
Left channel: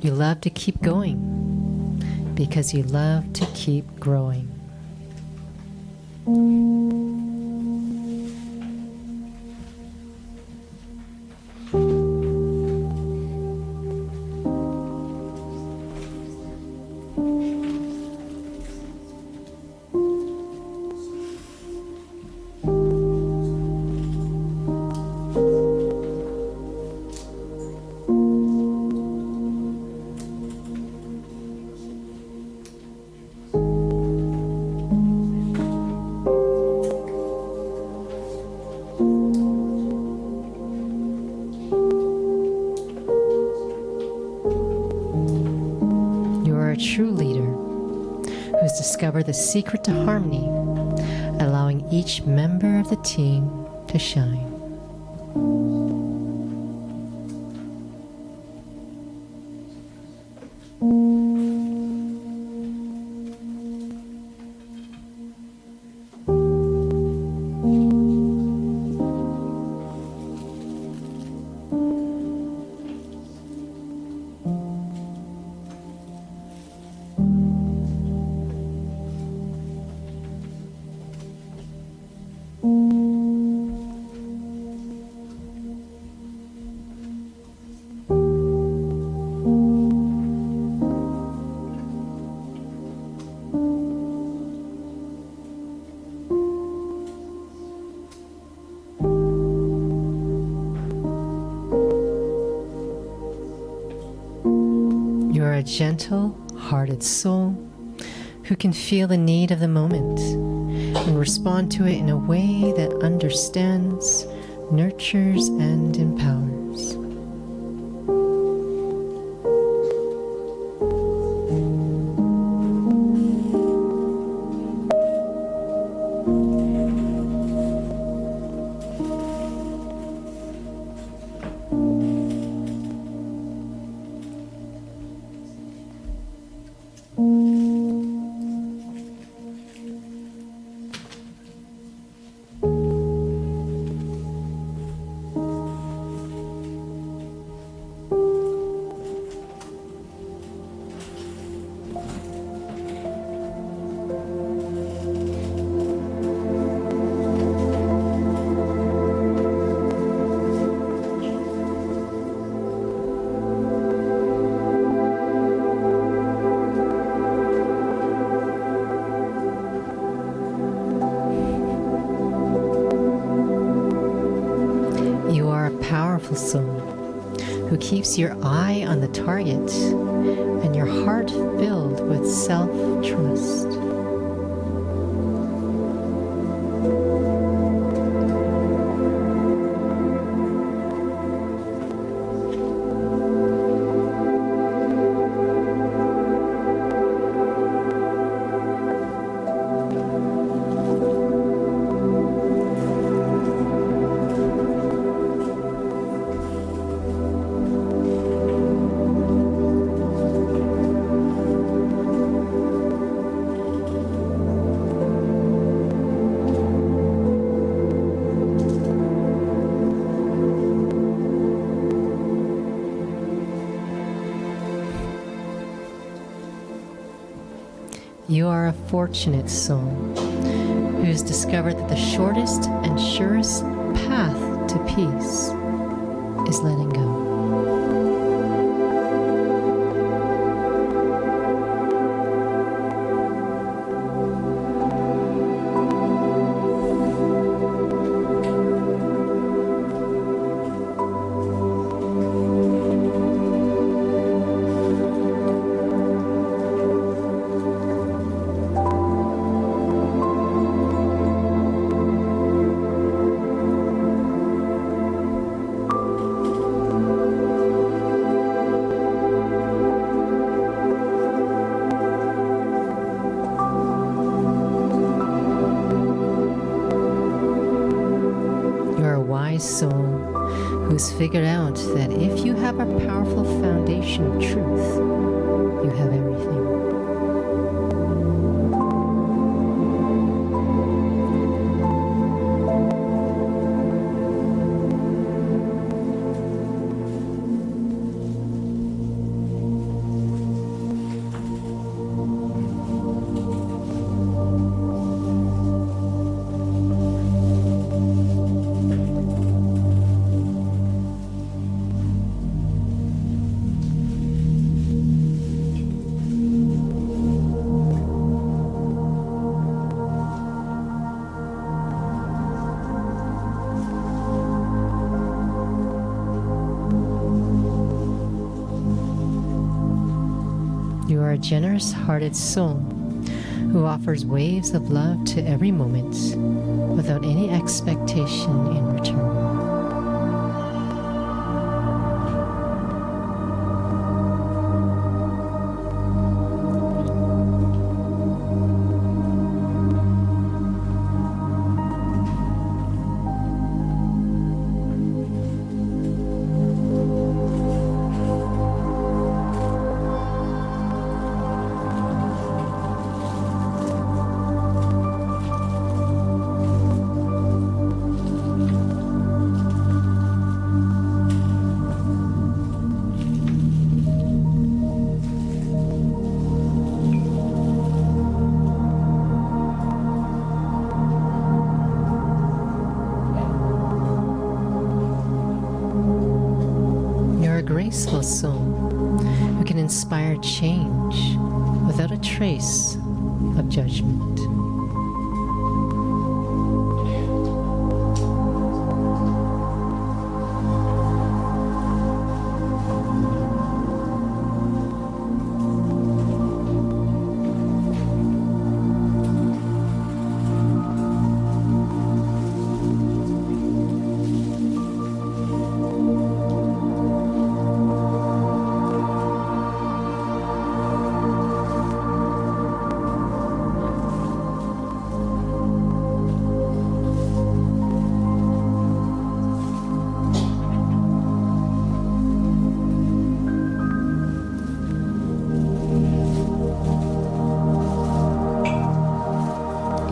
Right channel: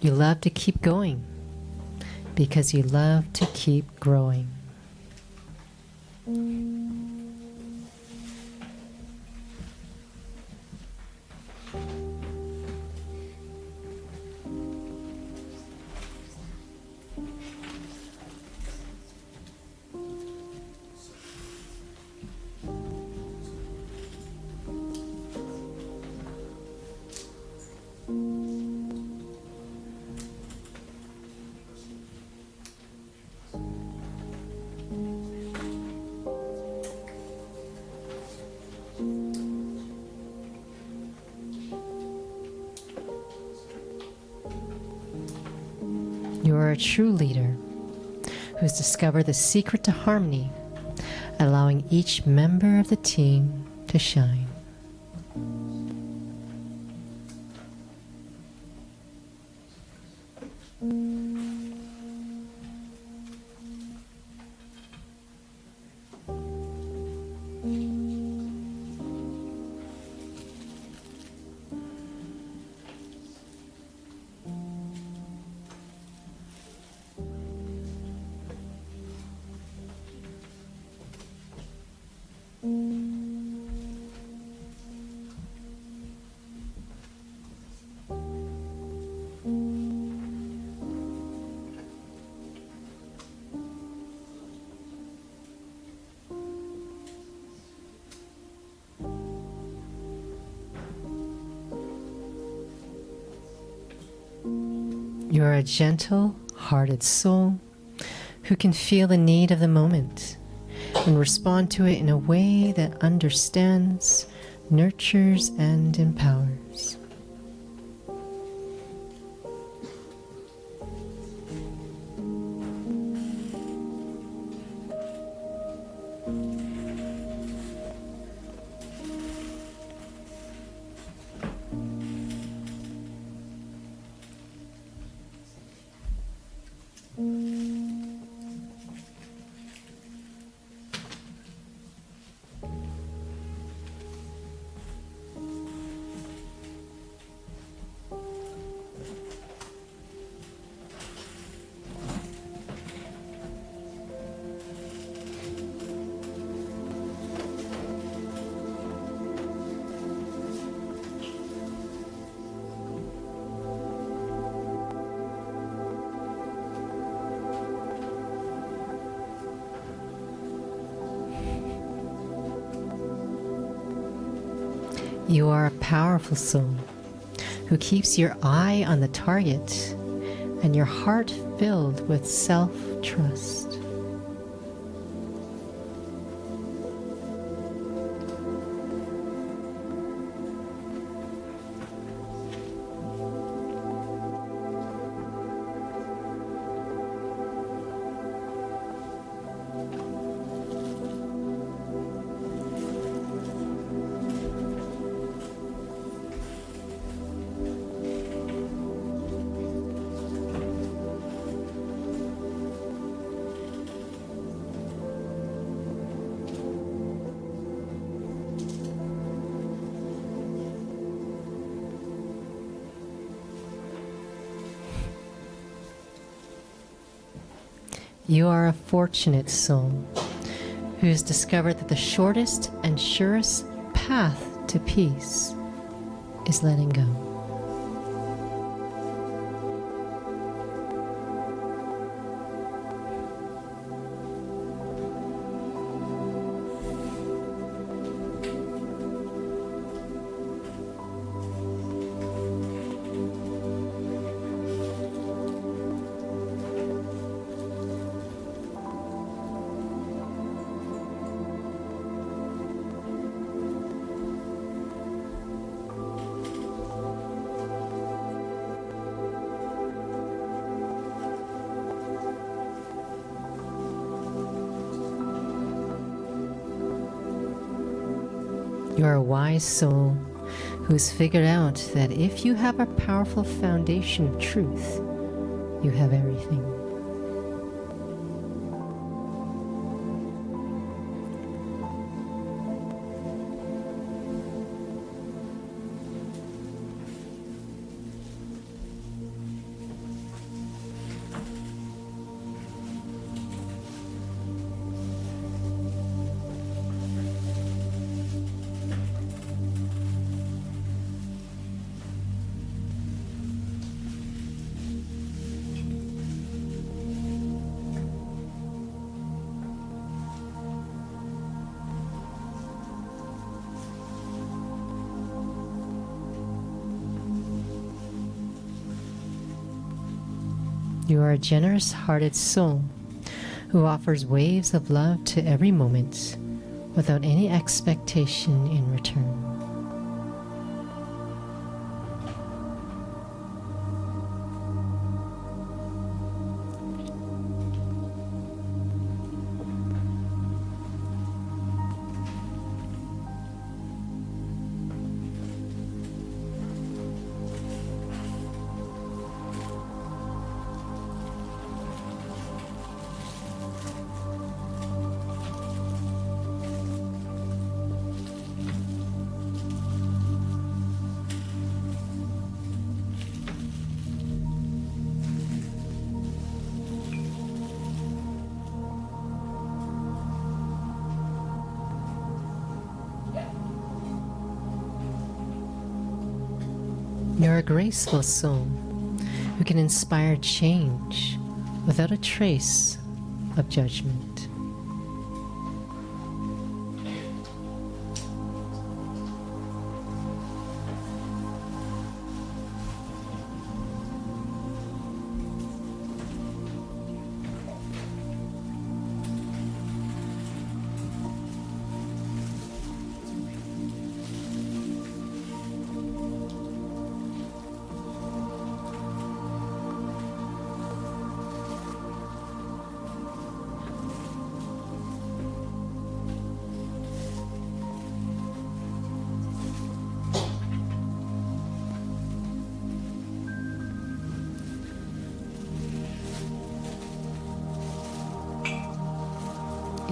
You love to keep going because you love to keep growing. You are a true leader who has discovered the secret to harmony, allowing each member of the team to shine. You are a gentle-hearted soul who can feel the need of the moment and respond to it in a way that understands, nurtures, and empowers. You are a powerful soul who keeps your eye on the target and your heart filled with self-trust. You are a fortunate soul who has discovered that the shortest and surest path to peace is letting go. You're a wise soul who's figured out that if you have a powerful foundation of truth, you have everything. You are a generous-hearted soul who offers waves of love to every moment without any expectation in return. You're a graceful soul who can inspire change without a trace of judgment.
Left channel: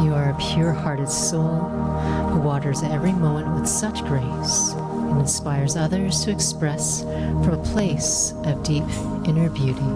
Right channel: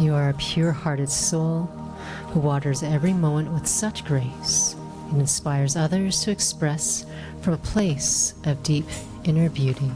You are a pure-hearted soul who waters every moment with such grace and inspires others to express from a place of deep inner beauty.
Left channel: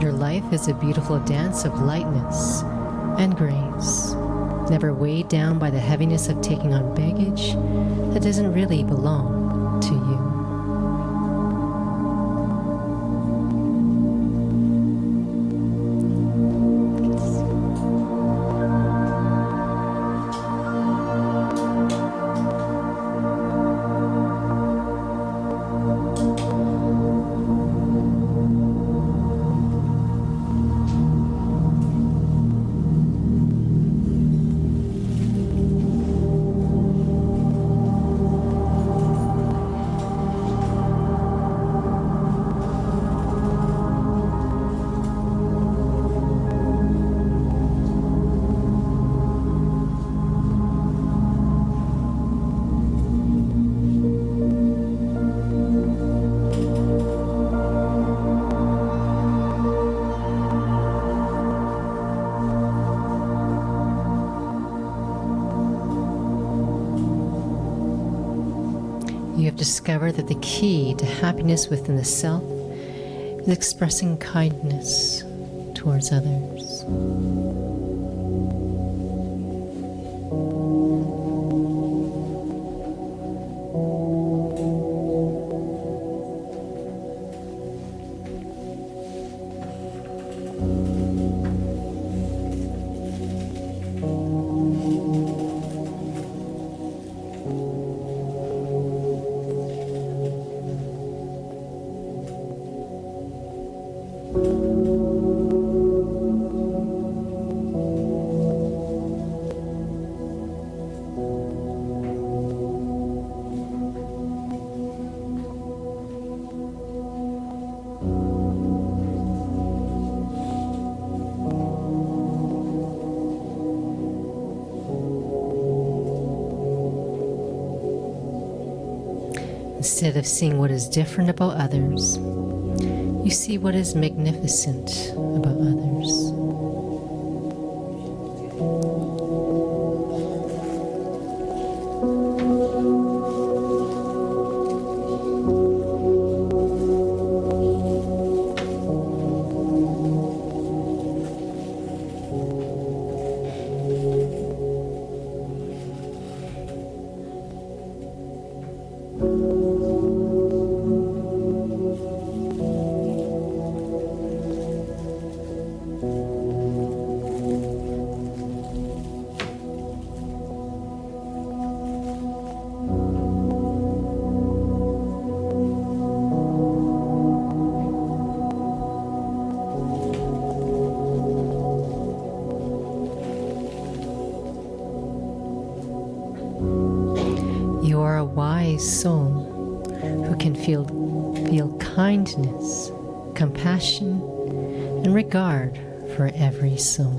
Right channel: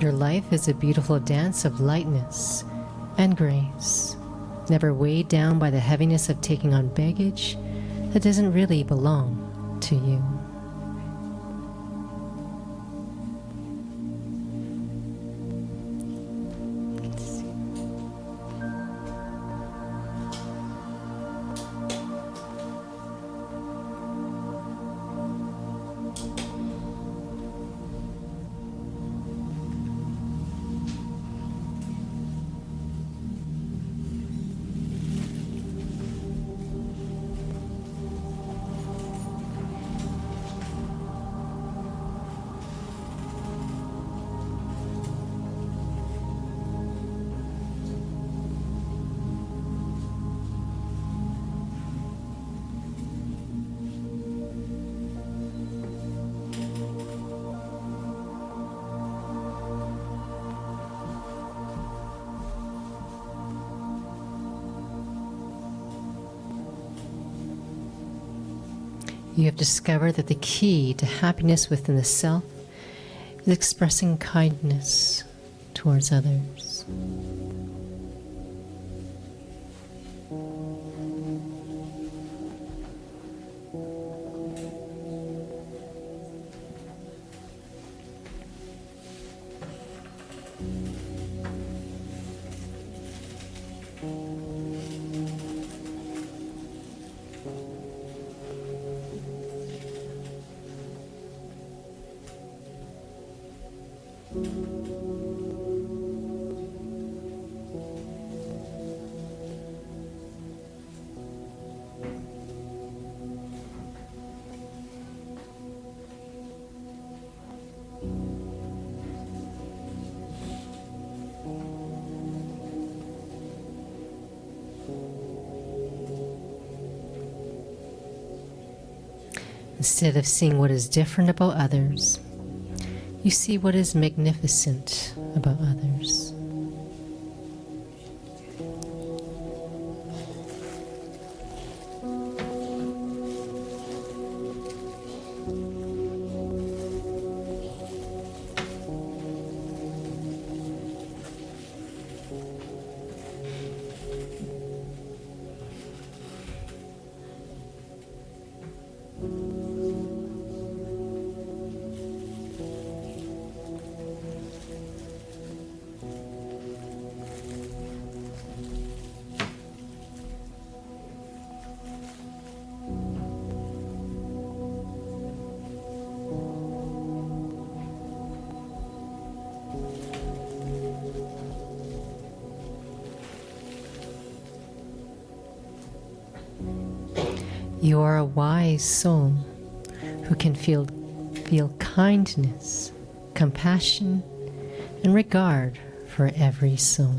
Your life is a beautiful dance of lightness and grace, never weighed down by the heaviness of taking on baggage that doesn't really belong to you. You have discovered that the key to happiness within the self is expressing kindness towards others. Instead of seeing what is different about others, you see what is magnificent about others. You are a wise soul who can feel kindness, compassion, and regard for every soul.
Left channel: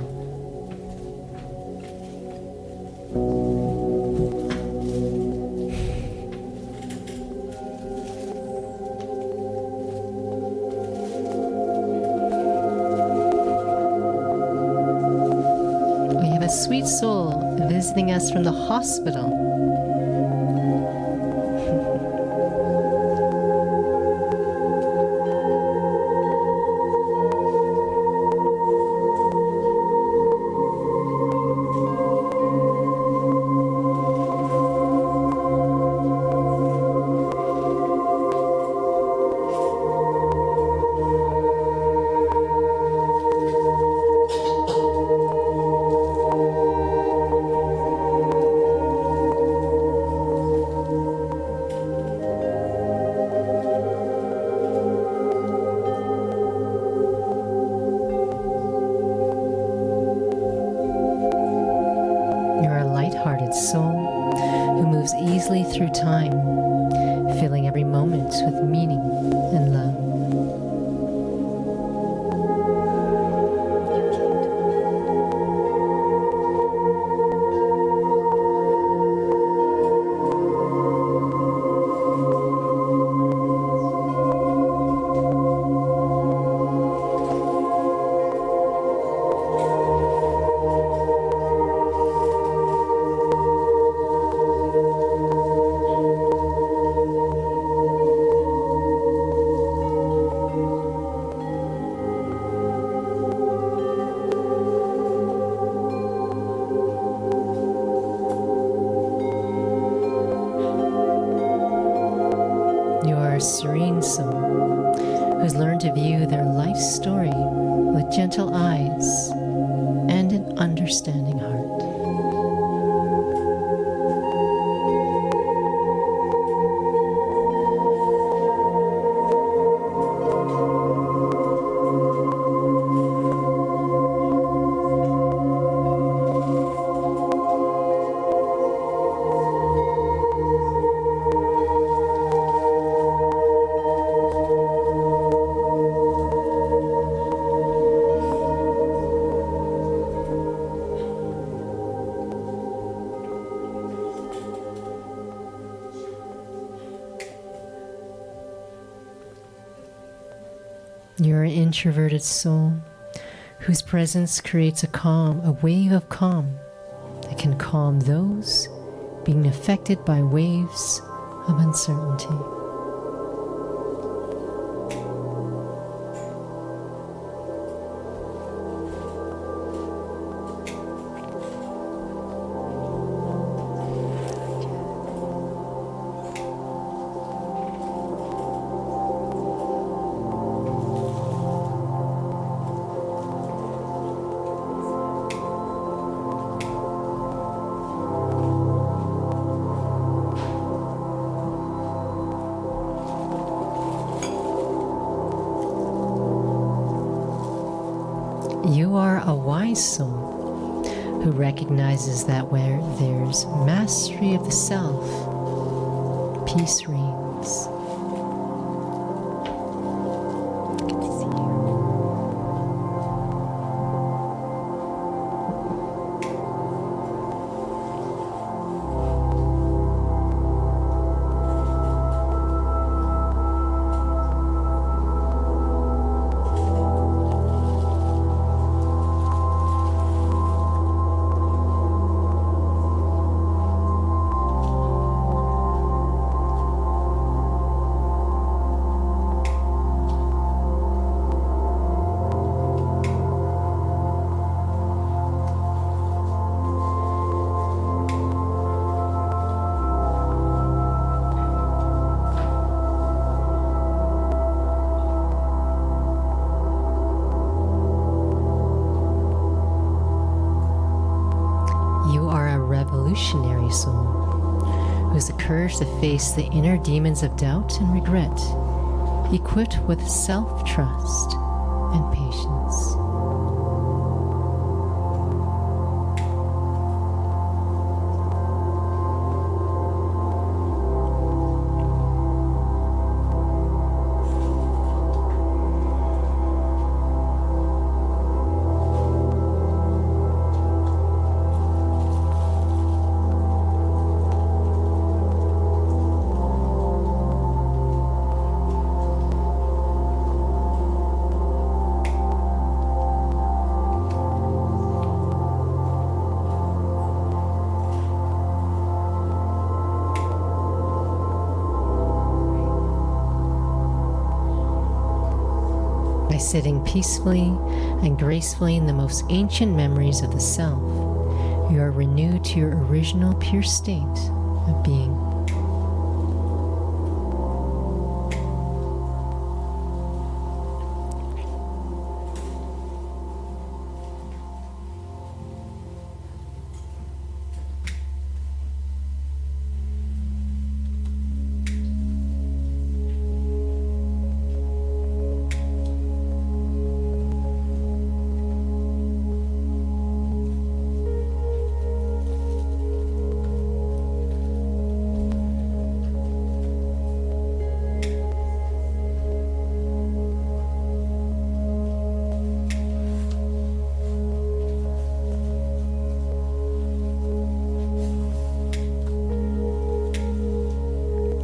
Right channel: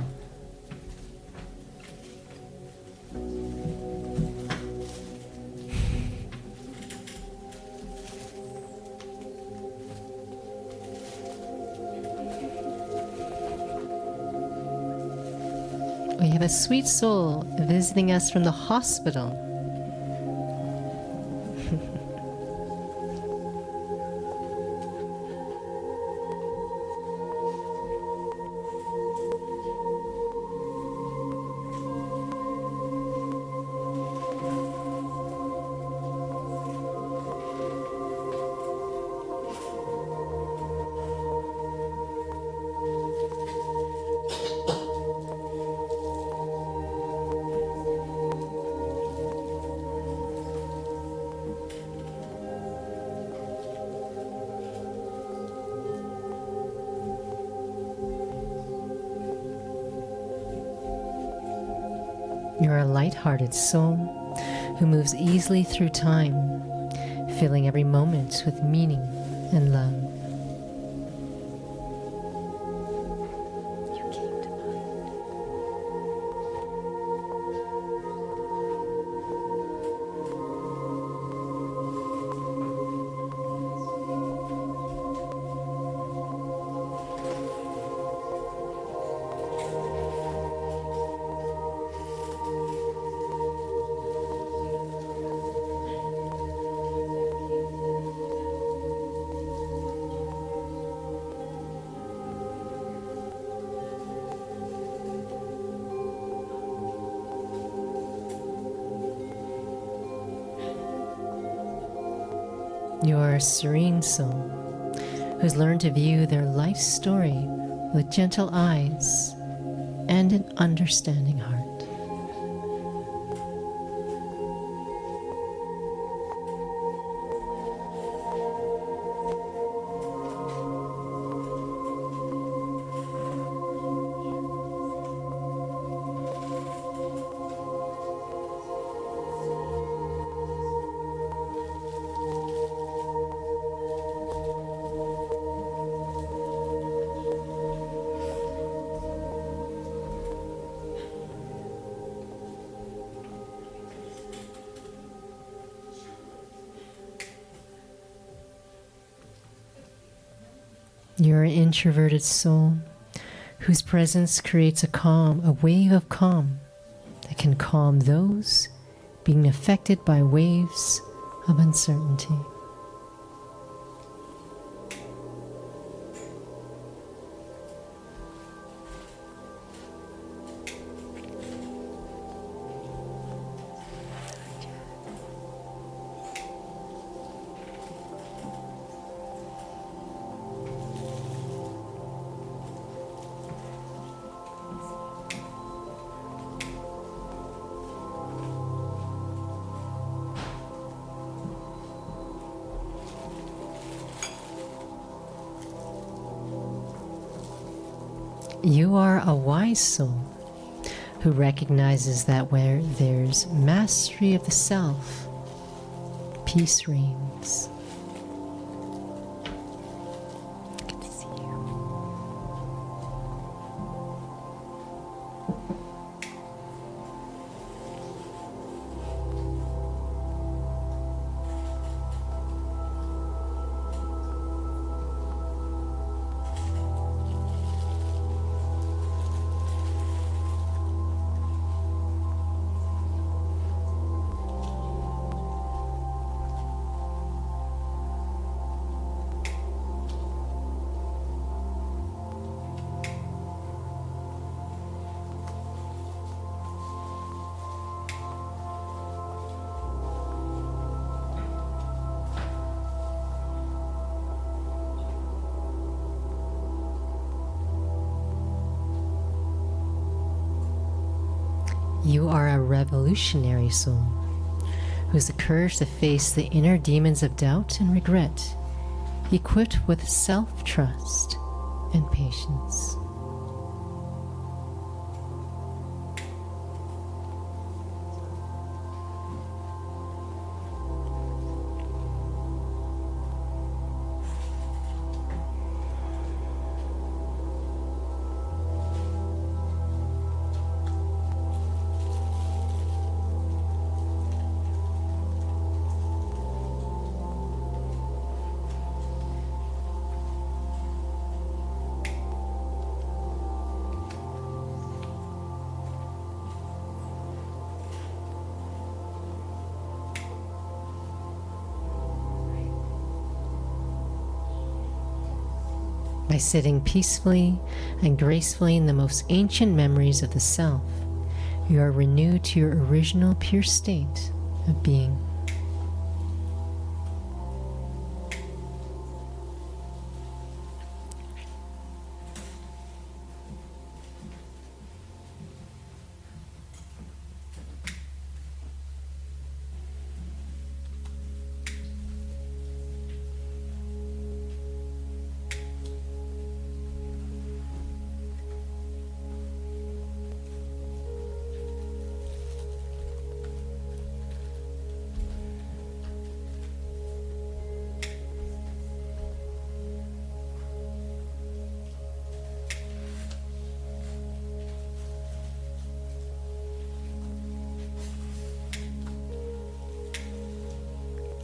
We have a sweet soul visiting us from the hospital. You're a light-hearted soul who moves easily through time, filling every moment with meaning and love. You are a serene soul who's learned to view their life story with gentle eyes and an understanding heart. You're an introverted soul whose presence creates a calm, a wave of calm that can calm those being affected by waves of uncertainty. You are a wise soul who recognizes that where there's mastery of the self, peace reigns. I can see you. are a revolutionary soul who has the courage to face the inner demons of doubt and regret, equipped with self-trust and patience. By sitting peacefully and gracefully in the most ancient memories of the self, you are renewed to your original pure state of being.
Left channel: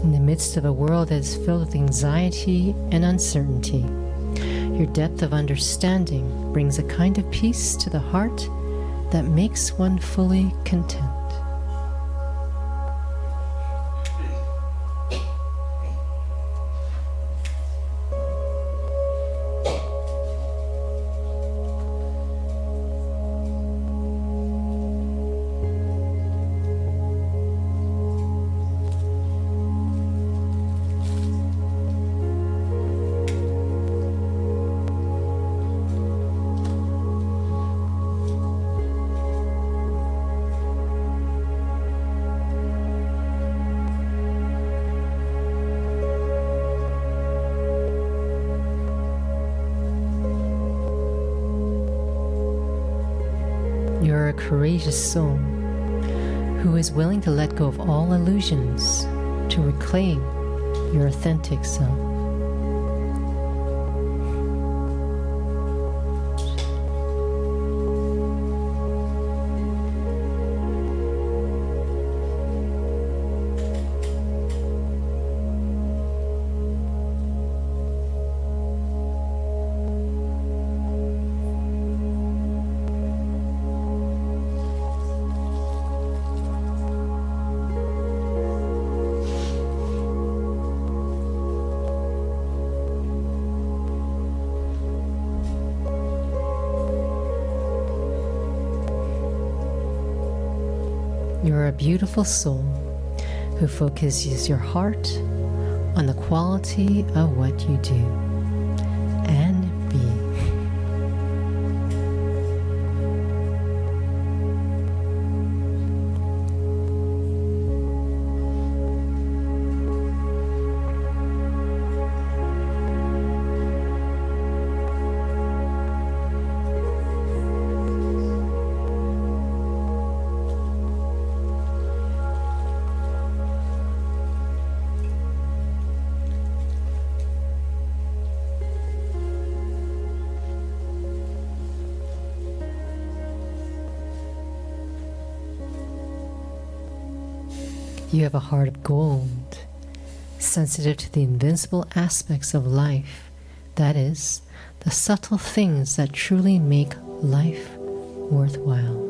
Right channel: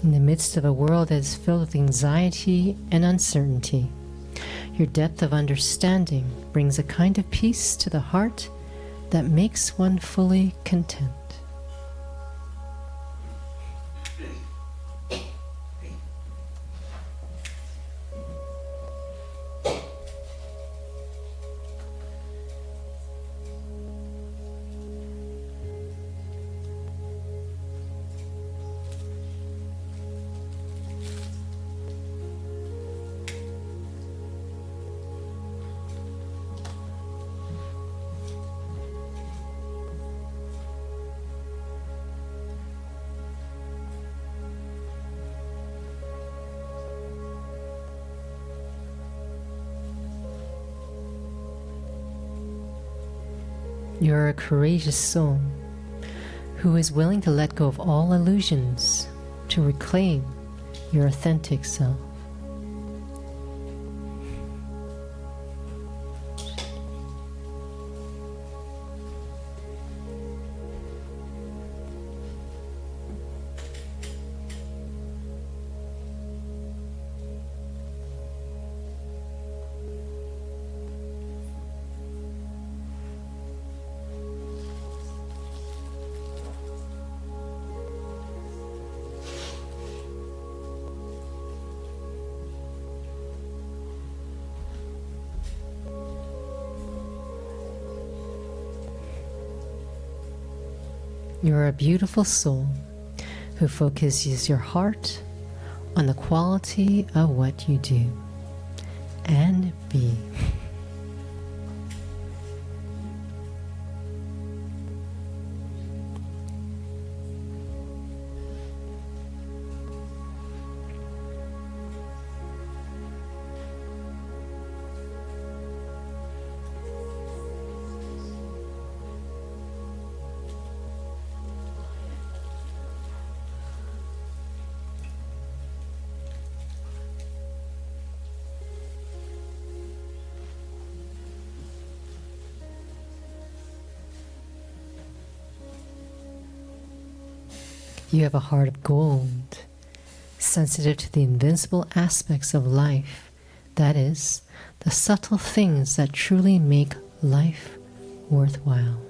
In the midst of a world that is filled with anxiety and uncertainty, your depth of understanding brings a kind of peace to the heart that makes one fully content. You are a courageous soul who is willing to let go of all illusions to reclaim your authentic self. You are a beautiful soul who focuses your heart on the quality of what you do and be. You have a heart of gold, sensitive to the invincible aspects of life, that is, the subtle things that truly make life worthwhile.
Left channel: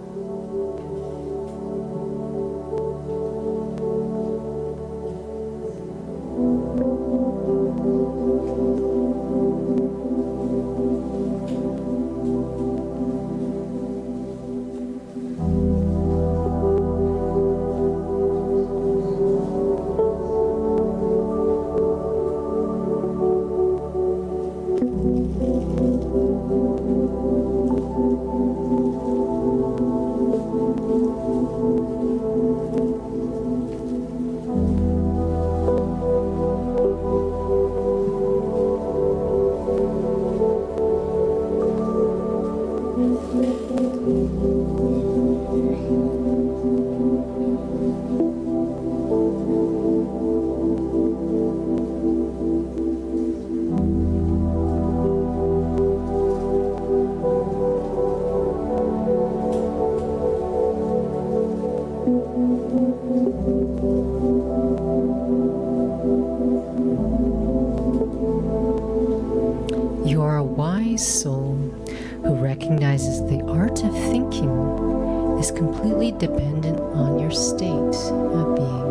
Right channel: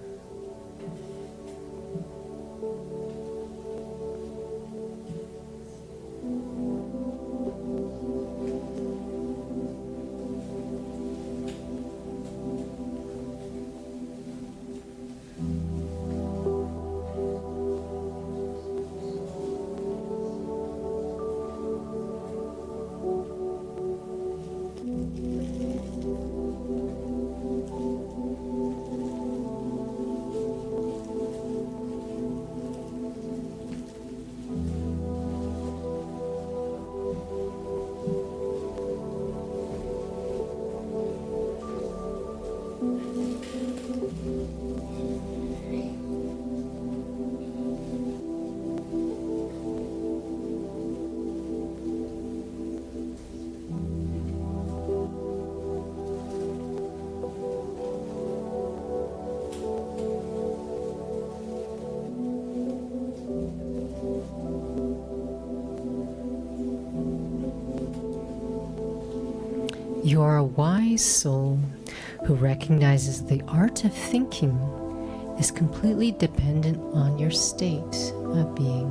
You are a wise soul who recognizes the art of thinking is completely dependent on your state of being.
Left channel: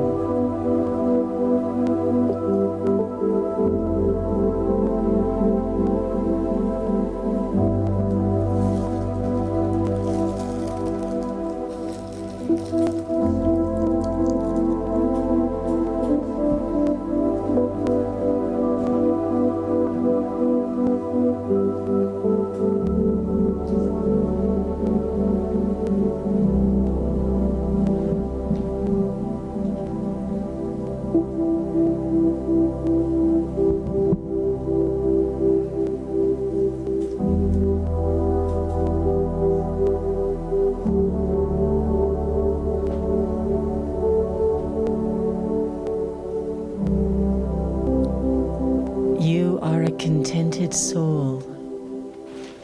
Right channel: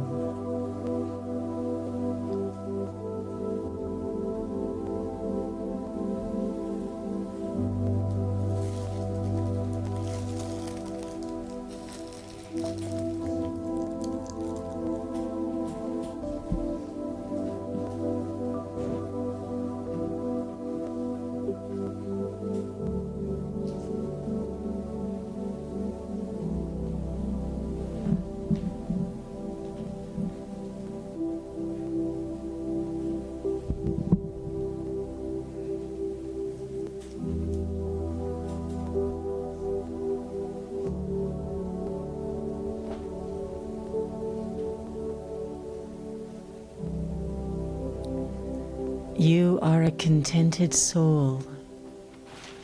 You are a contented soul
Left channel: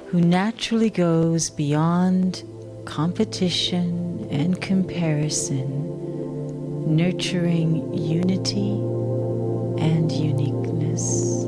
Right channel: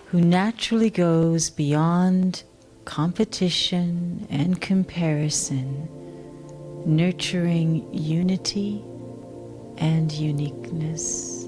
who naturally goes beyond competition and comparison, nurturing unity and uniqueness.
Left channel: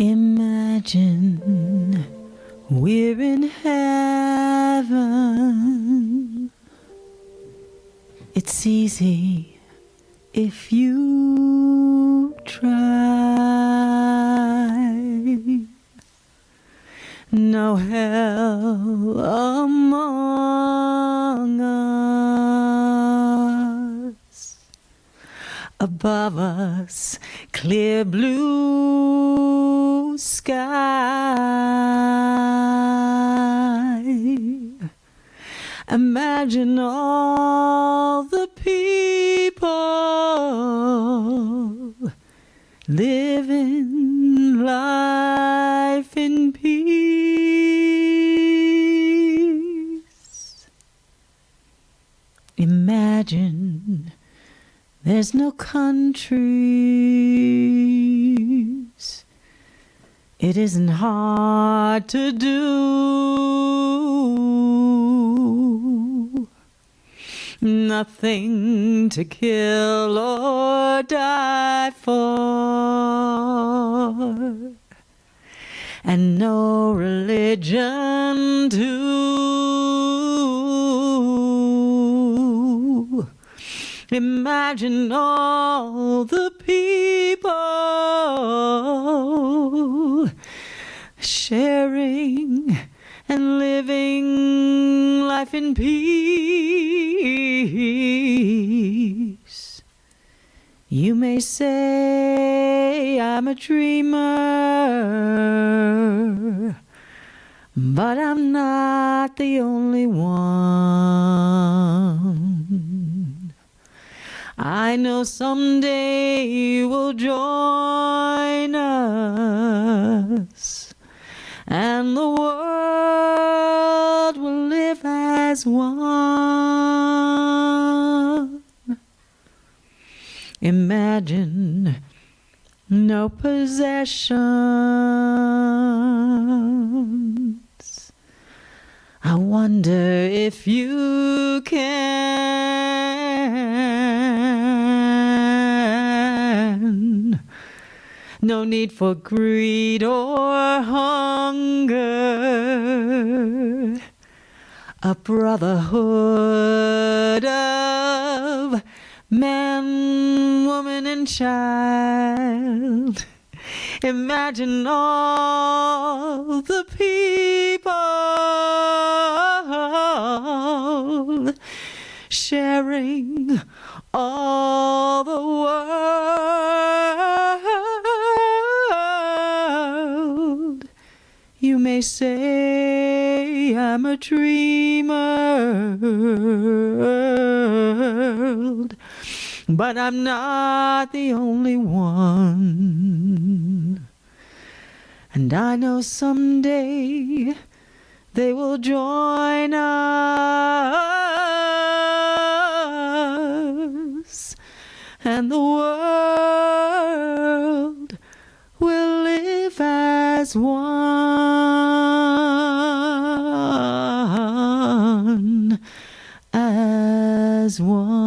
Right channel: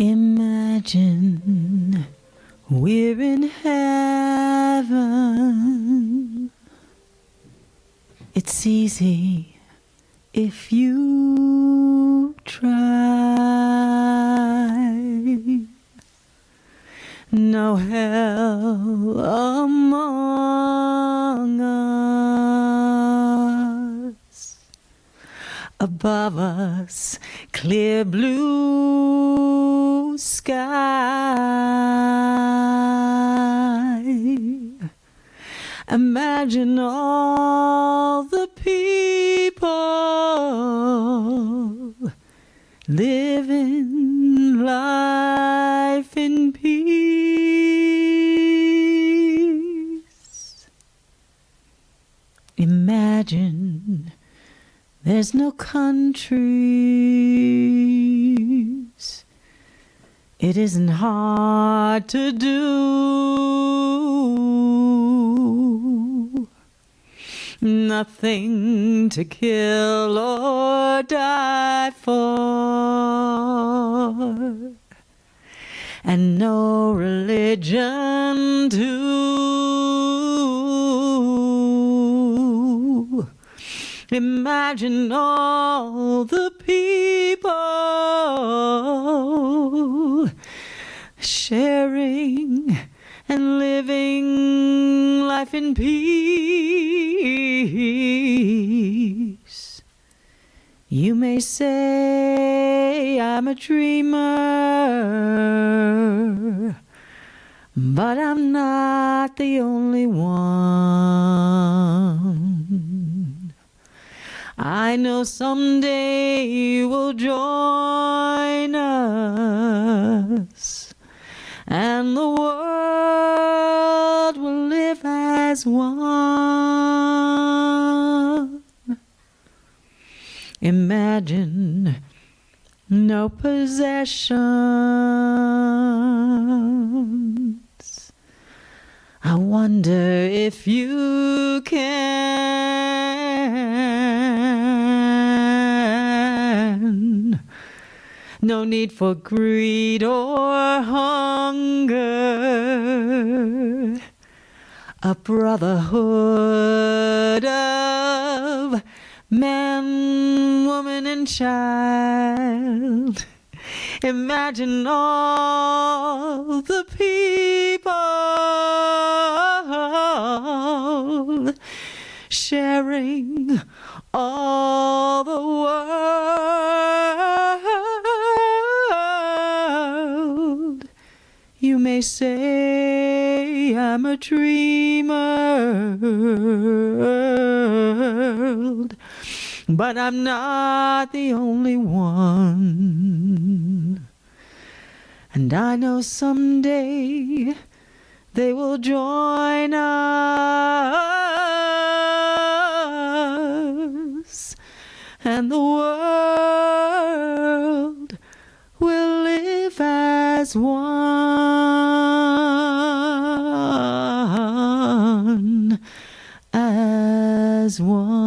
Imagine we're in heaven. It's easy if you try. No hell among us. Above us, clear blue sky. Imagine all the people living life in peace. Imagine there's no countries. It isn't hard to do. Nothing to kill or die for. And no religion too. Imagine all the people sharing and living life in peace. You may say I'm a dreamer, but I'm not the only one. I know someday you will join us, and the world will live as one. Imagine no possessions. I wonder if you can. No need for greed or hunger. A brotherhood of man, woman, and child. Imagine all the people sharing all the world. You may say I'm a dreamer, but I'm not the only one. And I know someday they will join us, and the world will live as one, as one.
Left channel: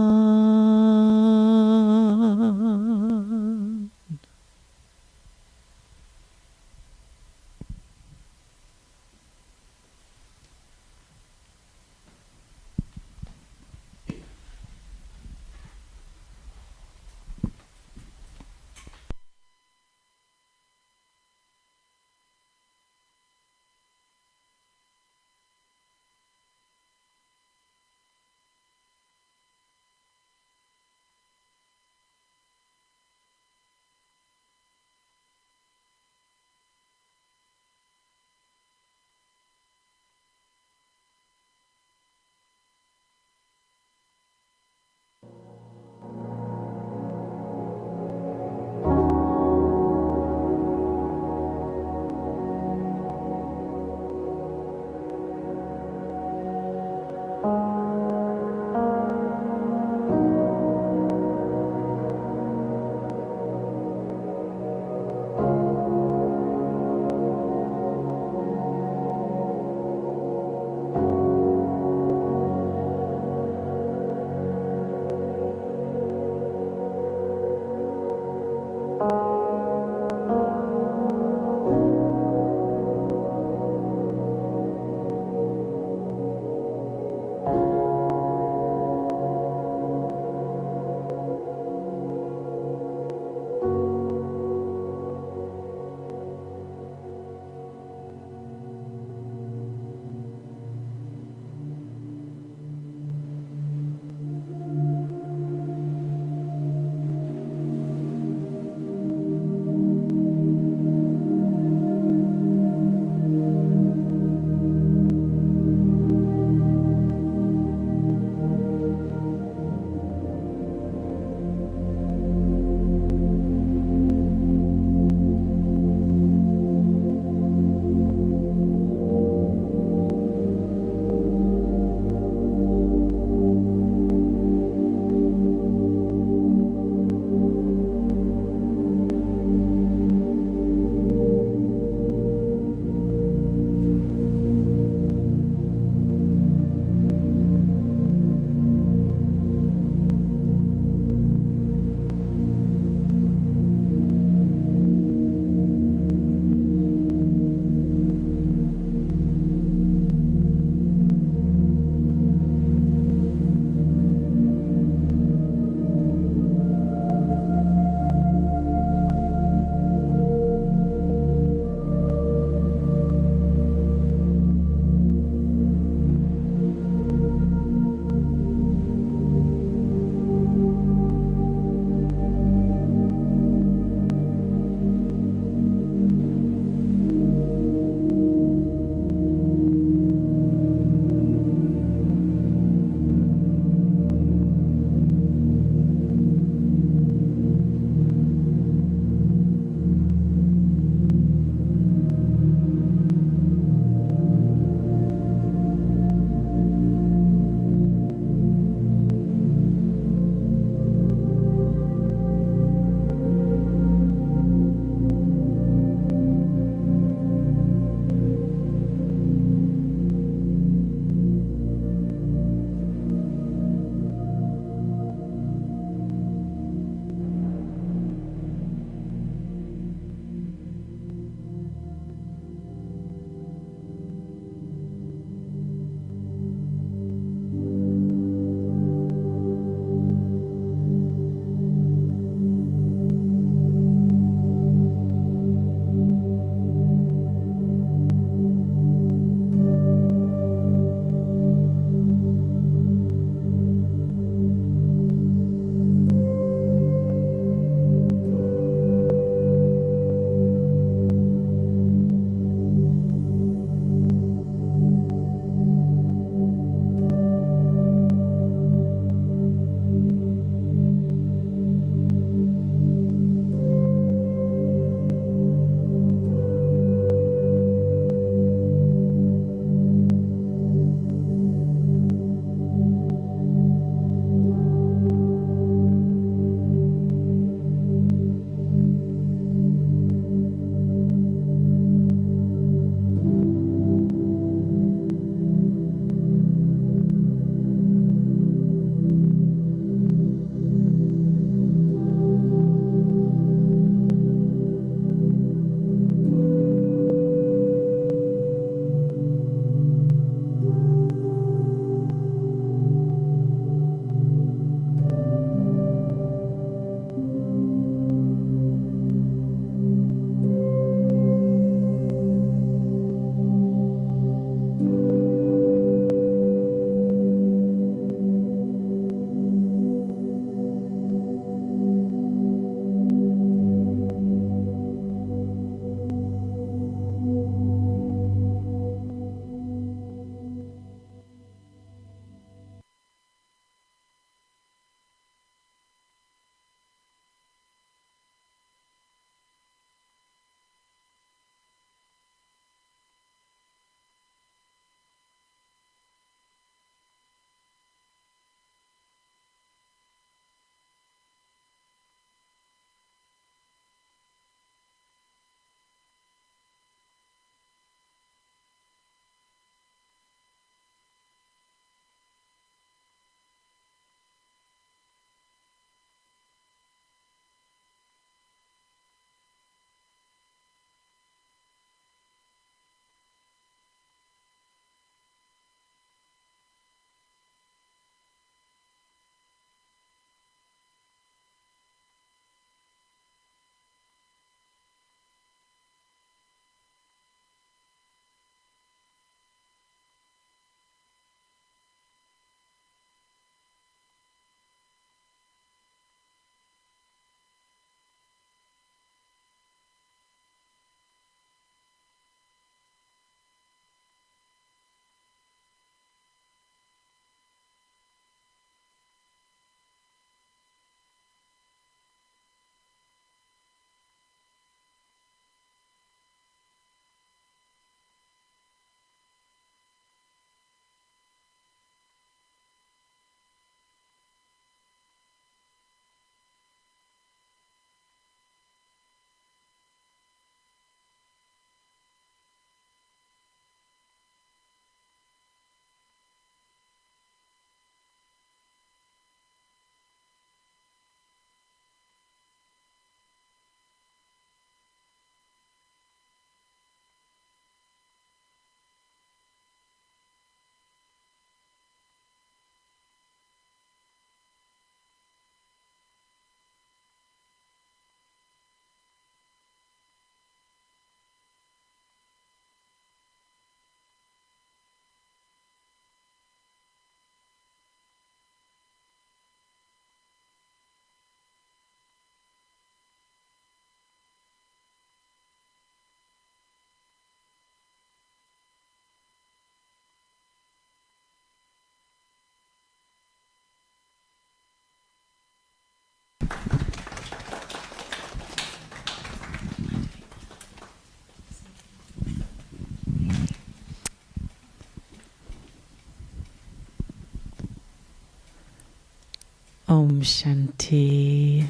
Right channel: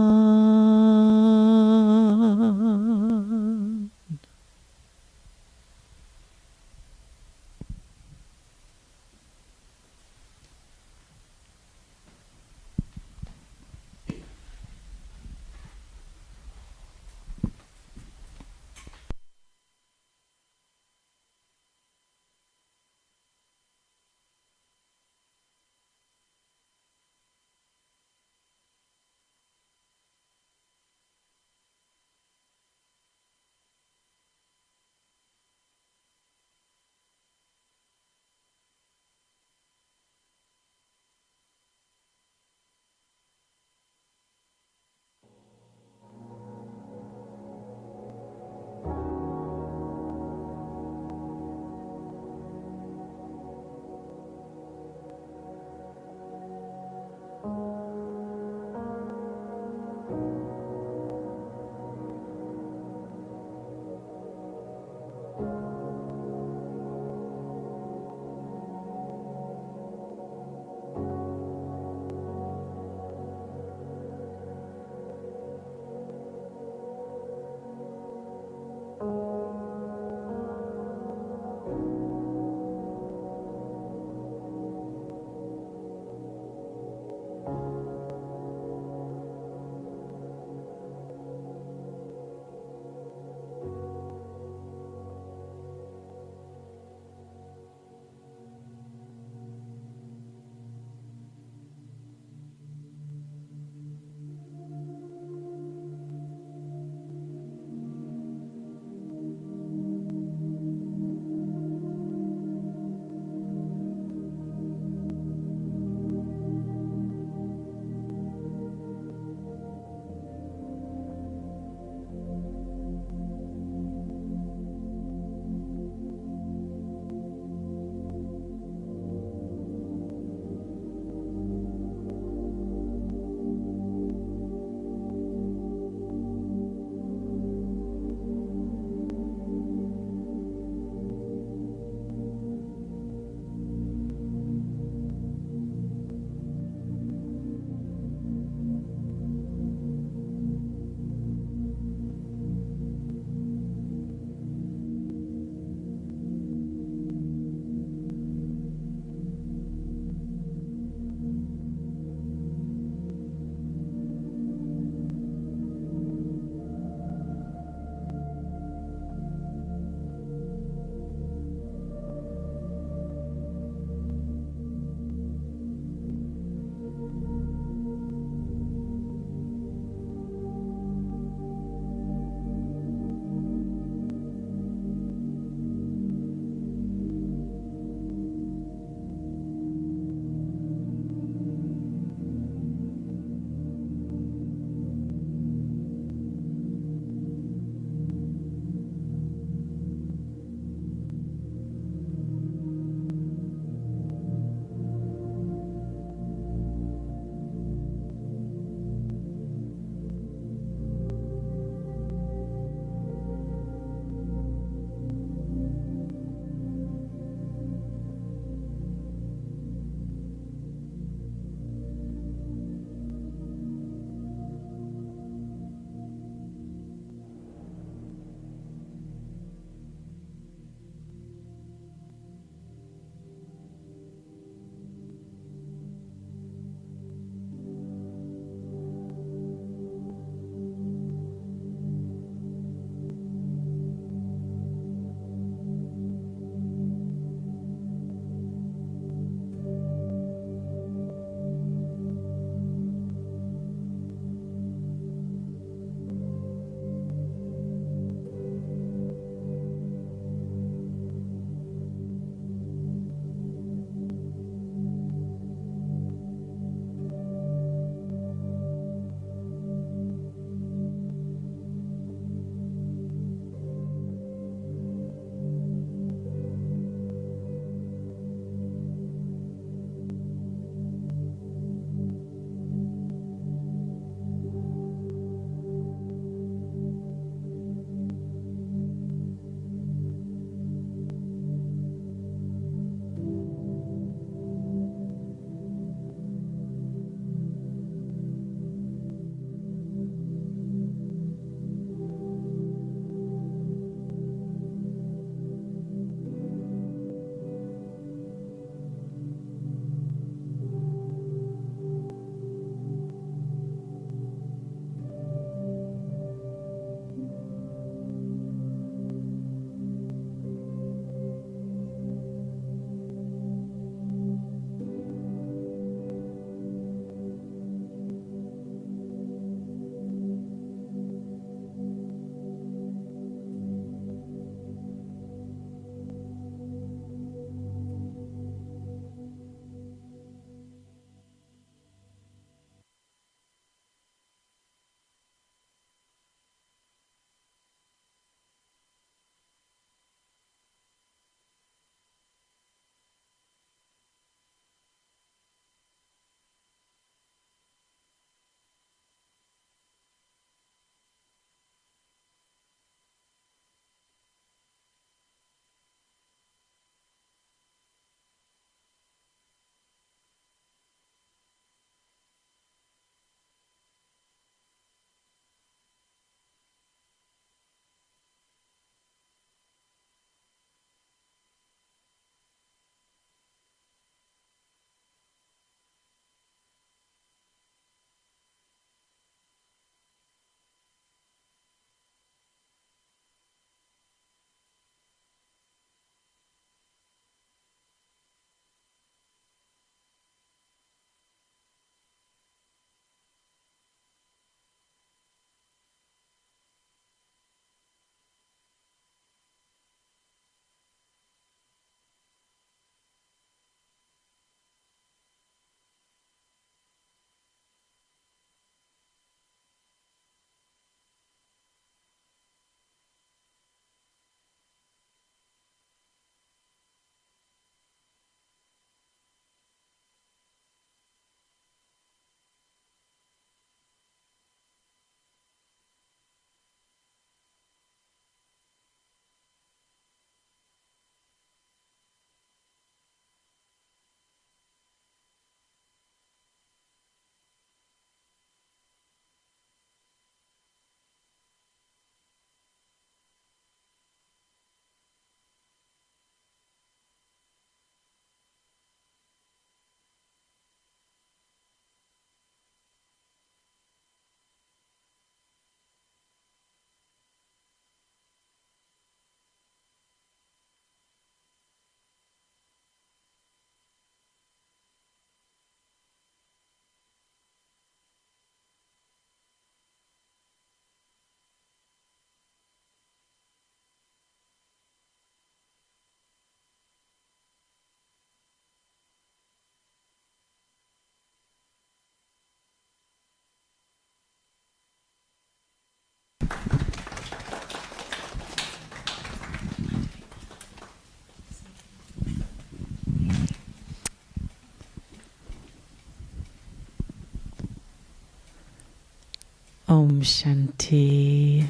Om Shanti.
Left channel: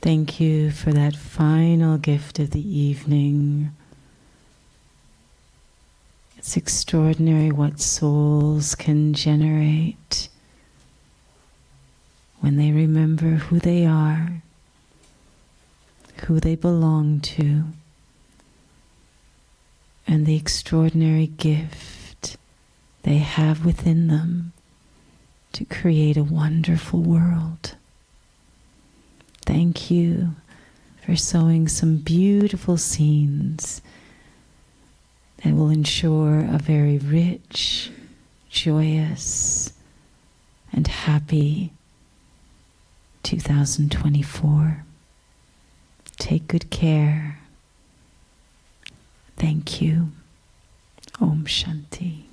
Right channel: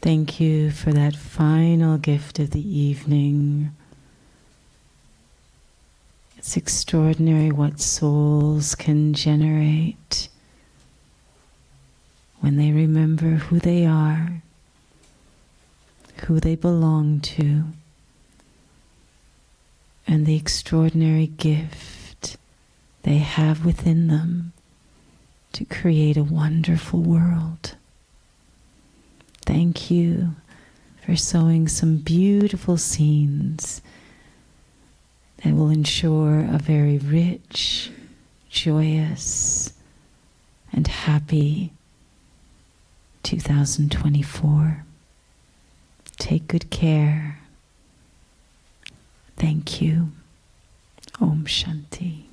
Thank you for that final gift of the evening. It's extraordinary what souls can generate when they remember who they are, who they belong to, and the extraordinary gift they have within them to create a wonderful world. Thank you for sowing some beautiful scenes that will ensure a very rich, joyous, and happy 2024. Take good care. Thank you. Om Shanti.